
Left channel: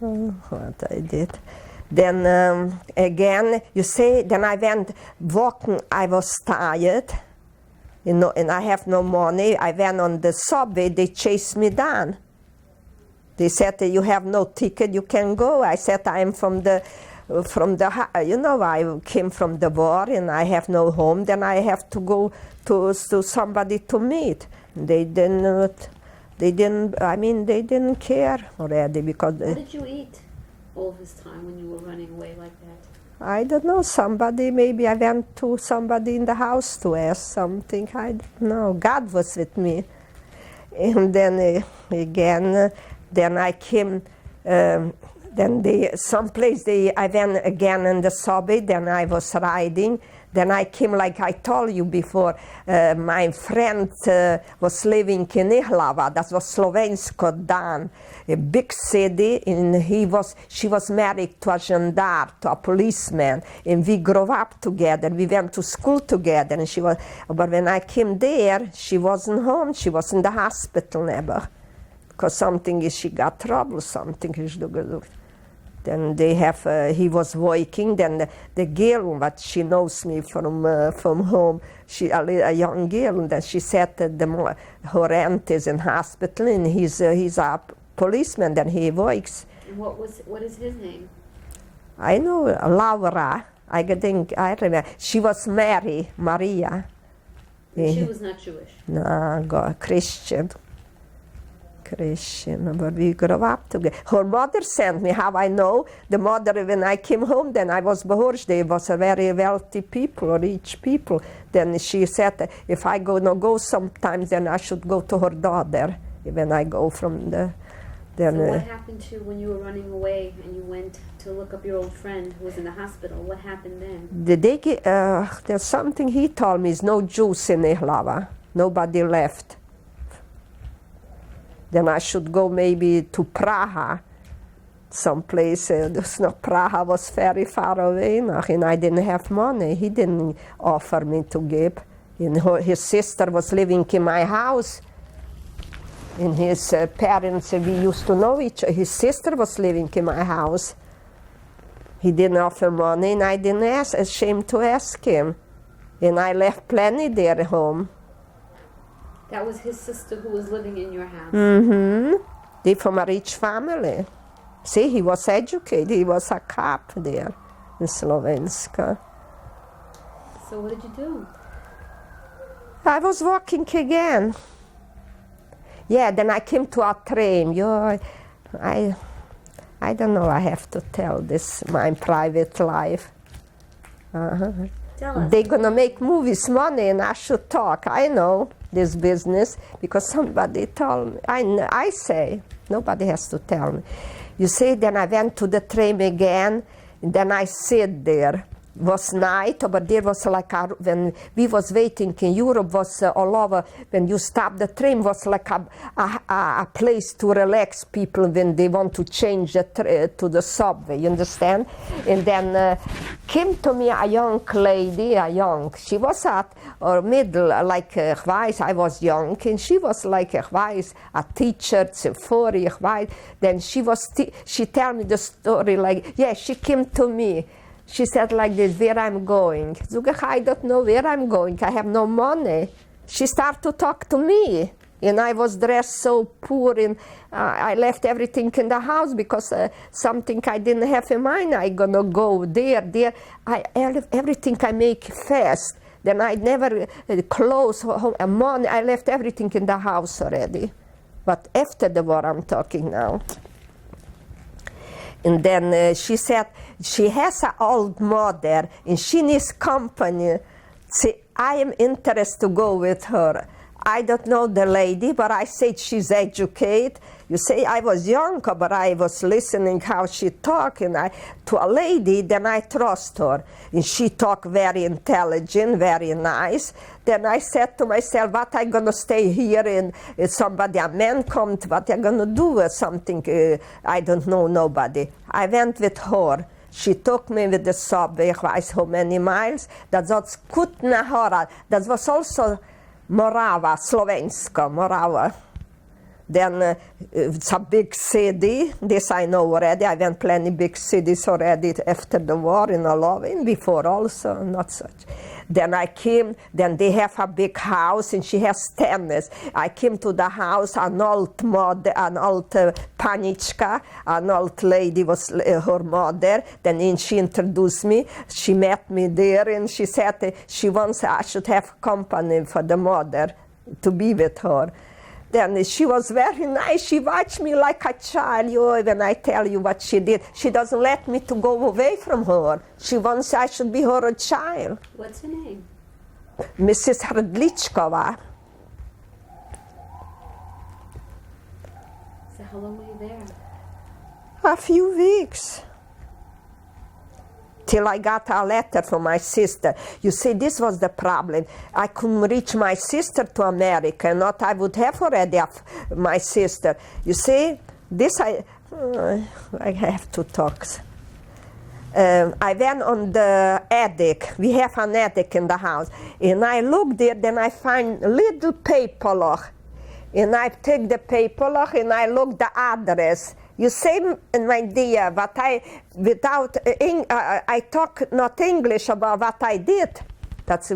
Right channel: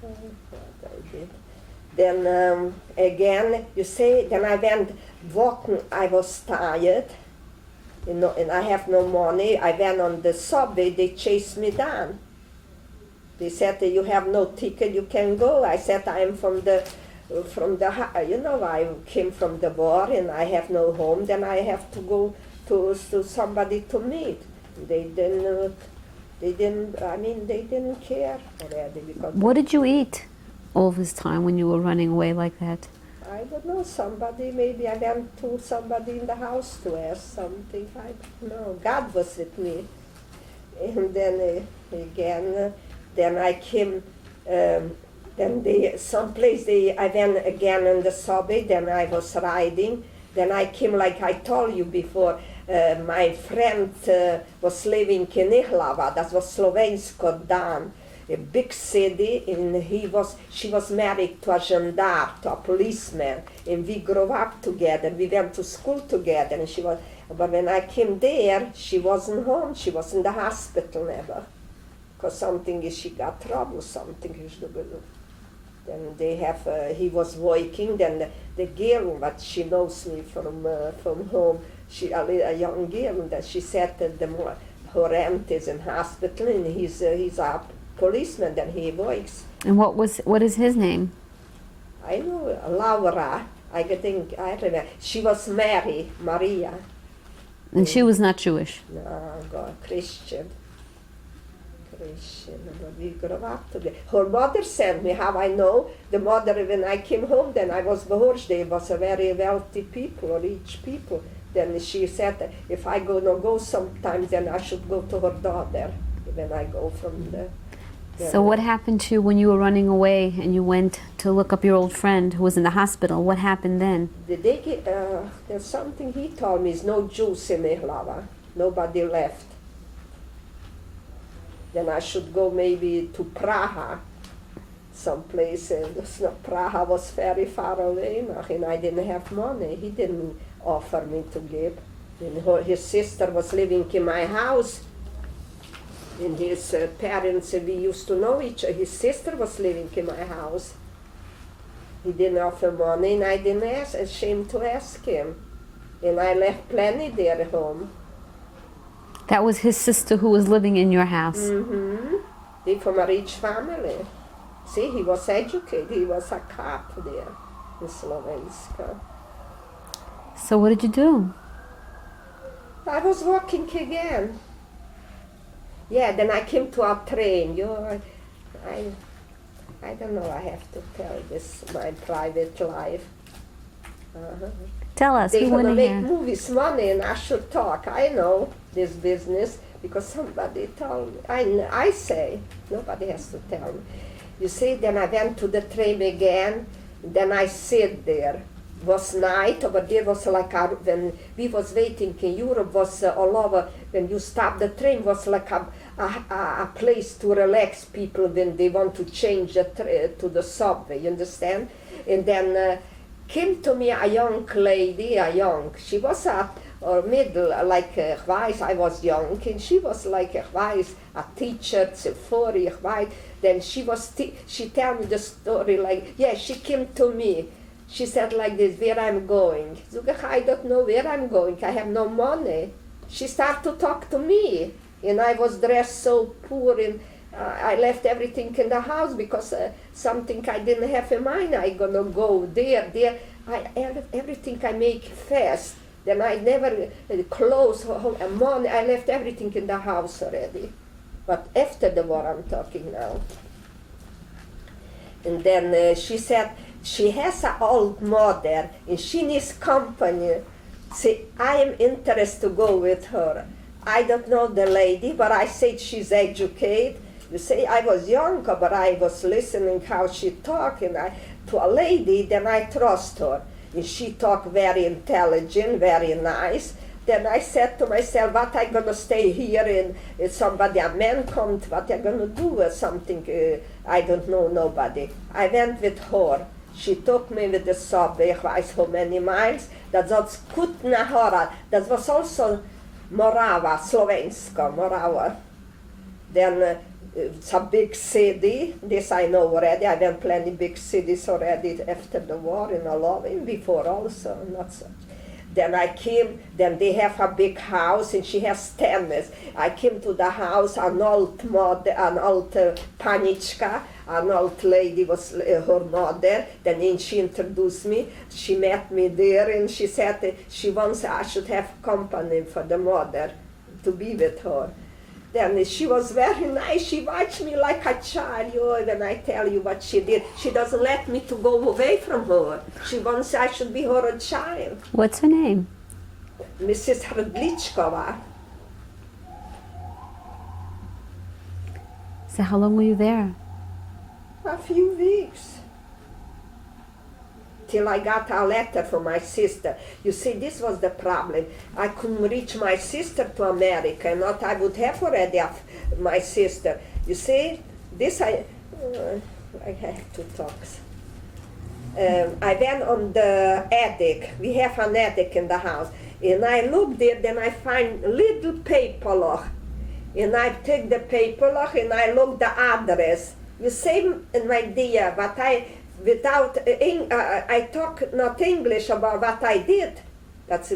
What I did. Then again, you say, then I went walking, I was tired, and I have no money. I went on the subway, they chased me down. They said, you have no ticket, you can go. I said, I am I came from the war and I have no home, then I have to go to somebody to meet. They didn't care already because. What did you eat all this time when you were running away like that? I don't know, maybe I went to somebody in the house to ask something, I don't know. God was with me. And then again, then I came, I went again in the subway, then I was riding. Then I came, like I told you before, my friend was living in Ihlava, that was Slovensko Dan, a big city, and she was married to a gendarme, to a policeman, and we grew up together. We went to school together, and but when I came there, she wasn't home. She was in the hospital never, because she got trouble, something. Then he was working. Then the girl, but she knows me from home. A young girl, and she said that her aunt is in hospital, and he's a policeman. Then he works. And what is his name? I know, Laura. I remember. She was Mary, Maria. And she was not Jewish? No, Christian, but we grew up together. Her mother sent me, how I know. The mother, when I came home, then I was Bahorj, they was a very wealthy people, rich people. Then she said, if I go sometimes, then I should go to her daughter, when I go from the... So what happened to you when you were running away and you went to look up your old friend who was in the hospital? What happened then? There's something he told me, is no Jews in Ihlava. Nobody left. Then I should go maybe to Praha, someplace. Praha was very far away, and I didn't have money. He didn't offer me to give. And his sister was living in my house. And his parents, we used to know each other. His sister was living in my house. He didn't offer money, and I didn't ashamed to ask him. And I left plenty there at home. That was his sister who was living in your house? Mm-hmm. They're from a rich family. See, he was educated. He was a cop there in Slovenska. So what did you do? I was walking again. Yeah, then I came to a train. I don't know, I have to tell this, my private life. Tell us. They're going to make movies, money, and I should talk. I know this business because somebody told me. I say, nobody has to tell me. You see, then I went to the train again, and then I sit there. It was night, but there was like, when we was waiting in Europe, was all over, when you stop the train, was like a place to relax people when they want to change to the subway, you understand? And then came to me a young lady, she was or middle, like weiß, I was young, and she was like weiß, a teacher, zuvor, then she told me the story like, yeah, she came to me. She said like this, where I'm going. I don't know where I'm going, I have no money. She started to talk to me, and I was dressed so poor, and I left everything in the house because something I didn't have in mind. I gonna go there. Everything I make fast. Then I never close money. I left everything in the house already. But after the war, I'm talking now. And then she said she has an old mother and she needs company. See, I am interested to go with her. I don't know the lady, but I said she's educated. You say I was younger, but I was listening how she talked, and to a lady, then I trust her. And she talked very intelligent, very nice. Then I said to myself, what I gonna stay here and a man comes, what I gonna do something, I don't know nobody. I went with her. She took me with the subway, I weiß how many miles. That was Kutna Hora. That was also Morava, Slovenska, Morava. Then it's a big city, this I know already. I went plenty big cities already after the war in Loving, before also, not such. Then I came, then they have a big house and she has tennis. I came to the house, an old mother, an old panichka, an old lady was her mother. Then she introduced me, she met me there and she said she wants I should have company for the mother to be with her. Then she was very nice. She watched me like a child. When I tell you what she did, she doesn't let me to go away from her. She wants I should be her a child. What's her name? Mrs. Hrdlichkova. So how long were you there? A few weeks. Till I got a letter from my sister. You see, this was the problem. I couldn't reach my sister to America, not I would have already my sister. You see, this I have to talk. I went on the attic. We have an attic in the house. And I look there, then I find a little paper. And I take the paper and I look the address. You see, my dear, but without I talk not English about what I did. That's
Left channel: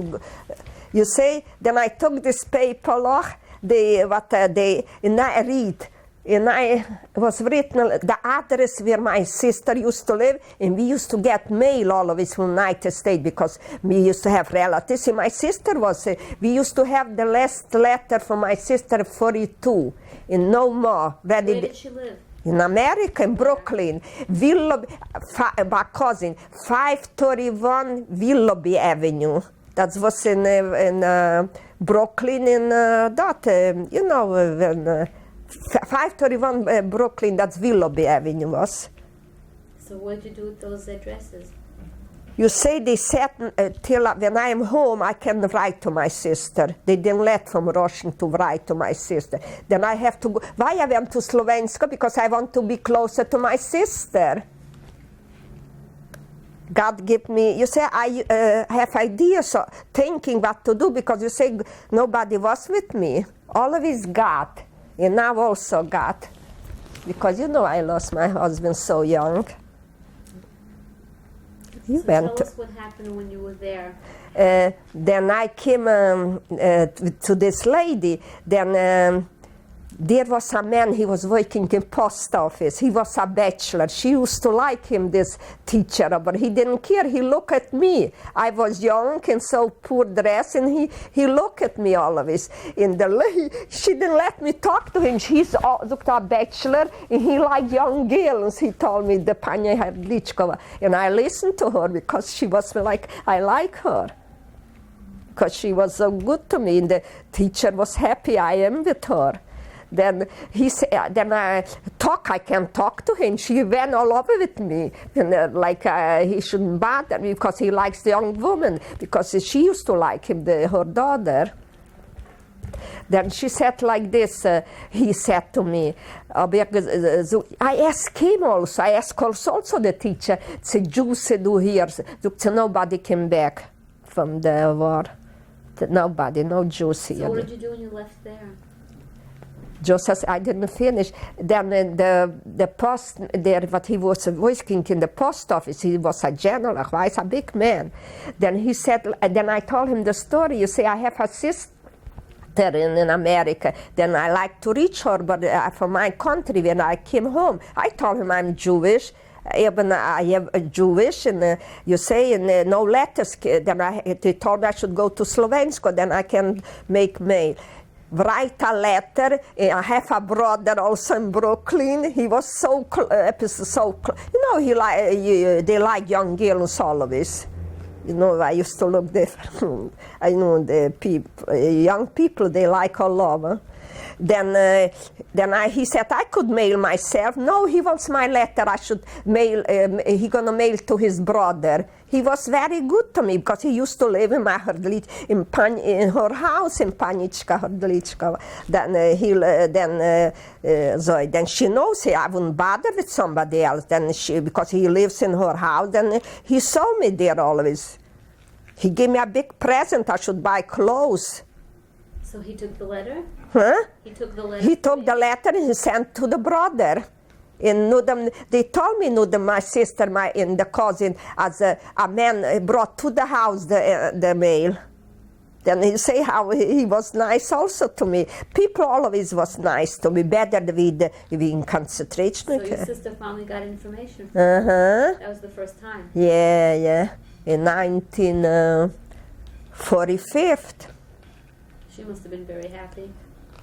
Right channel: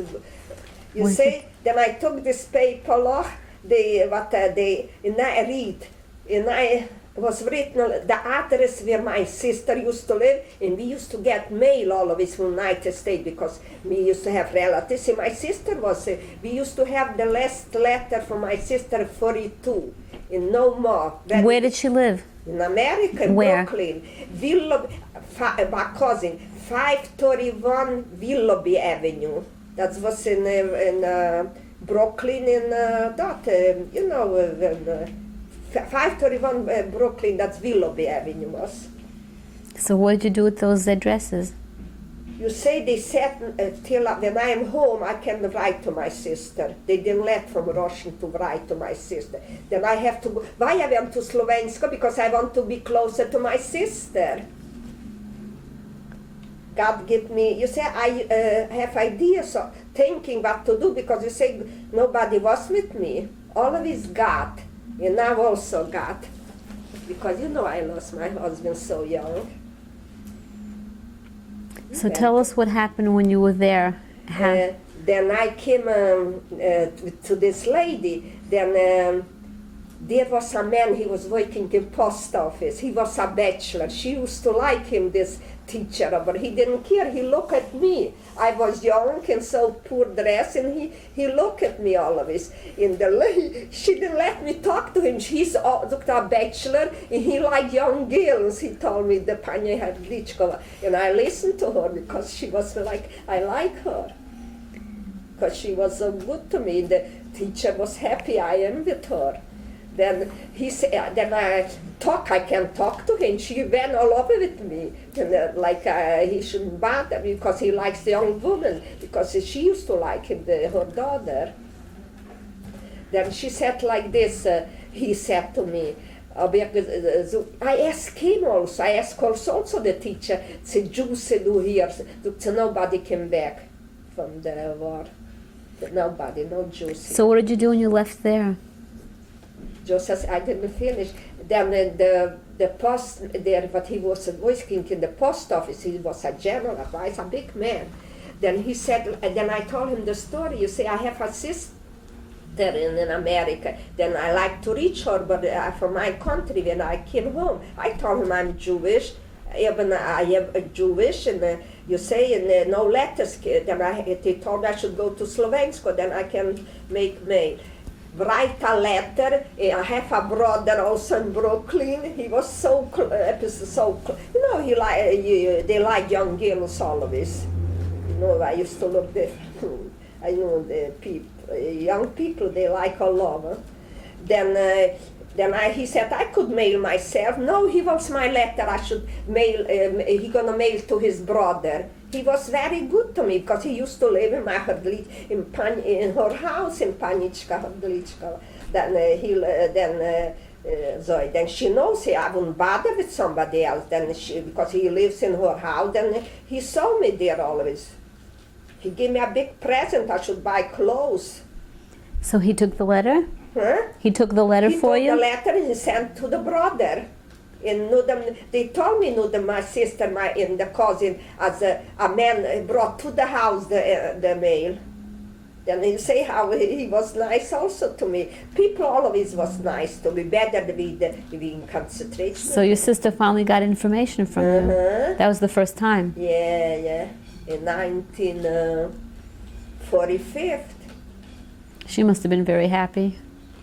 you see. Then I took this paper, and I read, and I was written the address where my sister used to live, and we used to get mail always from United States because we used to have relatives. And my sister was. We used to have the last letter from my sister 42, and no more. Where did she live? In America, in Where? Brooklyn, my cousin, 531 Willoughby Avenue. That was in Brooklyn, in 531 Brooklyn, that's Willoughby Avenue was. So what did you do with those addresses? You say they said till when I am home, I can write to my sister. They didn't let from Russian to write to my sister. Then I have to go. Why I went to Slovenska? Because I want to be closer to my sister. God give me, you say I have ideas, thinking what to do, because you say nobody was with me. Always God, and now also God. Because you know I lost my husband so young. So tell us what happened when you were there. Then I came to this lady. Then there was a man, he was working in post office. He was a bachelor. She used to like him, this teacher, but he didn't care. He looked at me. I was young and so poor dressed, and he looked at me always. And the lady, she didn't let me talk to him. He's a bachelor, and he liked young girls. He told me, the Panya Hrdlichkova. And I listened to her because she was like, I like her. Because she was so good to me, and the teacher was happy I am with her. Then he said, then I can talk to him. She went all over with me, and he shouldn't bother me because he likes the young woman, because she used to like him, her daughter. Then she said like this, he said to me, I asked him also, I asked also the teacher, said, Jews do here, nobody came back from the war. Nobody, no Jews here. So what did you do when you left there? Just as I didn't finish, then the post there, what he was working in the post office, he was a general, he's a big man. Then he said, then I told him the story. You see, I have a sister. in America. Then I like to reach her, but from my country, when I came home, I told him I'm Jewish. Even I am Jewish, and you say, and no letters. Then they told me I should go to Slovensko, then I can make mail. Write a letter. I have a brother also in Brooklyn. He was so you know, they like young girls always. You know, I used to look different. I know the people, young people, they like all over. Then he said I could mail myself. No, he wants my letter. I should mail. He gonna mail to his brother. He was very good to me because he used to live in my in her house in Panička Hrdlička. Then she knows I wouldn't bother with somebody else. Because he lives in her house. Then he saw me there always. He gave me a big present. I should buy clothes. So he took the letter? Huh? He took the letter for you? He took the letter and he sent to the brother. And they told me my sister, the cousin, as a man brought to the house the mail. Then he say how he was nice also to me. People always was nice to me, better than we in concentration. So your sister finally got information from him. That was the first time? Yeah. In 1945. She must have been very happy.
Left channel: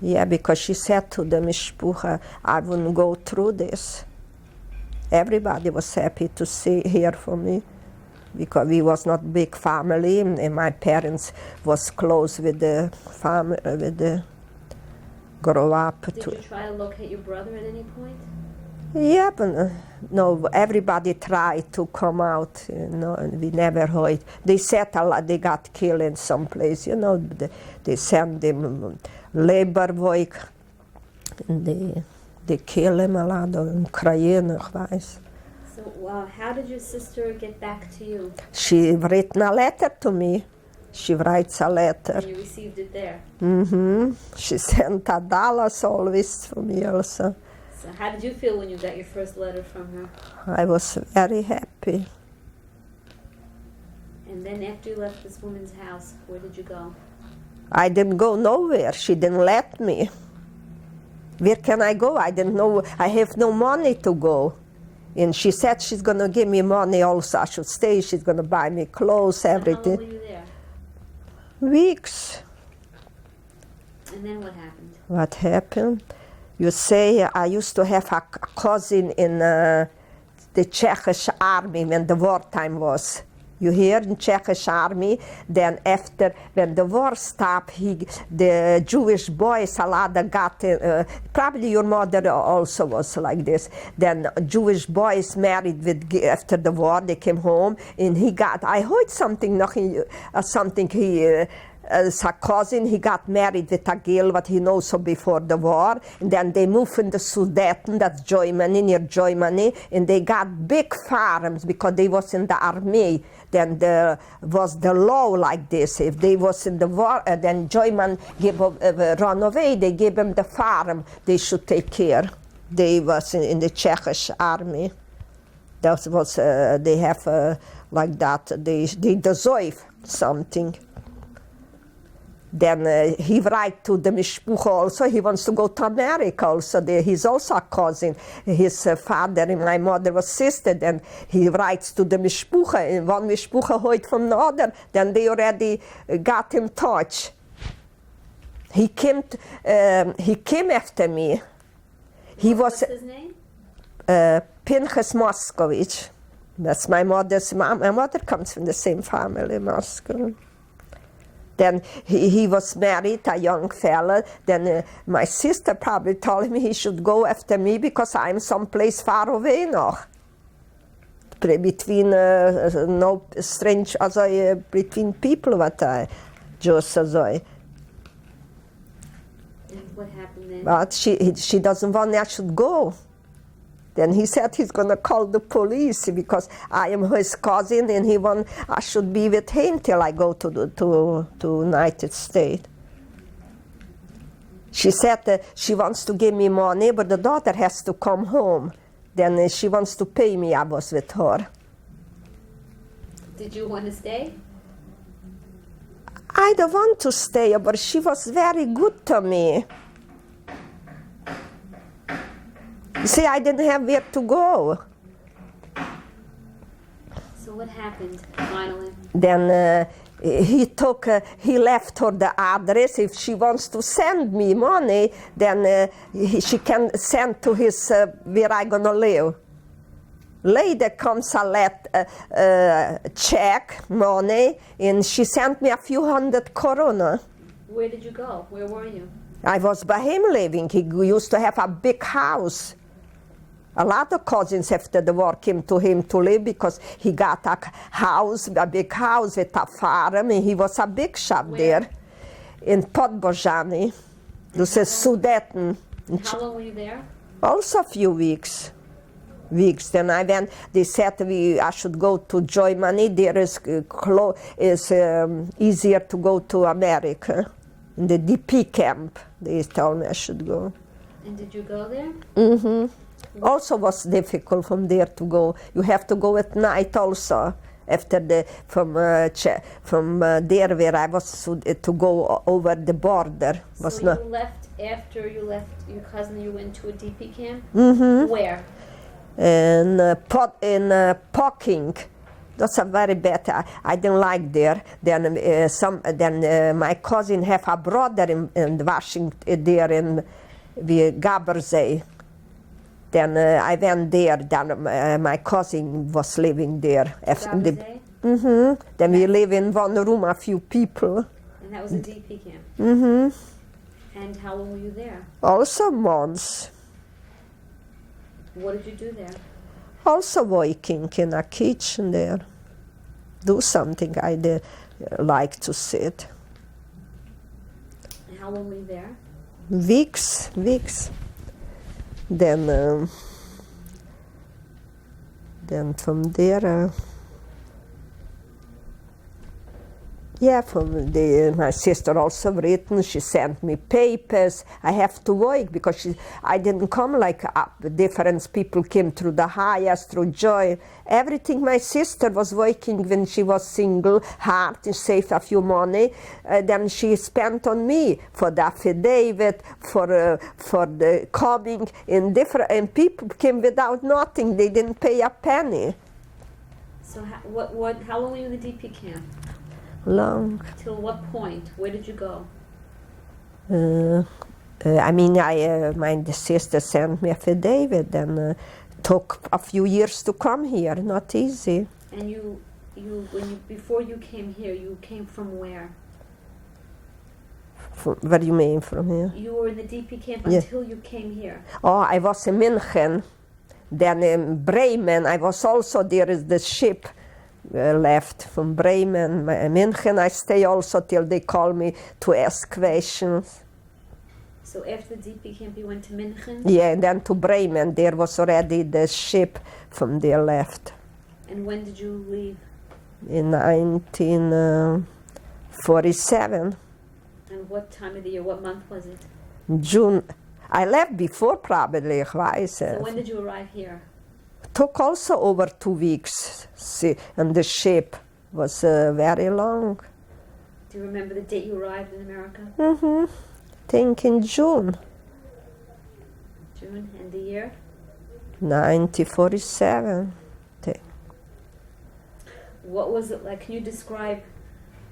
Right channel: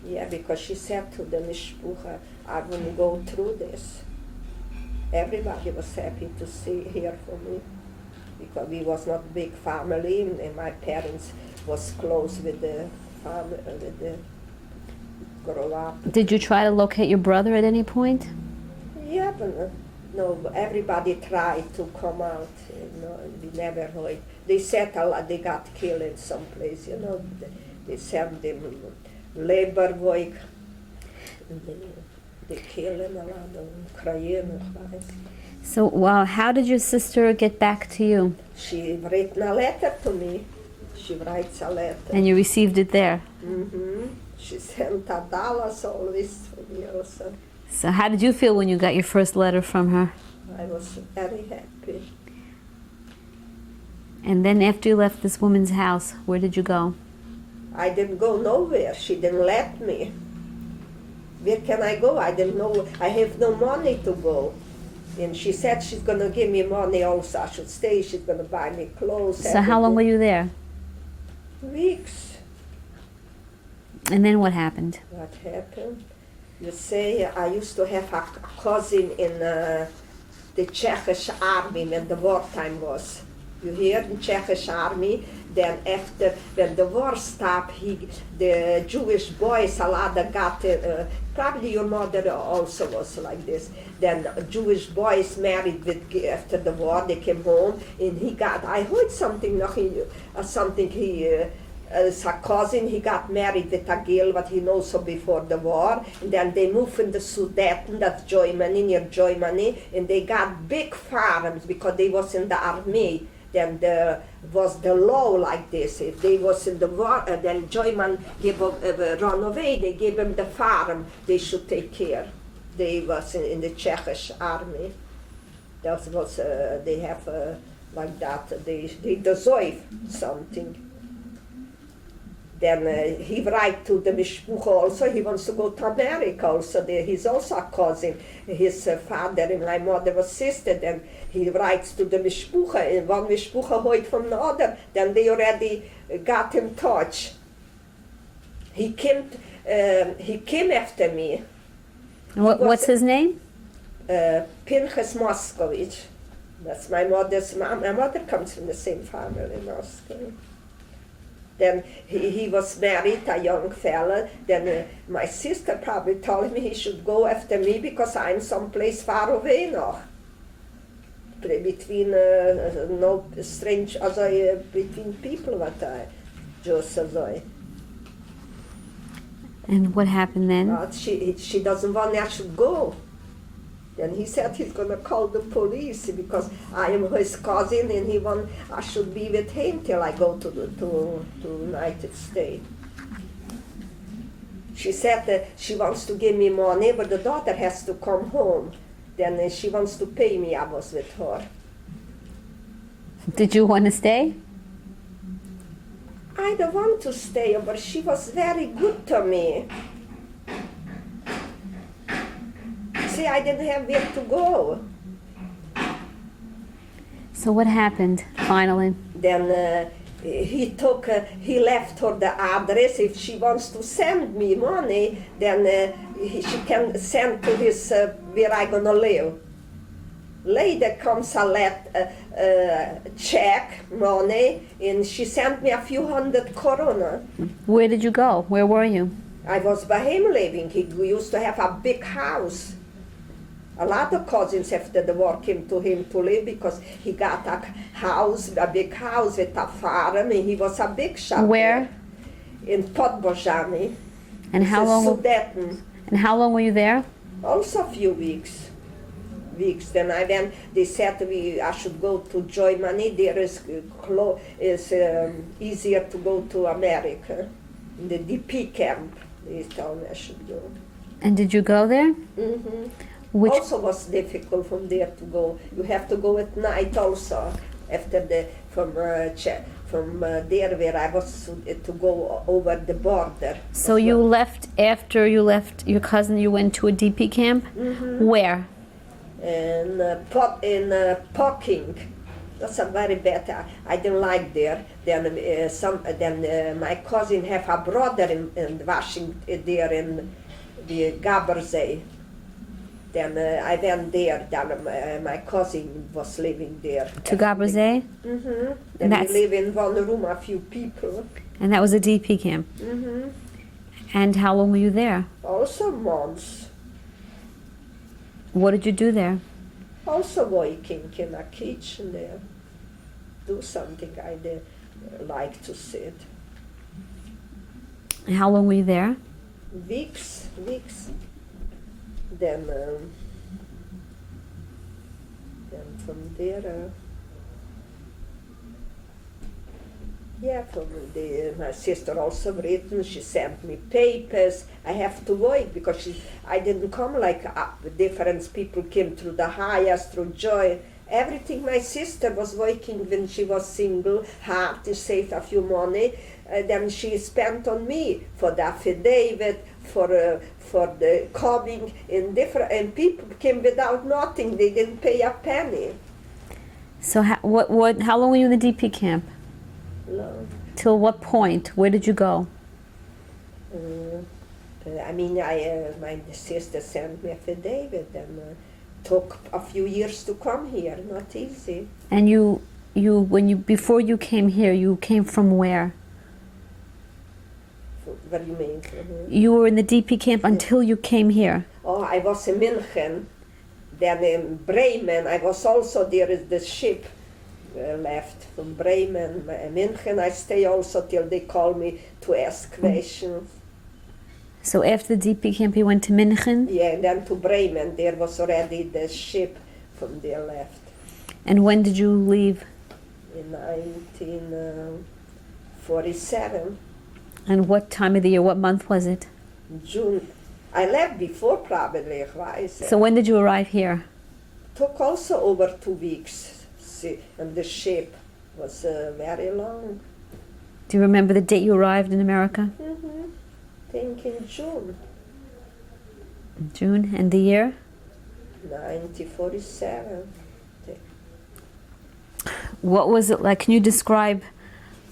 Yeah, because she said to the mishpucha, I wouldn't go through this. Everybody was happy to hear from me, because we was not big family, and my parents was close with the family, grow up. Did you try to locate your brother at any point? Yeah, but no, everybody tried to come out, and we never heard. They said a lot, they got killed in some place, they sent them labor work, and they kill him a lot in Ukraine, ich weiß. So, wow, how did your sister get back to you? She written a letter to me. She writes a letter. And you received it there? Mm-hmm. She sent $1 always to me also. So how did you feel when you got your first letter from her? I was very happy. And then after you left this woman's house, where did you go? I didn't go nowhere. She didn't let me. Where can I go? I didn't know. I have no money to go. And she said she's going to give me money also. I should stay. She's going to buy me clothes. So everything. how long were you there? Weeks. And then what happened? What happened? You say I used to have a cousin in the Czech army when the wartime was. You hear the Czech army, then after, when the war stopped, the Jewish boys, a lot of got, probably your mother also was like this, then Jewish boys married after the war, they came home, and I heard something, as a cousin, he got married with a girl what he knows so before the war, and then they moved in the Sudeten, that's Germany, near Germany, and they got big farms because they was in the army. Then there was the law like this. If they was in the war, then German run away, they gave them the farm they should take care. They was in the Czech army. That was, they have like that, they deserve something. Then he write to the mishpucha also, he wants to go to America also. He's also a cousin. His father and my mother was sister. Then he writes to the mishpucha, and one mishpucha heard from the other. Then they already got in touch. He came after me. What's his name? Pinchas Moskovich. That's my mother's mom. My mother comes from the same family, Moscow. Then he was married, a young fella. Then my sister probably told him he should go after me because I'm someplace far away now. Between no strange, between people what I just And what happened then? But she doesn't want I should go. Then he said he's going to call the police because I am his cousin and I should be with him till I go to United States. She said that she wants to give me money, but the daughter has to come home. Then she wants to pay me. I was with her. Did you want to stay? I don't want to stay, but she was very good to me. You see, I didn't have where to go. So what happened finally? Then he left her the address. If she wants to send me money, then she can send to his where I gonna live. Later comes a check, money, and she sent me a few hundred koruna. Where did you go? Where were you? I was by him living. He used to have a big house. A lot of cousins after the war came to him to live because he got a house, a big house with a farm, and he was a big shop Where? there in Podbojani. And This how is long- Sudeten. And how long were you there? Also a few weeks. Then I went. They said I should go to Germany. There is easier to go to America. In the DP camp, they told me I should go. And did you go there? Mm-hmm. Which- Also was difficult from there to go. You have to go at night also. After from there where I was to go over the border. So Was you not- left after you left your cousin. You went to a DP camp. Mm-hmm. Where? in Poking. That's a very bad. I didn't like there. Then my cousin have a brother in Washington there in the Gabersee. Then I went there. Then my cousin was living there. To Gabersee? Mm-hmm. Then we That's- live in one room, a few people. And that was a DP camp. Mm-hmm. And how long were you there? Also months. What did you do there? Also working in a kitchen there. Do something I like to sit. And how long were you there? Weeks. Then from there, my sister also written. She sent me papers. I have to work because I didn't come like different people came through the highest, through joy. Everything my sister was working when she was single, hard to save a few money. Then she spent on me for the affidavit, for the coming in different. And people came without nothing. They didn't pay a penny. So how long were you in the DP camp? Long. Till what point? Where did you go? My sister sent me affidavit and took a few years to come here. Not easy. And before you came here, you came from where? What do you mean from here? You were in the DP camp until you came here. Oh, I was in München. Then in Bremen, I was also there. Is the ship left from Bremen, München. I stay also till they call me to ask questions. So after the DP camp, you went to München? Yeah, then to Bremen. There was already the ship from there left. And when did you leave? In 1947, And what time of the year, what month was it? June. I left before probably, ich weiß. So when did you arrive here? Took also over 2 weeks. See, and the ship was very long. Do you remember the date you arrived in America? Mm-hmm. Think in June June. And the year? 1947. What was it like? Can you describe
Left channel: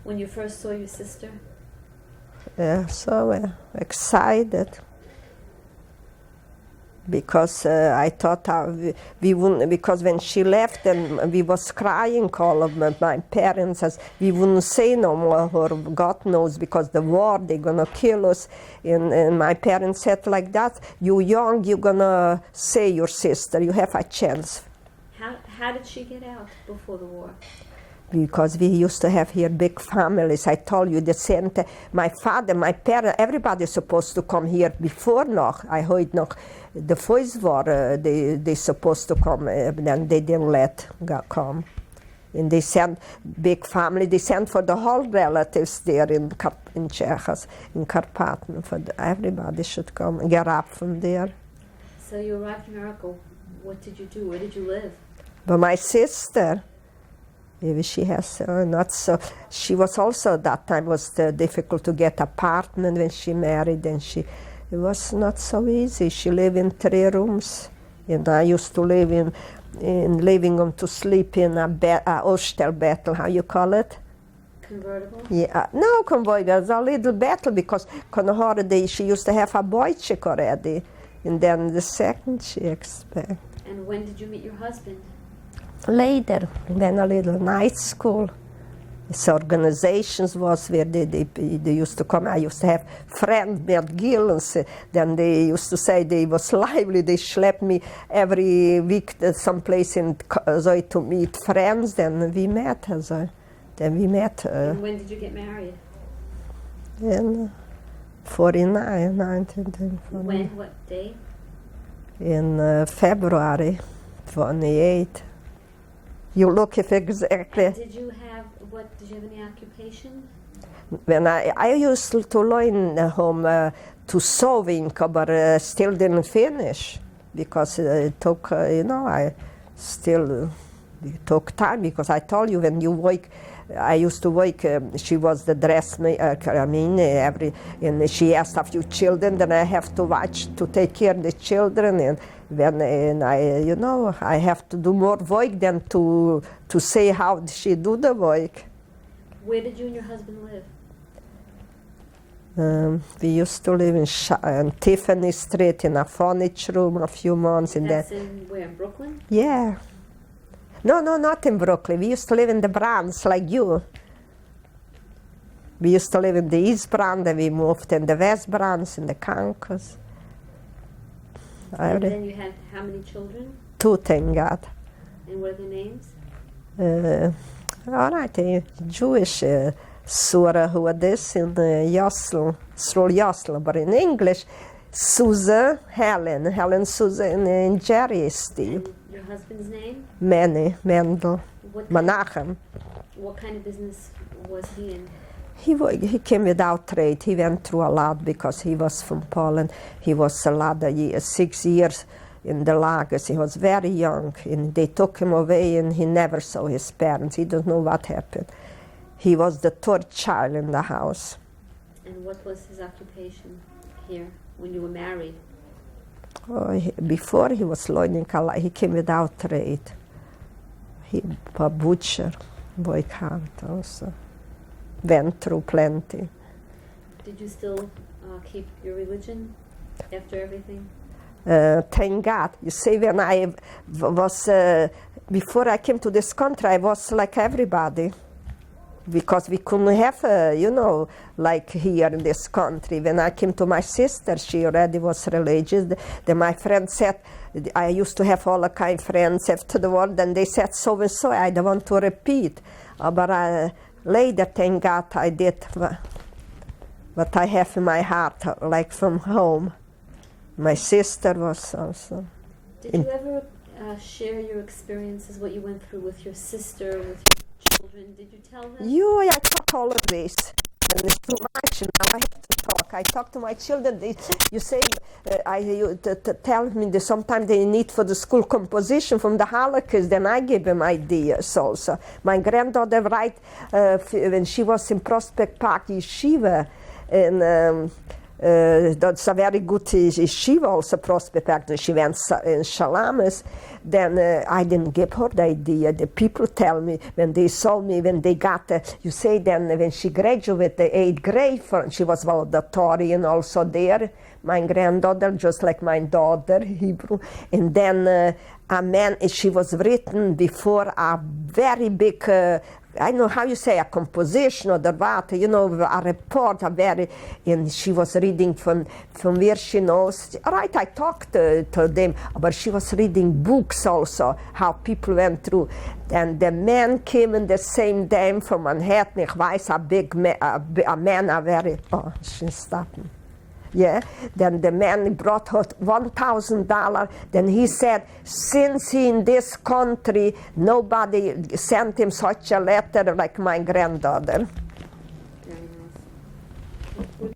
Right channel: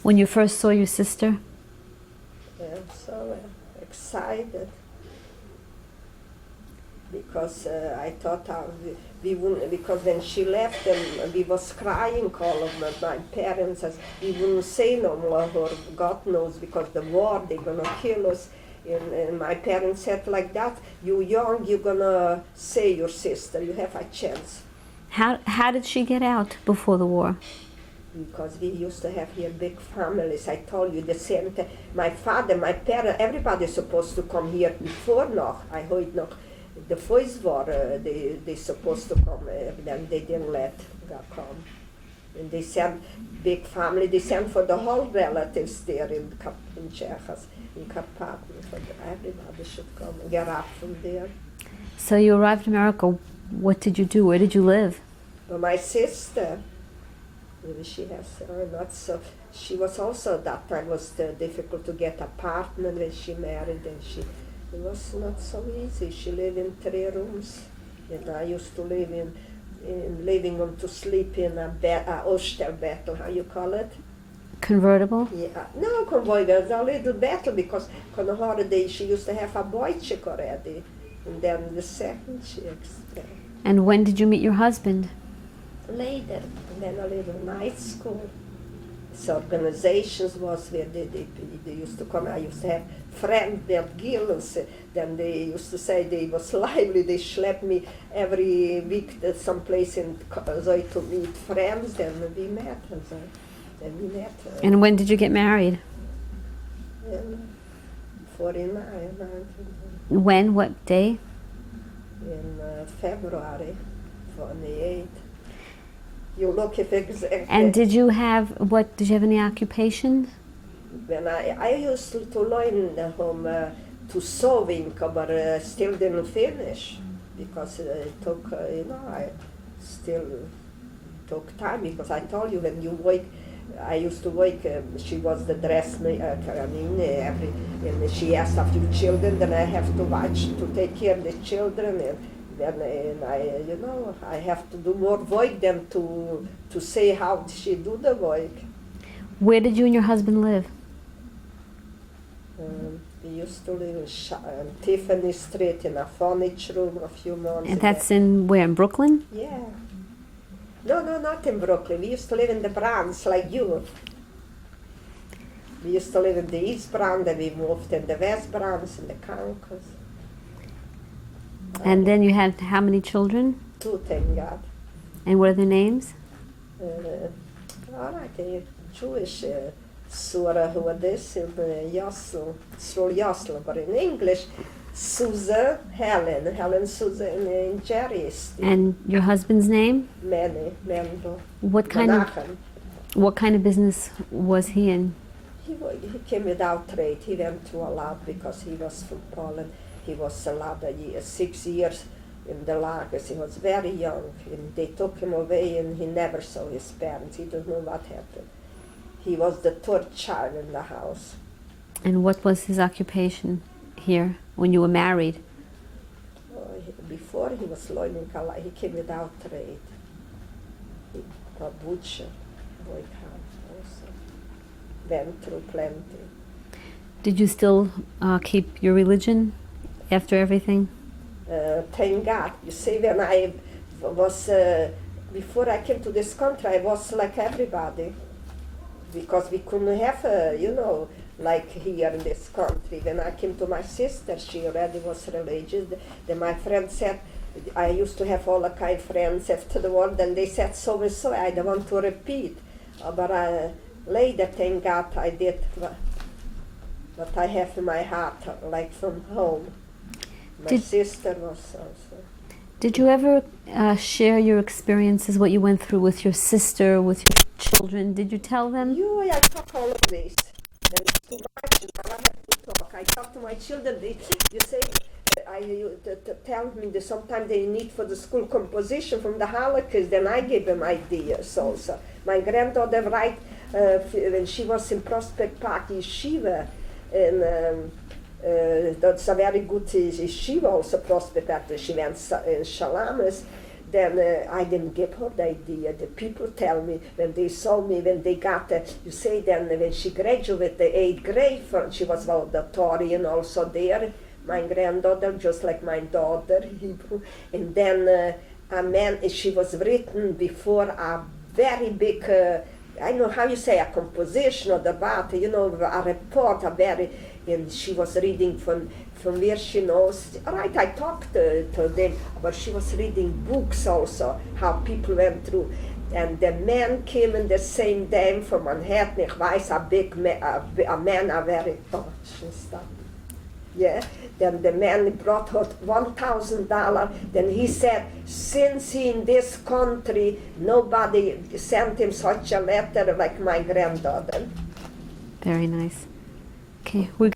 when you first saw your sister? Yeah, so excited. Because I thought we wouldn't, because when she left and we was crying, all of my parents, as we wouldn't say no more, or God knows, because the war, they're gonna kill us. And my parents said like that, you young, you're gonna say your sister, you have a chance. How did she get out before the war? Because we used to have here big families. I told you the same time. My father, my parents, everybody's supposed to come here before noch. I heard noch. The first war, they supposed to come, then they didn't let come. And they sent big family, they sent for the whole relatives there in Czechos, in Carpathen, everybody should come and get up from there. So you arrived in America. What did you do? Where did you live? But my sister, Maybe she has not so. She was also at that time was difficult to get apartment when she married, and it was not so easy. She lived in 3 rooms, and I used to live in living room to sleep in a Ostelbettel, how you call it? Convertible? Yeah, no convoy, it was a little battle because on the holiday she used to have a boy chick already, and then the second she expect. And when did you meet your husband? Later, then a little night school. So organizations was where they used to come. I used to have friends, Bert Gillens, then they used to say they was lively. They schlepped me every week to someplace to meet friends. Then we met. And when did you get married? In 49, 19. When? What day? In February 28. You look if exactly. And did you have any occupation? When I used to learn home to sewing, but still didn't finish because it took, I still it took time because I told you when you work, I used to work, she was the dressmaker, and she has a few children, then I have to watch, to take care of the children, and I have to do more work than to say how she do the work. Where did you and your husband live? We used to live in Tiffany Street in a furniture room a few months. And that's in where, in Brooklyn? Yeah. No, not in Brooklyn. We used to live in the Bronx, like you. We used to live in the East Bronx, then we moved in the West Bronx, in the Concourse. And then you had how many children? 2, thank God. And what are their names? All right, Jewish Surah, who are this in Yosel, but in English, Susan, Helen Susan, and Jerry Steve. And your husband's name? Mendel. What kind of business was he in? He came without trade. He went through a lot because he was from Poland. He was a lot of years, 6 years in the lagers. He was very young, and they took him away, and he never saw his parents. He doesn't know what happened. He was the 3rd child in the house. And what was his occupation here when you were married? Before he was learning a lot. He came without trade. He a butcher, boy count also. Went through plenty. Did you still keep your religion after everything? Thank God. You see, when I was, before I came to this country, I was like everybody. Because we couldn't have, like here in this country. When I came to my sister, she already was religious. Then my friend said, I used to have all the kind of friends after the war, then they said so and so, I don't want to repeat. But later, thank God, I did what I have in my heart, like from home. My sister was also. Did you ever share your experiences, what you went through with your sister, with your children? Did you tell them? I talk all of this. And it's too much, now I have to talk. I talk to my children. You say, you tell me that sometimes they need for the school composition from the Holocaust, then I give them ideas also. My granddaughter when she was in Prospect Park Yeshiva, and that's a very good yeshiva also, Prospect Park. She went in Shalamas. Then I didn't give her the idea. The people tell me when they saw me, when they got, you say then when she graduated the 8th grade, she was valedictorian also there, my granddaughter, just like my daughter, Hebrew. And then she was written before a very big, I know how you say, a composition or the what, a report, and she was reading from where she knows. Right, I talked to them, but she was reading books also, how people went through. And the man came in the same day from Manhattan, ich weiß, a man, a very, she stopped me. Yeah, then the man brought her $1,000. Then he said, since he in this country, nobody sent him such a letter like my granddaughter. Very nice. Okay, we're